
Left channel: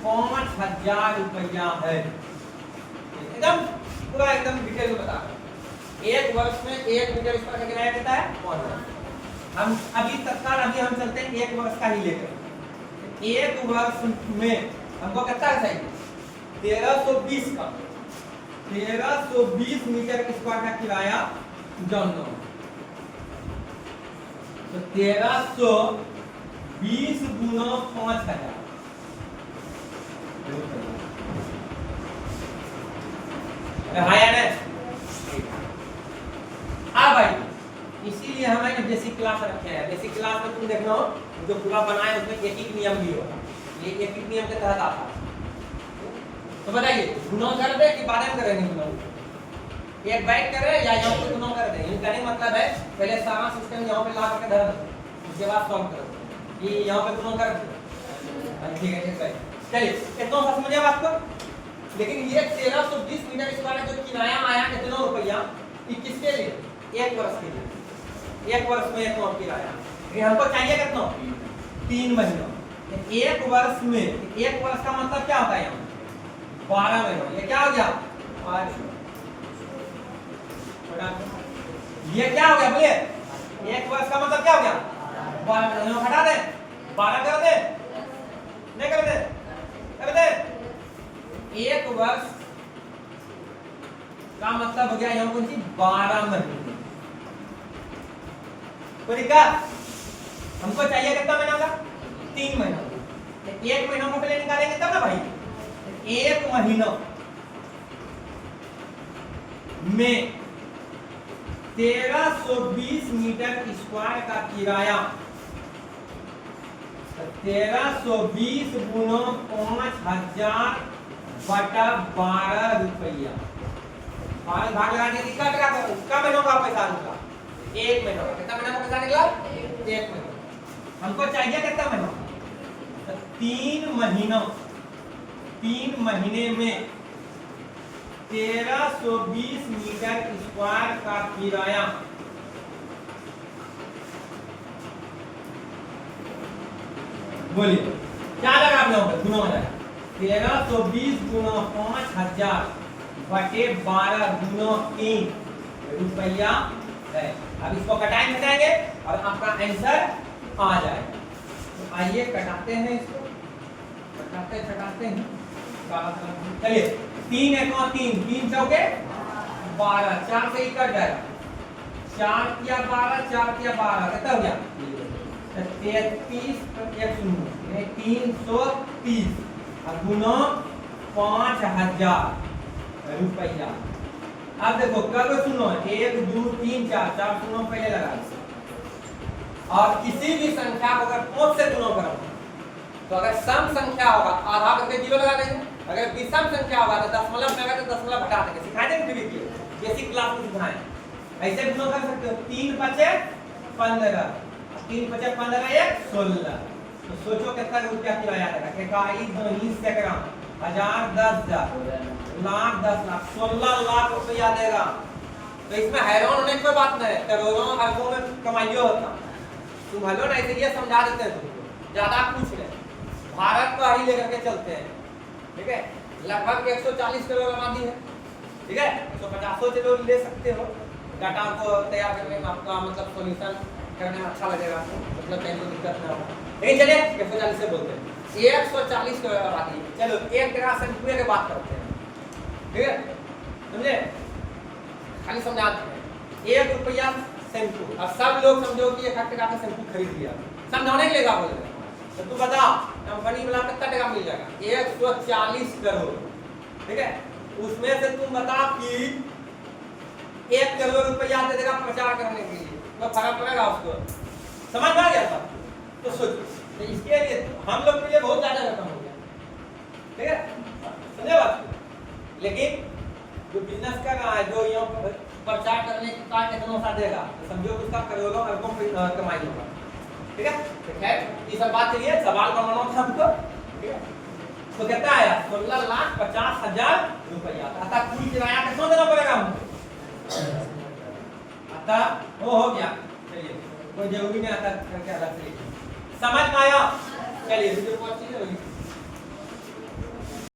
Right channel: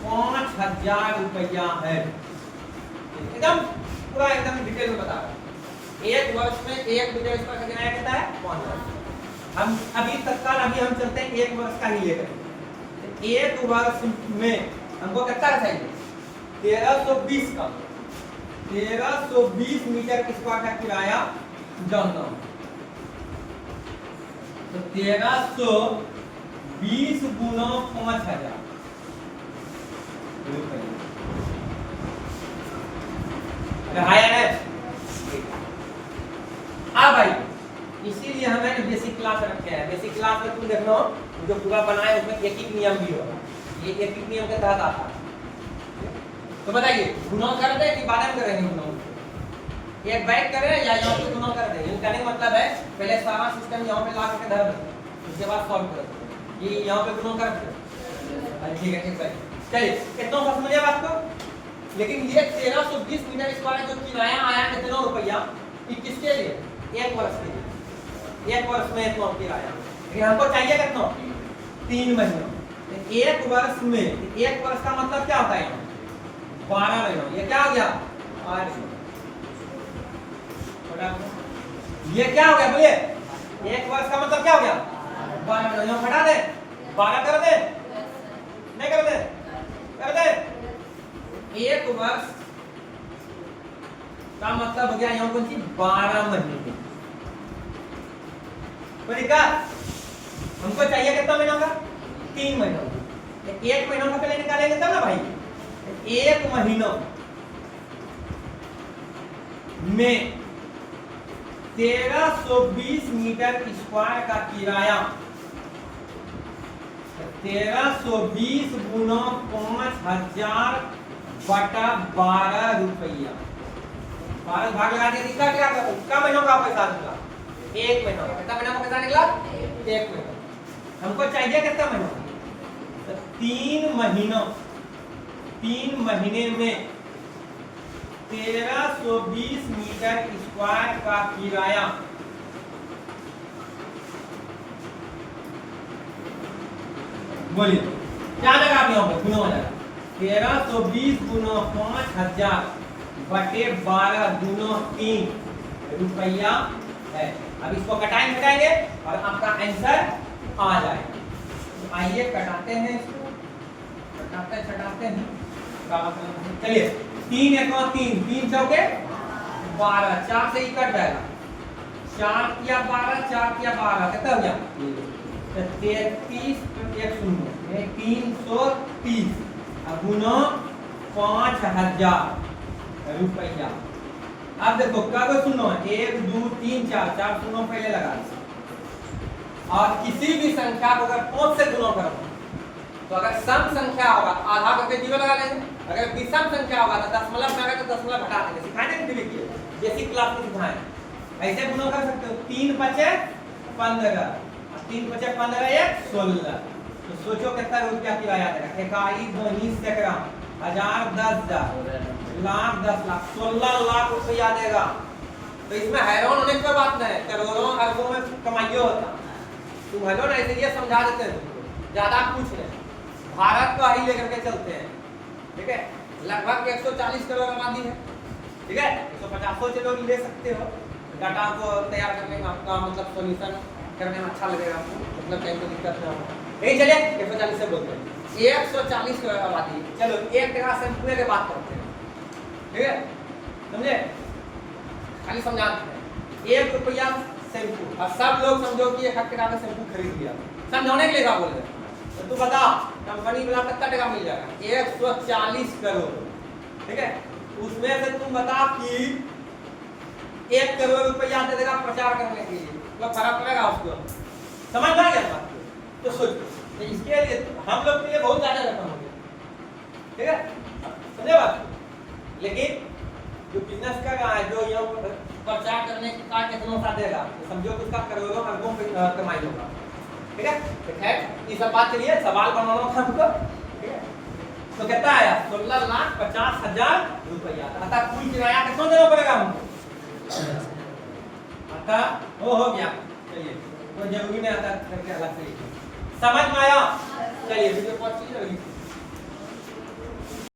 5000 रुपया है, एकदम पूरा एकदम डिटेल में बता रहा हूं। 1 वर्ष में 1 मीटर स्क्वायर का किराया कितना है, 5000। हम अभी तत्काल अभी हम चलते हैं 1 वर्ष का ही लेकर, 1 वर्ष में हमको कितना चाहिए, 1320 का, 1320 मीटर स्क्वायर का किराया जानना, तो 1320 गुना 5000, हाँ भाई, इसीलिए हमें बेसिक क्लास रखे हैं। बेसिक क्लास में तुम देख लो जो पूरा बनाए उसमें एक एक नियम भी होगा, ये एक एक नियम के तहत आता है। तो बताइए गुना कर दे कि बाद में करेंगे गुना, एक बाइक कर रहे हैं या यहाँ पे गुना कर दे, कहने का मतलब है पहले सारा सिस्टम यहाँ पे ला करके धर देते हैं, उसके बाद सॉल्व करते हैं, ये यहाँ पे गुना कर दे, ठीक है ठीक है, चलिए इतना सा समझिए बात को। लेकिन ये 1320 मीटर स्क्वायर जो किराया आया कितना रुपया, किसके लिए, 1 वर्ष के लिए, 1 वर्ष में इतना किराया, लेकिन हमको चाहिए कितना, 3 महीनों, 1 वर्ष में, 1 वर्ष का मतलब क्या होता है, 12 महीनों, ये क्या हो गया, 8, ये क्या हो गया बोलिए, 1 वर्ष का मतलब क्या हो गया, 12 महीनों, हटा दे, 12 कर दे, नहीं कर दे, कर दे, 1 वर्ष का मतलब हो गया यहाँ कौन सी, 12 महीने। तो दिक्कत हमको चाहिए कितना महीनों का, 3 महीनों, 1 महीनों का पहले निकालेंगे तब ना भाई, 1 महीनों में 1320 मीटर स्क्वायर का किराया 1320 गुना 5000 बटा 12 रुपया। 12 भाग लगा दी कितना महीनों का पैसा निकला? एक महीना का। कितना महीना का पैसा निकला? एक महीना। हमको चाहिए कितना महीना? 3 महीने में 1320 मीटर स्क्वायर का किराया बोलिए क्या लगा आप यहाँ पर? गुना हो जाएगा 1320 गुना 5000 बटे 12 गुना 3 रुपया है। अब इसको कटाएंगे घटाएंगे और आपका आंसर आ जाएगा। तो आइए कटाते हैं इसको, कटाते हैं। चलिए 3 1 3 3 चौके 12, 4 से ही कट जाएगा। 4 किया 12, 4 किया 12, कितना हो गया? 33 1 शून्य 330 गुना 5000 रुपया। अब देखो कब सुनो 1 2 3 4 4 सुनो पहले लगा। और किसी भी संख्या को अगर 5 से गुणा करो तो अगर सम संख्या होगा आधा करके 0 लगा देंगे, अगर विषम संख्या होगा तो दशमलव में तो दशमलव घटा देंगे। सिखाए थे ना बेसिक क्लास में सिखाए। ऐसे गुणा कर सकते हो 3 5 15 3 5 15 1 16। तो सोचो कितना रुपया किराया देगा? इकाई 2 सैकड़ा 1000 10,000 लाख 10 लाख 16 लाख रुपया देगा। तो इसमें हैरान होने की कोई बात नहीं है, करोड़ों अरबों में कमाइयो होता। तुम हेलो ना ऐसे ये समझा देते हैं तुमको, ज्यादा पूछ रहे। भारत का ही लेकर के चलते हैं, ठीक है? लगभग 140 करोड़ आबादी है, ठीक है? 150 से लोग ले सकते हो। डाटा को तैयार करने में आपका मतलब सॉल्यूशन करने में अच्छा लगेगा आपको, मतलब कहीं तो दिक्कत ना हो। लेकिन चलिए 140 से बोलते हैं। 140 करोड़ आबादी है। चलो एक तरह से पूरे की बात करते हैं, ठीक है? समझे? खाली समझाते हैं। 1 रुपया शैम्पू, और सब लोग समझो कि 1 टका का शैम्पू खरीद लिया। समझाने के लिए क्या बोल रहे हैं? तो तू बता कंपनी वाला कितना टका मिल जाएगा? 140 करोड़, ठीक है? उसमें से तुम बता कि 1 करोड़ रुपया दे देगा प्रचार करने के लिए, तो फर्क पड़ेगा उसको। समझ आ गया बात? तो सोचो, तो इसके लिए हम लोग के लिए बहुत ज्यादा रकम हो गया, ठीक है? समझे बात? लेकिन जो बिजनेस कर रहा है, जो यहाँ प्रचार करने का कितना सा देगा, तो समझो कि उसका करोड़ों अरबों कमाई होगा, ठीक है? तो खैर ये सब बात चलिए, सवाल बनाना था हमको, ठीक है? तो कितना आया? 16,50,000 रुपया। अतः पूरी किराया कितना देना पड़ेगा हमको? अतः वो हो गया। चलिए कोई जरूरी नहीं आता करके अलग से लिखिए। समझ में आया? चलिए वीडियो को अच्छी लगी।